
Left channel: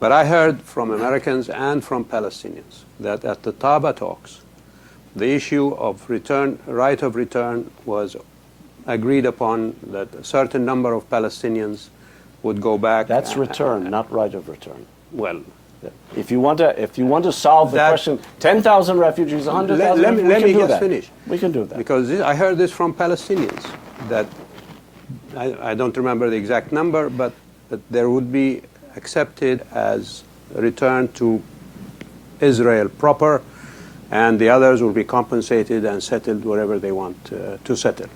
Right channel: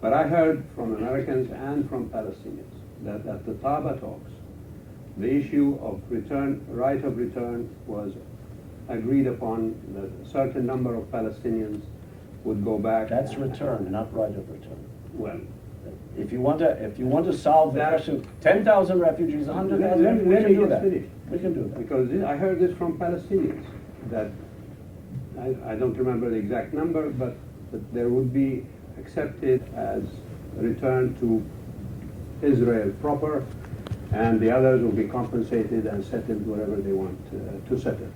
But I heard from Americans and from Palestinians that at the Taba talks, the issue of right of return was agreed upon, that a certain number of Palestinians would go back. That's return, not right of return. Well, if you want to solve the question, 10,000 refugees, 100,000, let me just finish. We can do that. Because I heard this from Palestinians, that I don't remember the exact number, but that there would be accepted as a return to Israel proper, and the others will be compensated and settled wherever they want to settle.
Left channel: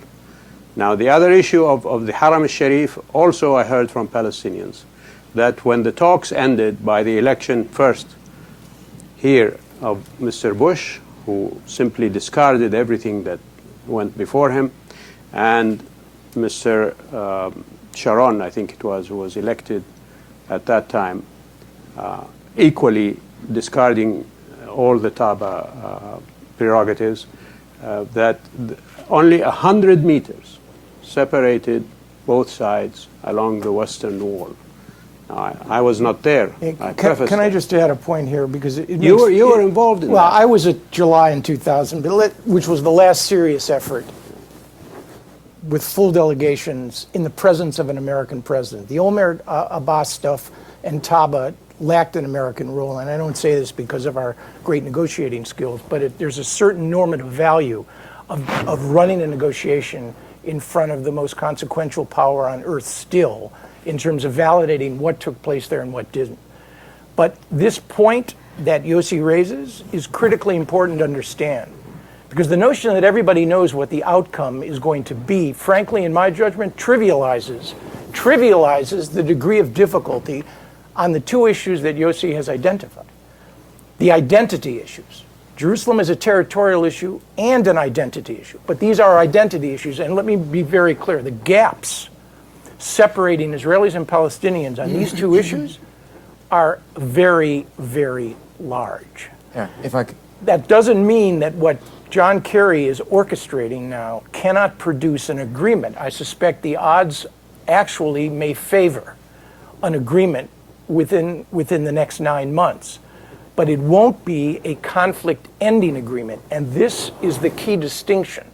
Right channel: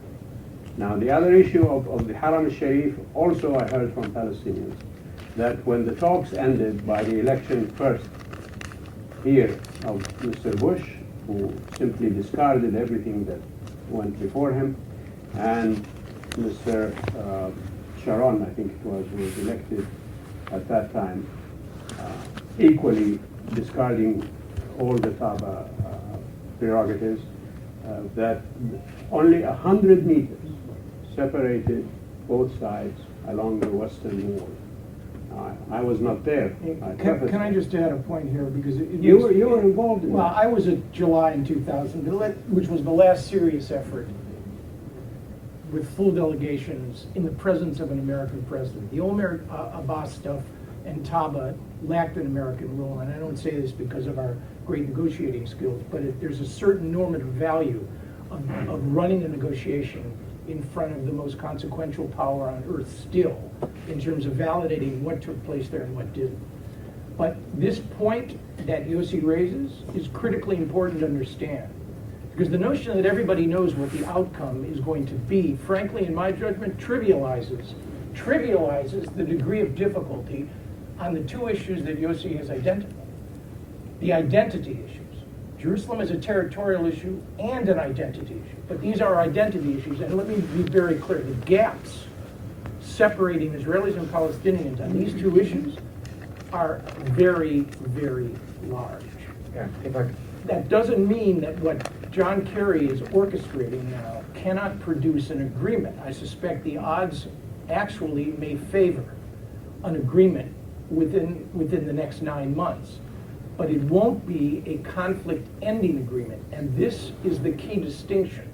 Now, the other issue of the Haram al-Sharif, also I heard from Palestinians, that when the talks ended by the election first here of Mr. Bush, who simply discarded everything that went before him, and Mr. Sharon, I think it was, who was elected at that time, equally discarding all the Taba prerogatives, that only 100 meters separated both sides along the Western Wall. Now, I was not there. Hey, I Can preface I that. just add a point here, because You were involved in well, that. I was at July in 2000, which was the last serious effort with full delegations in the presence of an American president. The Omer Abbas stuff and Taba lacked an American role, and I don't say this because of our great negotiating skills, but there's a certain normative value of running a negotiation in front of the most consequential power on earth still, in terms of validating what took place there and what didn't. But this point that Yossi raises is critically important to understand, because the notion that everybody knows what the outcome is going to be, frankly, in my judgment, trivializes the degree of difficulty on the two issues that Yossi has identified. The identity issues. Jerusalem is a territorial issue and an identity issue, but these are identity issues, and let me be very clear. The gaps separating Israelis and Palestinians on these two issues are very, very large. Yeah, if I could. That doesn't mean that what John Kerry is orchestrating now cannot produce an agreement. I suspect the odds actually may favor an agreement within the next 9 months. But it won't be a conflict-ending agreement, and this is the key distinction.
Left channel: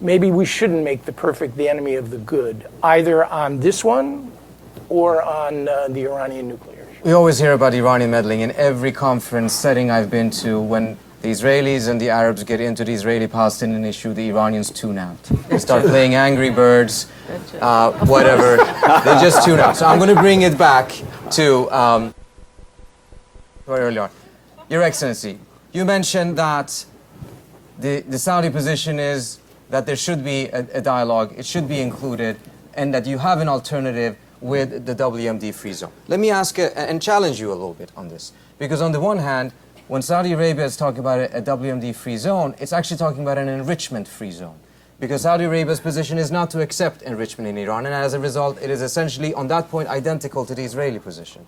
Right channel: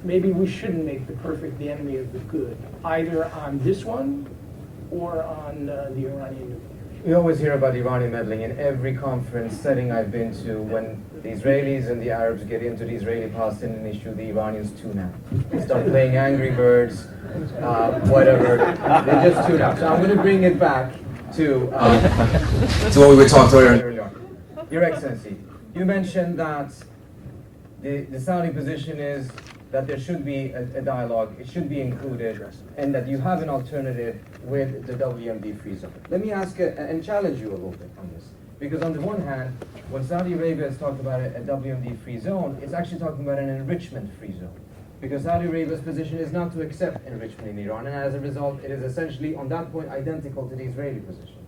Maybe we shouldn't make the perfect the enemy of the good, either on this one or on the Iranian nuclear issue. We always hear about Iranian meddling in every conference setting I've been to. When the Israelis and the Arabs get into the Israeli-Palestinian issue, the Iranians tune out. They start playing Angry Birds, whatever. They just tune out. So I'm going to bring it back to what we were talking about earlier on. Your Excellency, you mentioned that the Saudi position is that there should be a dialogue, it should be included, and that you have an alternative with the WMD free zone. Let me ask and challenge you a little bit on this. Because on the one hand, when Saudi Arabia is talking about a WMD free zone, it's actually talking about an enrichment free zone. Because Saudi Arabia's position is not to accept enrichment in Iran, and as a result, it is essentially, on that point, identical to the Israeli position.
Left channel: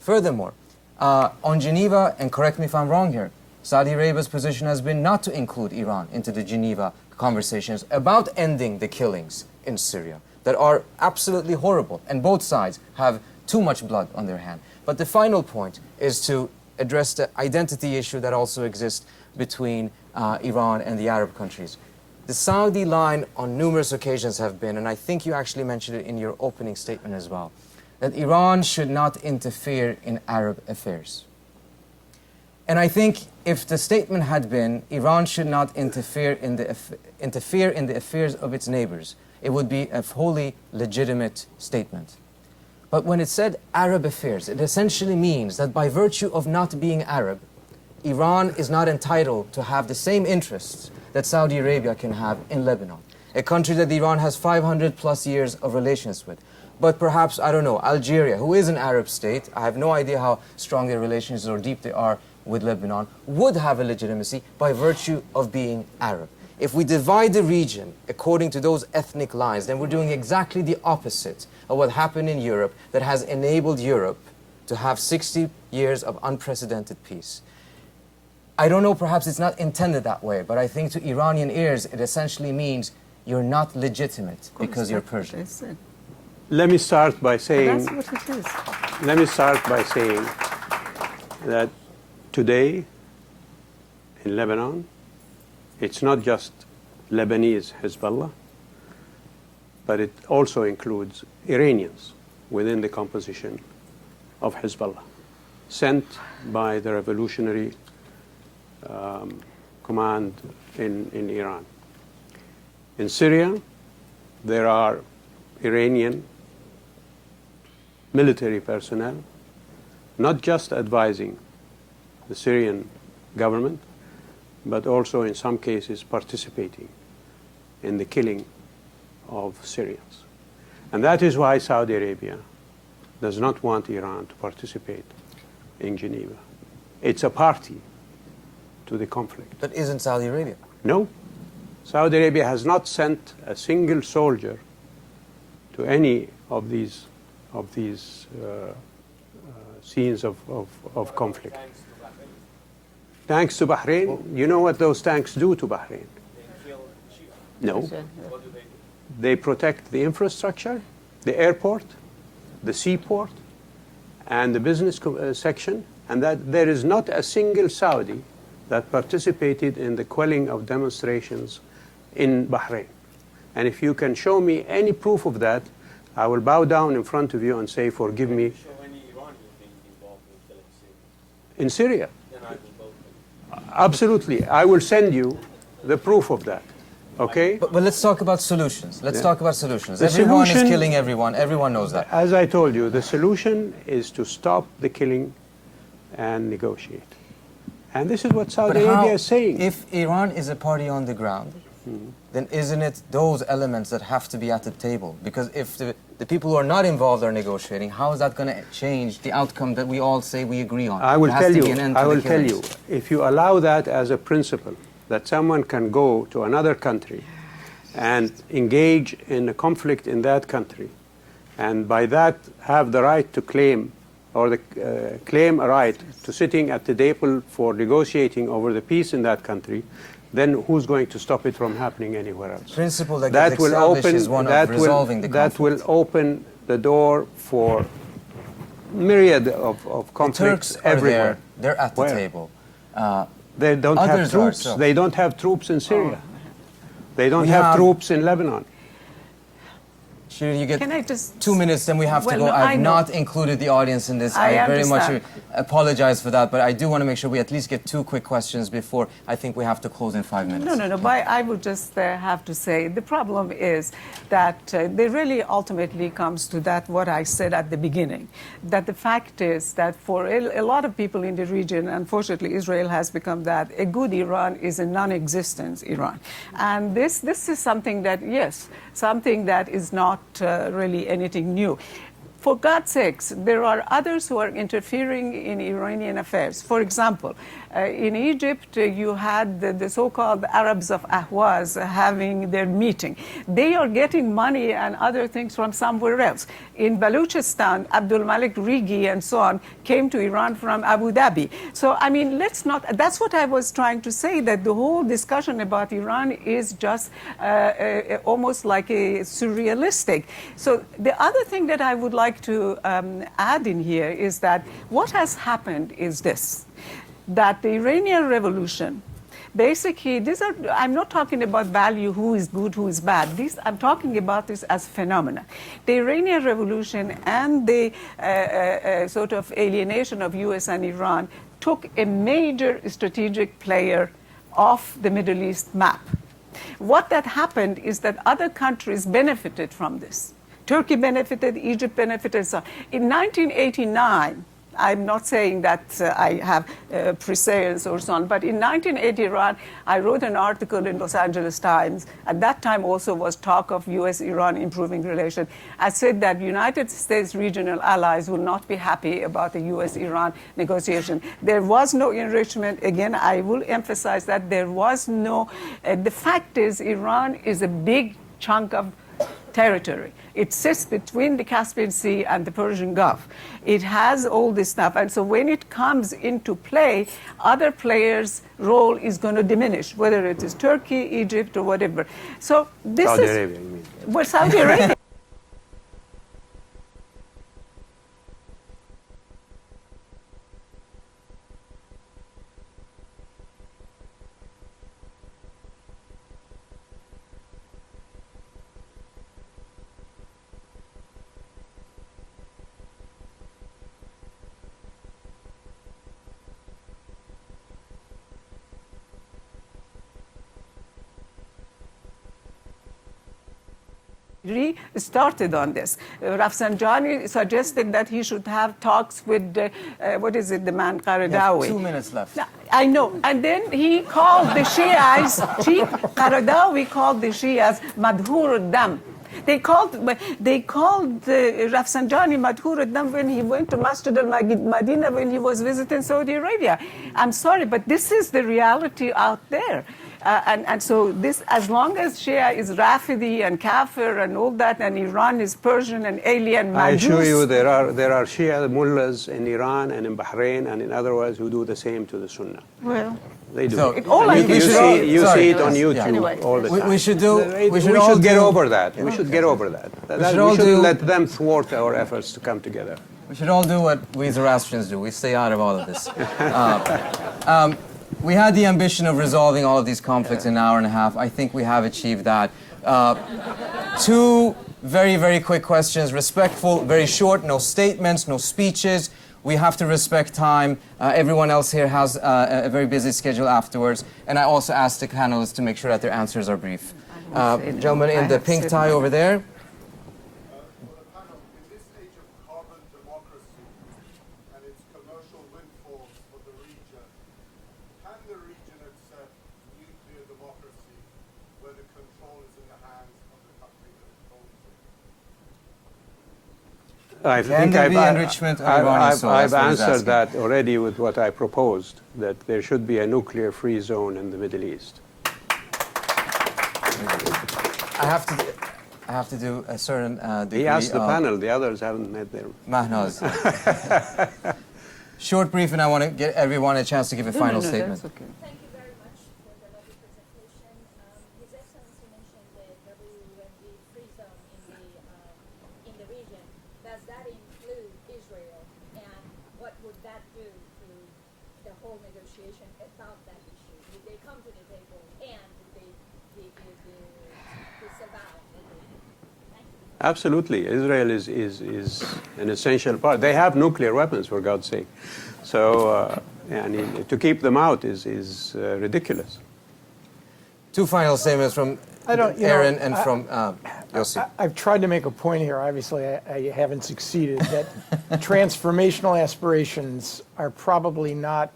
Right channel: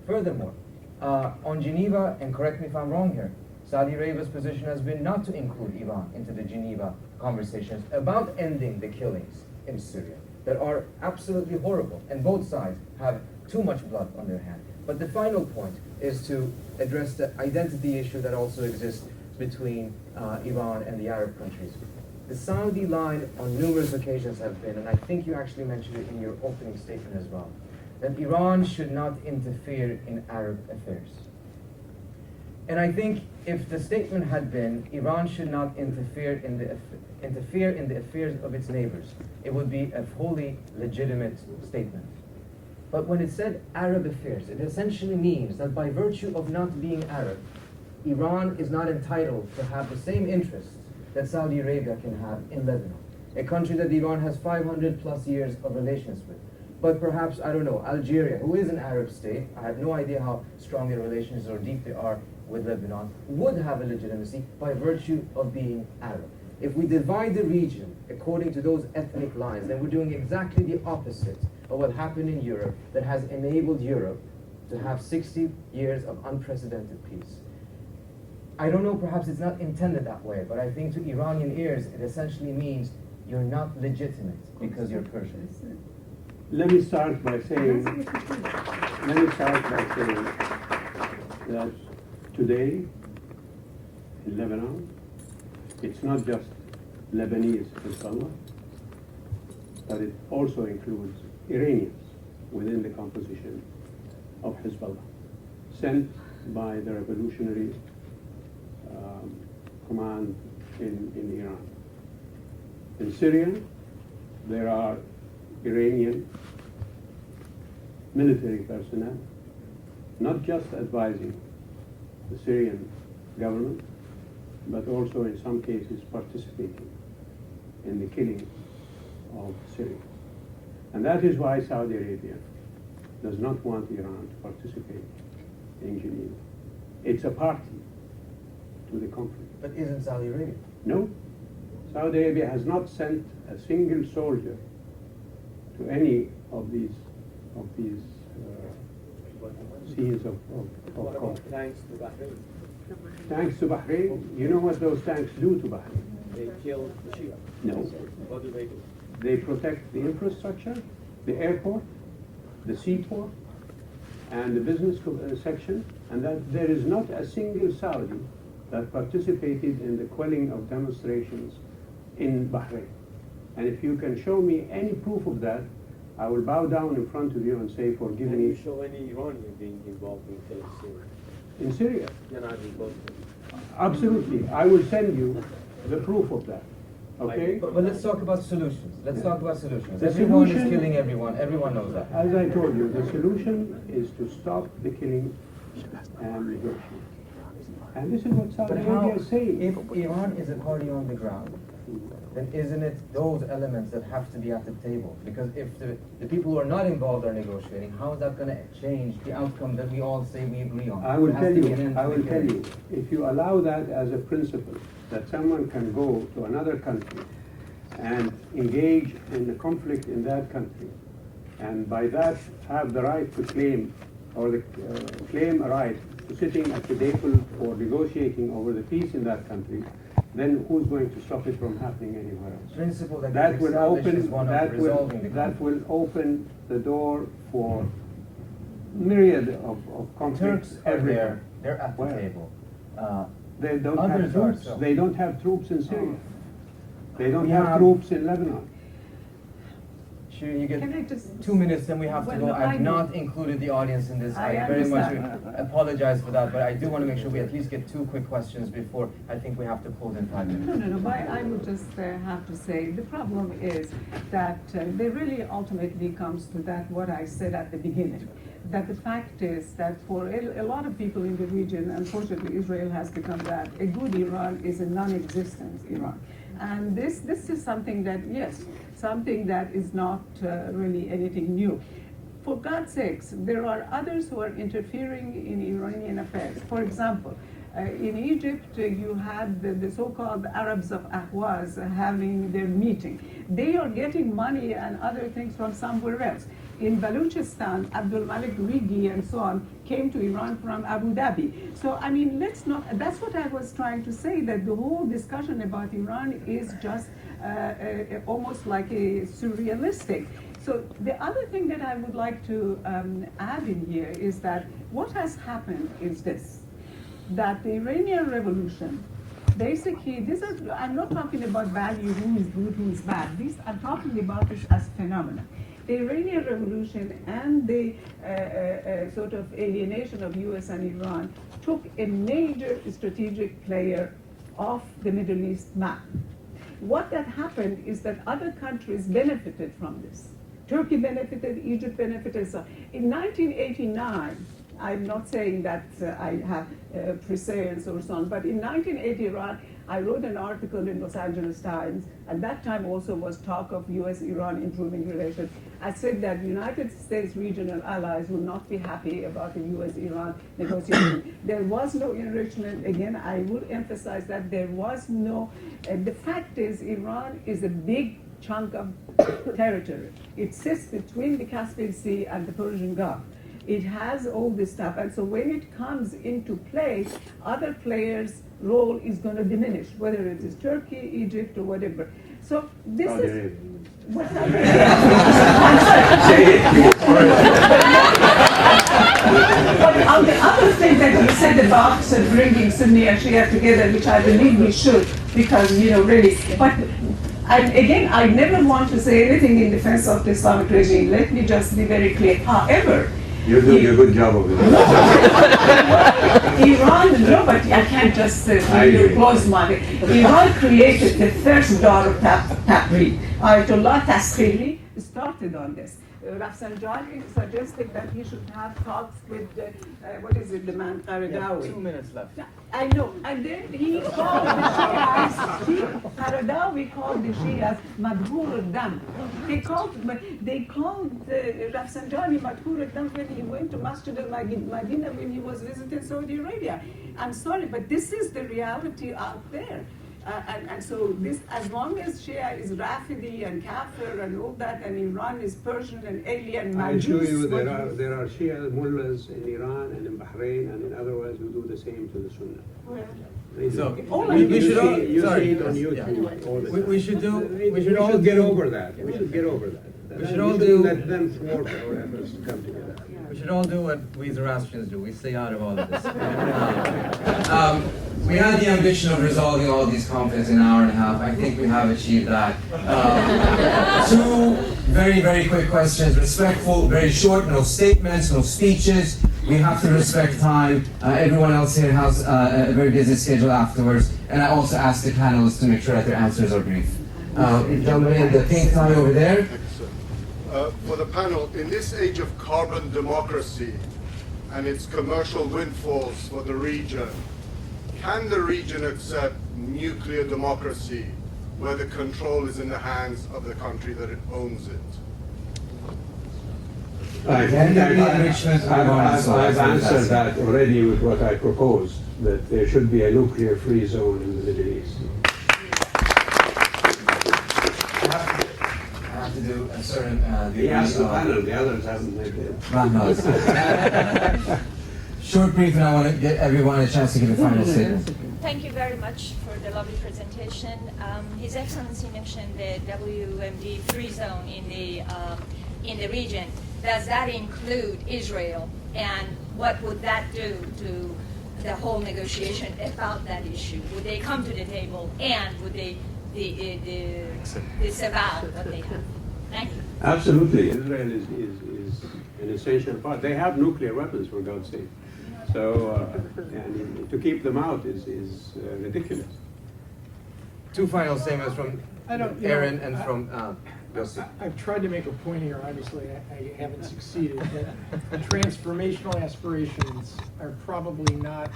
Furthermore, on Geneva, and correct me if I'm wrong here, Saudi Arabia's position has been not to include Iran into the Geneva conversations about ending the killings in Syria that are absolutely horrible, and both sides have too much blood on their hand. But the final point is to address the identity issue that also exists between Iran and the Arab countries. The Saudi line on numerous occasions have been, and I think you actually mentioned it in your opening statement as well, that Iran should not interfere in Arab affairs. And I think if the statement had been Iran should not interfere in the affairs of its neighbors, it would be a wholly legitimate statement. But when it said Arab affairs, it essentially means that by virtue of not being Arab, Iran is not entitled to have the same interests that Saudi Arabia can have in Lebanon, a country that Iran has 500 plus years of relations with. But perhaps, I don't know, Algeria, who is an Arab state, I have no idea how strong their relations or deep they are with Lebanon, would have a legitimacy by virtue of being Arab. If we divide the region according to those ethnic lines, then we're doing exactly the opposite of what happened in Europe that has enabled Europe to have 60 years of unprecedented peace. I don't know, perhaps it's not intended that way, but I think to Iranian ears, it essentially means you're not legitimate because you're Persian. Let me start by saying, That's what it is. let me start by saying that today in Lebanon, it's not just Lebanese Hezbollah, but it also includes Iranians within the composition of Hezbollah, sent by the revolutionary command in Iran. In Syria, there are Iranian military personnel, not just advising the Syrian government, but also in some cases participating in the killing of Syrians. And that is why Saudi Arabia does not want Iran to participate in Geneva. It's a party to the conflict. But isn't Saudi Arabia? No. Saudi Arabia has not sent a single soldier to any of these scenes of conflict. Thanks to Bahrain. You know what those tanks do to Bahrain? They kill the Shia. No. They protect the infrastructure, the airport, the seaport, and the business section, and that there is not a single Saudi that participated in the quelling of demonstrations in Bahrain. And if you can show me any proof of that, I will bow down in front of you and say, forgive me. Can you show any Iranian being involved in killing Syria? In Syria? Then I will vote for you. Absolutely. I will send you the proof of that. Okay? But let's talk about solutions. Let's talk about solutions. The Everyone solution- is killing everyone. Everyone knows that. As I told you, the solution is to stop the killing and negotiate. And this is what Saudi Arabia is saying. If Iran is a party on the ground, then isn't it those elements that have to be at the table? Because if the people who are not involved are negotiating, how is that going to change the outcome that we all say we agree on? I will There has tell to be you, an end to I the will tell you, killings. if you allow that as a principle, that someone can go to another country and engage in a conflict in that country, and by that have the right to claim, or claim a right to sitting at the table for negotiating over the peace in that country, then who's going to stop it from happening anywhere else? Principle that That gets will established open, is one of resolving the that will conflict. open the door for myriad of conflicts Turks are everywhere. there. They're at the Where? table. They don't have Others are, troops. so. They don't have troops in Syria. They don't We have have- troops in Lebanon. Shireen, you get Can I just 2 minutes, then we have to Well, go. no, I I've know. not included the audience in this. I very much understand. apologize for that, but I do want to make sure we at least get 2 quick questions before I think we have to close in 5 minutes. No. But I would just have to say the problem is that they really ultimately comes to that what I said at the beginning, that the fact is that for a lot of people in the region, unfortunately, Israel has become that a good Iran is a non-existent Iran, and this is something that something that is not really anything new. For God's sakes, there are others who are interfering in Iranian affairs. For example, in Egypt, you had the so-called Arabs of Ahwaz having their meeting. They are getting money and other things from somewhere else. In Baluchistan, Abdul Malik Rigi and so on came to Iran from Abu Dhabi. So, I mean, let's not, that's what I was trying to say, that the whole discussion about Iran is just almost like a surrealistic. So the other thing that I would like to add in here is that what has happened is this, that the Iranian Revolution, basically, I'm not talking about value, who is good, who is bad. I'm talking about this as phenomena. The Iranian Revolution and the sort of alienation of US and Iran took a major strategic player off the Middle East map. What that happened is that other countries benefited from this. Turkey benefited, Egypt benefited, so on. In 1989, I'm not saying that I have prescience or so on, but in 1981, I wrote an article in Los Angeles Times. At that time also was talk of US-Iran improving relations. I said that United States regional allies will not be happy about the US-Iran negotiation. There was no enrichment. Again, I will emphasize that there was no, the fact is Iran is a big chunk of territory. It sits between the Caspian Sea and the Persian Gulf. It has all this stuff. And so when it comes into play, other players' role is going to diminish, whether it is Turkey, Egypt, or whatever. So this Saudi is... Arabia, you mean. Well, Saudi Arabia. But on the other thing that you said about bringing Sunni and Shia together, which I believe we should, because, really, but and again, I never want to say anything in defense of the Islamic regime. Let me just be very clear. However, You're doing a good job of it. Iran, no, but I can't just close my. Iran created the first door of Tahrir. Ayatollah Taskhili started on this. Rafsanjani suggested that he should have talks with, the man Qaradawi. 2 minutes left. I know. And then he called the Shias, Qaradawi called the Shias Madhur Dam. They called Rafsanjani Madhur Dam when he went to Masjid al-Madinah when he was visiting Saudi Arabia. I'm sorry, but this is the reality out there. And so this, as long as Shia is Rafidi and Kafir and all that, and Iran is Persian and alien, I assure Majus, you there are Shia mullahs in Iran and in Bahrain and in other words who do the same to the Sunnah. well, They do. So, all I we- can we You should- say- see, you sorry. see it on YouTube Anyway. all the We- time. we should do- we should we all should get do- over that. We should get over that. should We all shouldn't do- let them thwart our efforts to come together. We should all do what we Zoroastrians do. We stay out of all of this. We had the ambition of resolving all of these conflicts in an hour and a half. I think we have achieved that. Two very, very quick questions. Respectful, very short, no statements, no speeches. We have to respect time. Everyone else here has a very busy schedule afterwards. And I also asked the panelists to make sure that their answers are brief. Gentleman in the pink tie over there. For the panel, in this age of carbon democracy and its commercial windfalls for the region, can the region accept nuclear democracy where the control is in the hands of the country that it owns it? I Can think there be I've enrichment or bonus? I've answered that already with what I proposed, that there should be a nuclear-free zone in the Middle East. I have to do a certain... He asked the panel, the others haven't made it. Short brief, and I want to get everyone a chance to give a final statement. Thank you very much for the lovely presentation. His Excellency mentioned the WMD free zone in the region. Does that include Israel? And what would that do to the whole negotiation about that issue? Would they come to the table, and would they disavow what they have? Thank you. Absolutely, Israel is an essential part. They have nuclear weapons, for God's sake. So, and to keep them out is ridiculous. Two final statements from Aaron and from Yossi. I've tried to make a point here, obviously I haven't succeeded, that transformational aspirations are probably not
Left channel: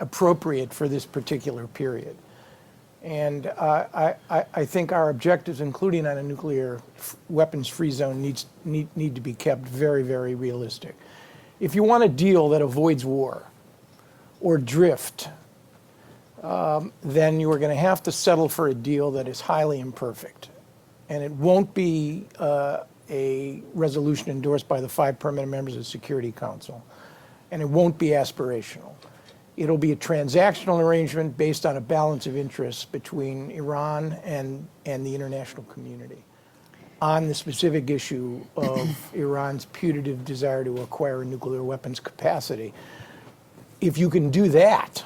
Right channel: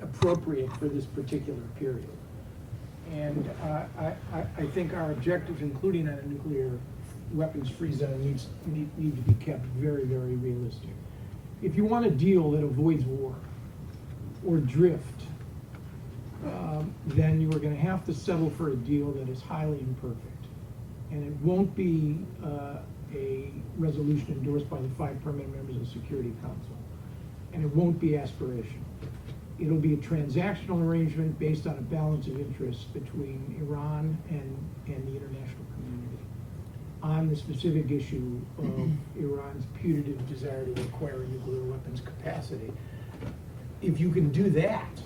appropriate for this particular period. And I think our objectives, including on a nuclear weapons-free zone, need to be kept very, very realistic. If you want a deal that avoids war or drift, then you are going to have to settle for a deal that is highly imperfect. And it won't be a resolution endorsed by the 5 permanent members of the Security Council. And it won't be aspirational. It'll be a transactional arrangement based on a balance of interests between Iran and the international community on the specific issue of Iran's putative desire to acquire a nuclear weapons capacity. If you can do that,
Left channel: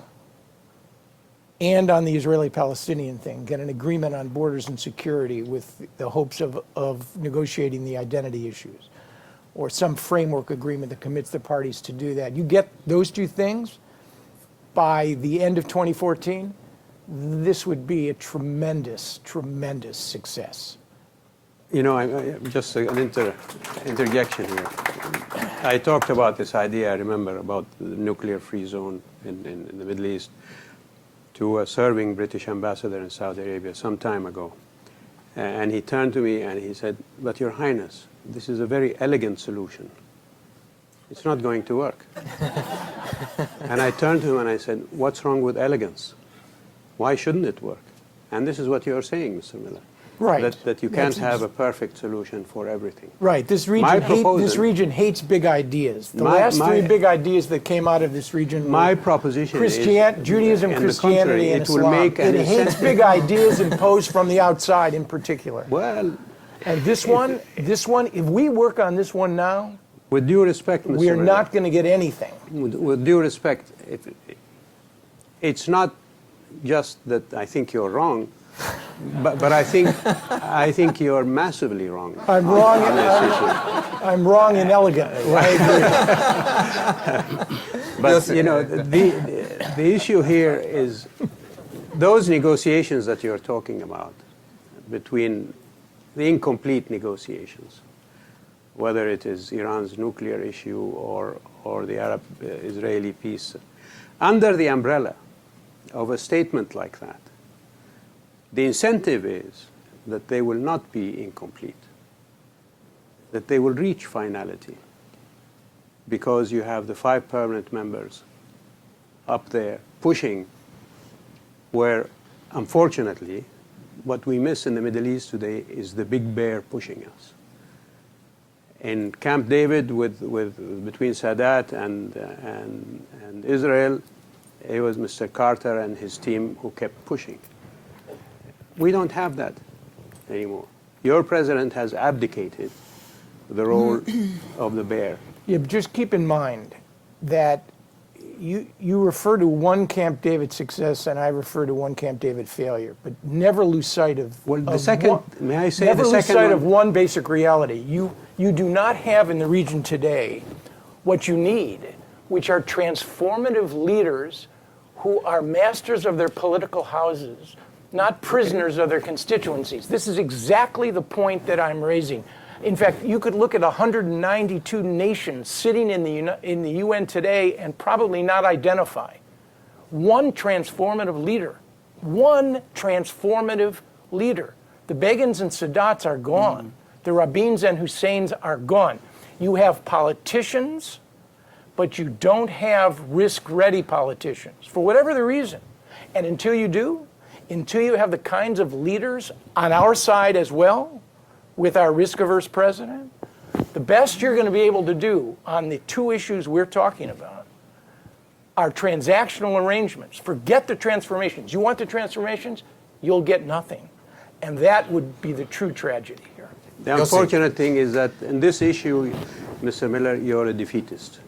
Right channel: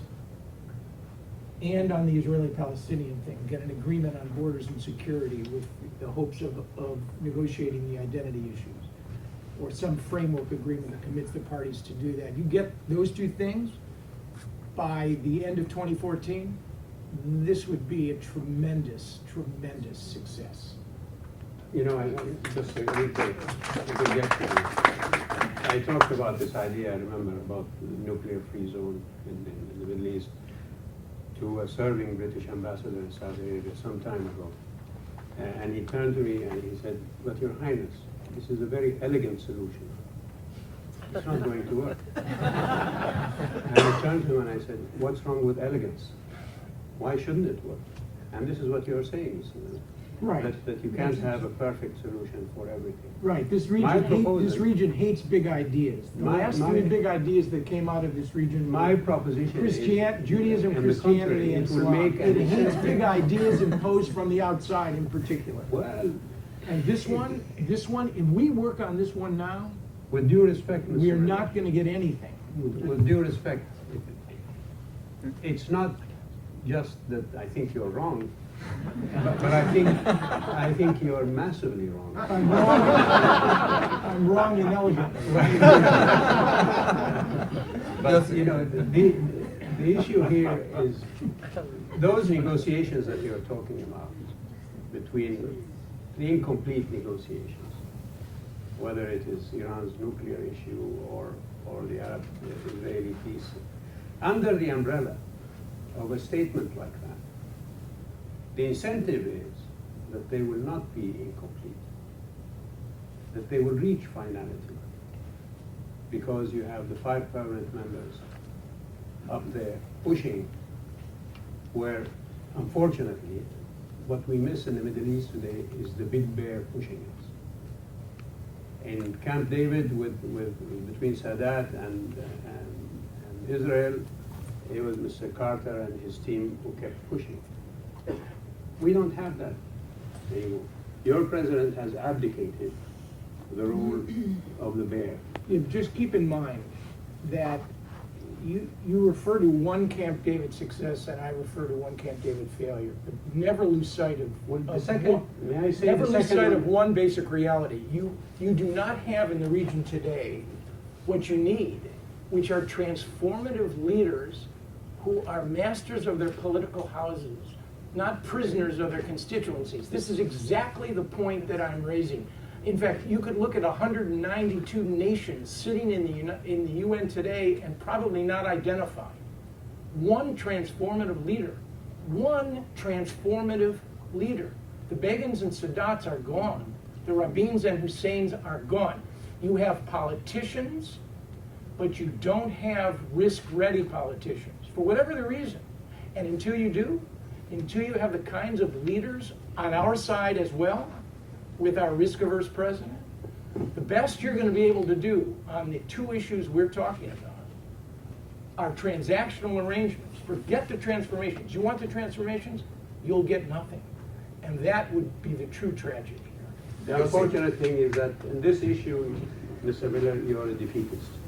and on the Israeli-Palestinian thing, get an agreement on borders and security with the hopes of negotiating the identity issues, or some framework agreement that commits the parties to do that. You get those two things, by the end of 2014, this would be a tremendous, tremendous success. You know, just an interjection here. I talked about this idea, I remember, about the nuclear-free zone in the Middle East to a serving British ambassador in Saudi Arabia some time ago. And he turned to me and he said, "But Your Highness, this is a very elegant solution. It's not going to work." And I turned to him and I said, "What's wrong with elegance? Why shouldn't it work?" And this is what you're saying, Mr. Miller. Right. That you can't have a perfect solution for everything. Right. This region hates big ideas. The last 3 big ideas that came out of this region My proposition is, Judaism, on the Christianity, contrary, and it will Islam. make an It hates big ideas imposed from the outside in particular. Well, And this one, if we work on this one now, with due respect, Mr. we are Miller, not going to get anything. with due respect, it's not just that I think you're wrong, but I think you're massively wrong. I'm wrong. I'm wrong inelegantly, right? But you know, the issue here is those negotiations that you're talking about, between the incomplete negotiations, whether it is Iran's nuclear issue or the Arab-Israeli peace, under the umbrella of a statement like that, the incentive is that they will not be incomplete, that they will reach finality, because you have the 5 permanent members up there pushing, where, unfortunately, what we miss in the Middle East today is the big bear pushing us. In Camp David, between Sadat and Israel, it was Mr. Carter and his team who kept pushing. We don't have that anymore. Your president has abdicated the role of the bear. Yeah, but just keep in mind that you refer to one Camp David success and I refer to one Camp David failure, but never lose sight of, May I say never the lose second sight one? of one basic reality. You do not have in the region today what you need, which are transformative leaders who are masters of their political houses, not prisoners of their constituencies. This is exactly the point that I'm raising. In fact, you could look at 192 nations sitting in the UN today and probably not identify one transformative leader. One transformative leader. The Begins and Sadats are gone. The Rabins and Husseins are gone. You have politicians, but you don't have risk-ready politicians, for whatever the reason. And until you do, until you have the kinds of leaders on our side as well, with our risk-averse president, the best you're going to be able to do on the two issues we're talking about are transactional arrangements. Forget the transformations. You want the transformations, you'll get nothing. And that would be the true tragedy here. The unfortunate thing is that in this issue, Mr. Miller, you're a defeatist.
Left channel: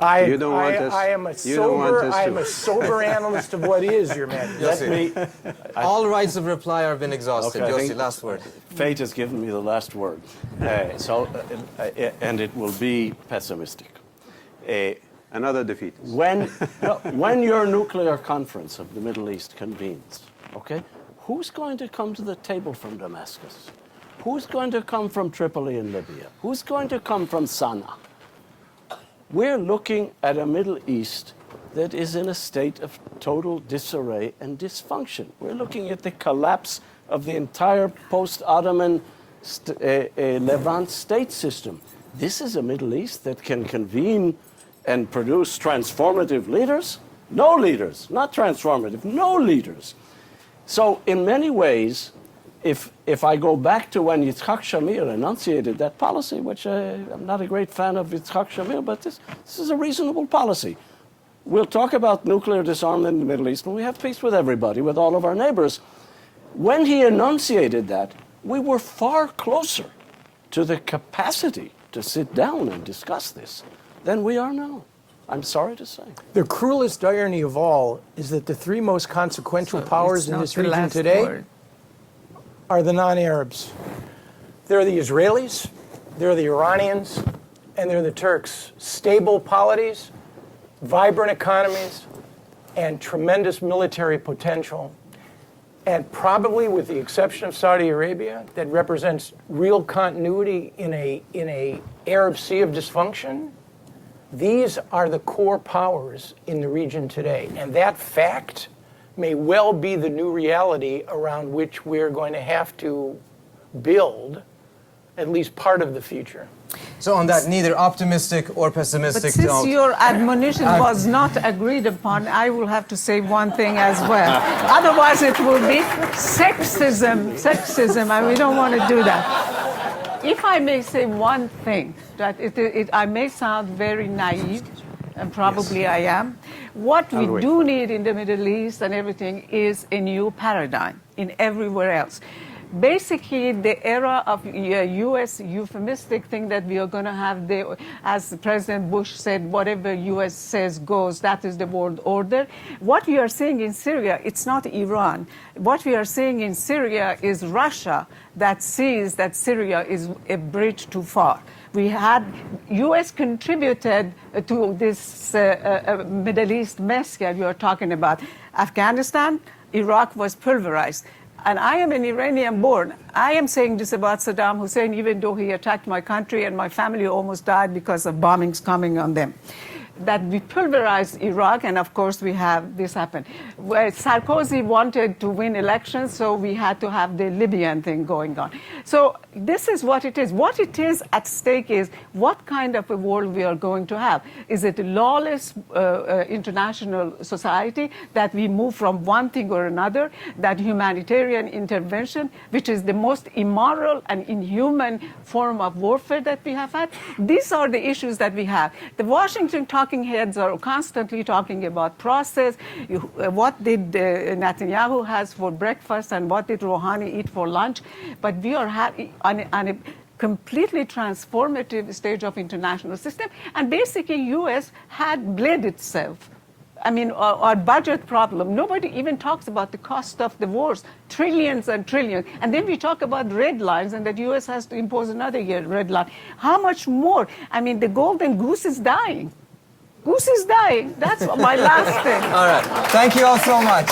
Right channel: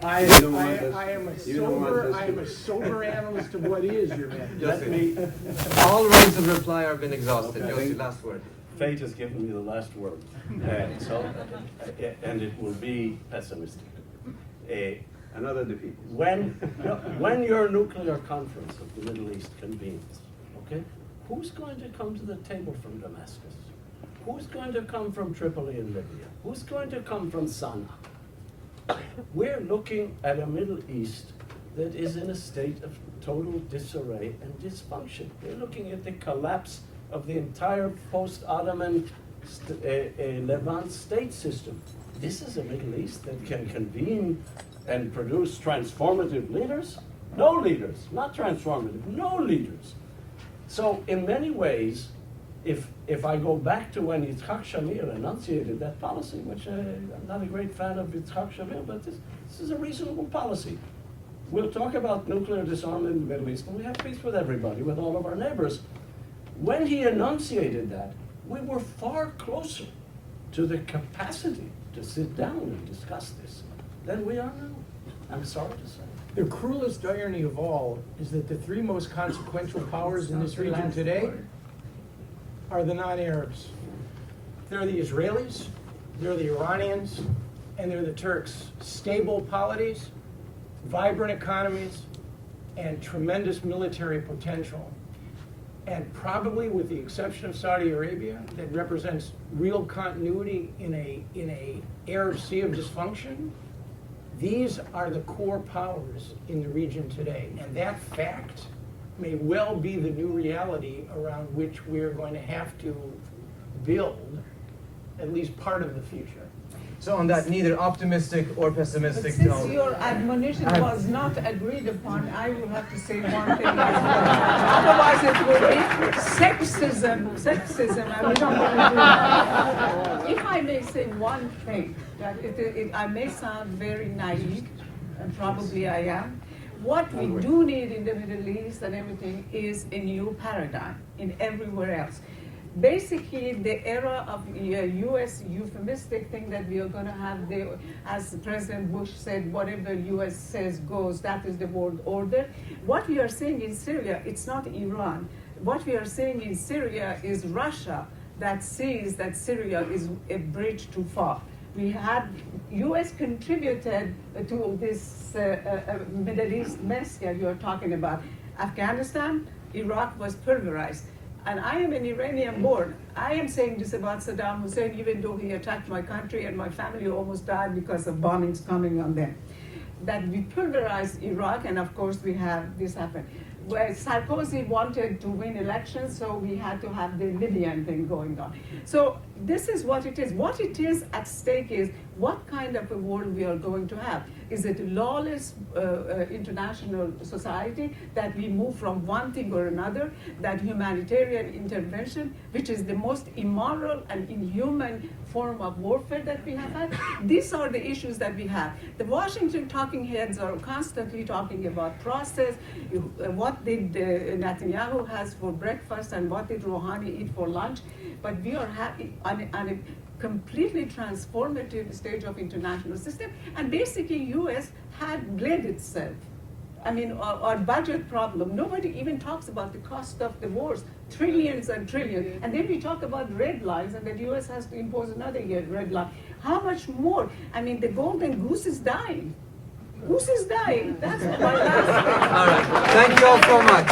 I am a you don't want us to- sober analyst of what is, Your Majesty. Yossi, all rights of reply have been exhausted. Okay. Yossi, last word. Fate has given me the last word, and it will be pessimistic. Another defeatist. When your nuclear conference of the Middle East convenes, okay, who's going to come to the table from Damascus? Who's going to come from Tripoli in Libya? Who's going to come from Sana'a? We're looking at a Middle East that is in a state of total disarray and dysfunction. We're looking at the collapse of the entire post-Ottoman Levant state system. This is a Middle East that can convene and produce transformative leaders? No leaders, not transformative, no leaders. So in many ways, if I go back to when Yitzhak Shamir enunciated that policy, which I'm not a great fan of Yitzhak Shamir, but this is a reasonable policy. We'll talk about nuclear disarmament in the Middle East when we have peace with everybody, with all of our neighbors. When he enunciated that, we were far closer to the capacity to sit down and discuss this than we are now. I'm sorry to say. The cruelest irony of all is that the three most consequential powers in this region today are the non-Arabs. They're the Israelis, they're the Iranians, and they're the Turks. Stable polities, vibrant economies, and tremendous military potential. And probably with the exception of Saudi Arabia, that represents real continuity in a Arab Sea of dysfunction, these are the core powers in the region today. And that fact may well be the new reality around which we're going to have to build at least part of the future. So on that neither optimistic or But pessimistic since tone, your admonition was not agreed upon, I will have to say one thing as well. Otherwise, it will be sexism, and we don't want to do that. If I may say one thing, that I may sound very naive, and probably I am. What we do need in the Middle East and everything is a new paradigm in everywhere else. Basically, the era of U.S. euphemistic thing that we are going to have, as President Bush said, whatever U.S. says goes, that is the world order. What we are seeing in Syria, it's not Iran. What we are seeing in Syria is Russia that sees that Syria is a bridge too far. We had, U.S. contributed to this Middle East mess that you are talking about. Afghanistan, Iraq was pulverized. And I am an Iranian born. I am saying this about Saddam Hussein, even though he attacked my country and my family almost died because of bombings coming on them. That we pulverized Iraq, and of course we have this happen. where Sarkozy wanted to win elections, so we had to have the Libyan thing going on. So this is what it is. What it is at stake is what kind of a world we are going to have. Is it a lawless international society that we move from one thing or another, that humanitarian intervention, which is the most immoral and inhuman form of warfare that we have had? These are the issues that we have. The Washington talking heads are constantly talking about process. What did Netanyahu has for breakfast and what did Rouhani eat for lunch? But we are on a completely transformative stage of international system, and basically U.S. had bled itself. I mean, our budget problem, nobody even talks about the cost of the wars, trillions and trillions. And then we talk about red lines and that U.S. has to impose another red line. How much more? I mean, the golden goose is dying. Goose is dying. That's my last thing. All right. Thank you all so much.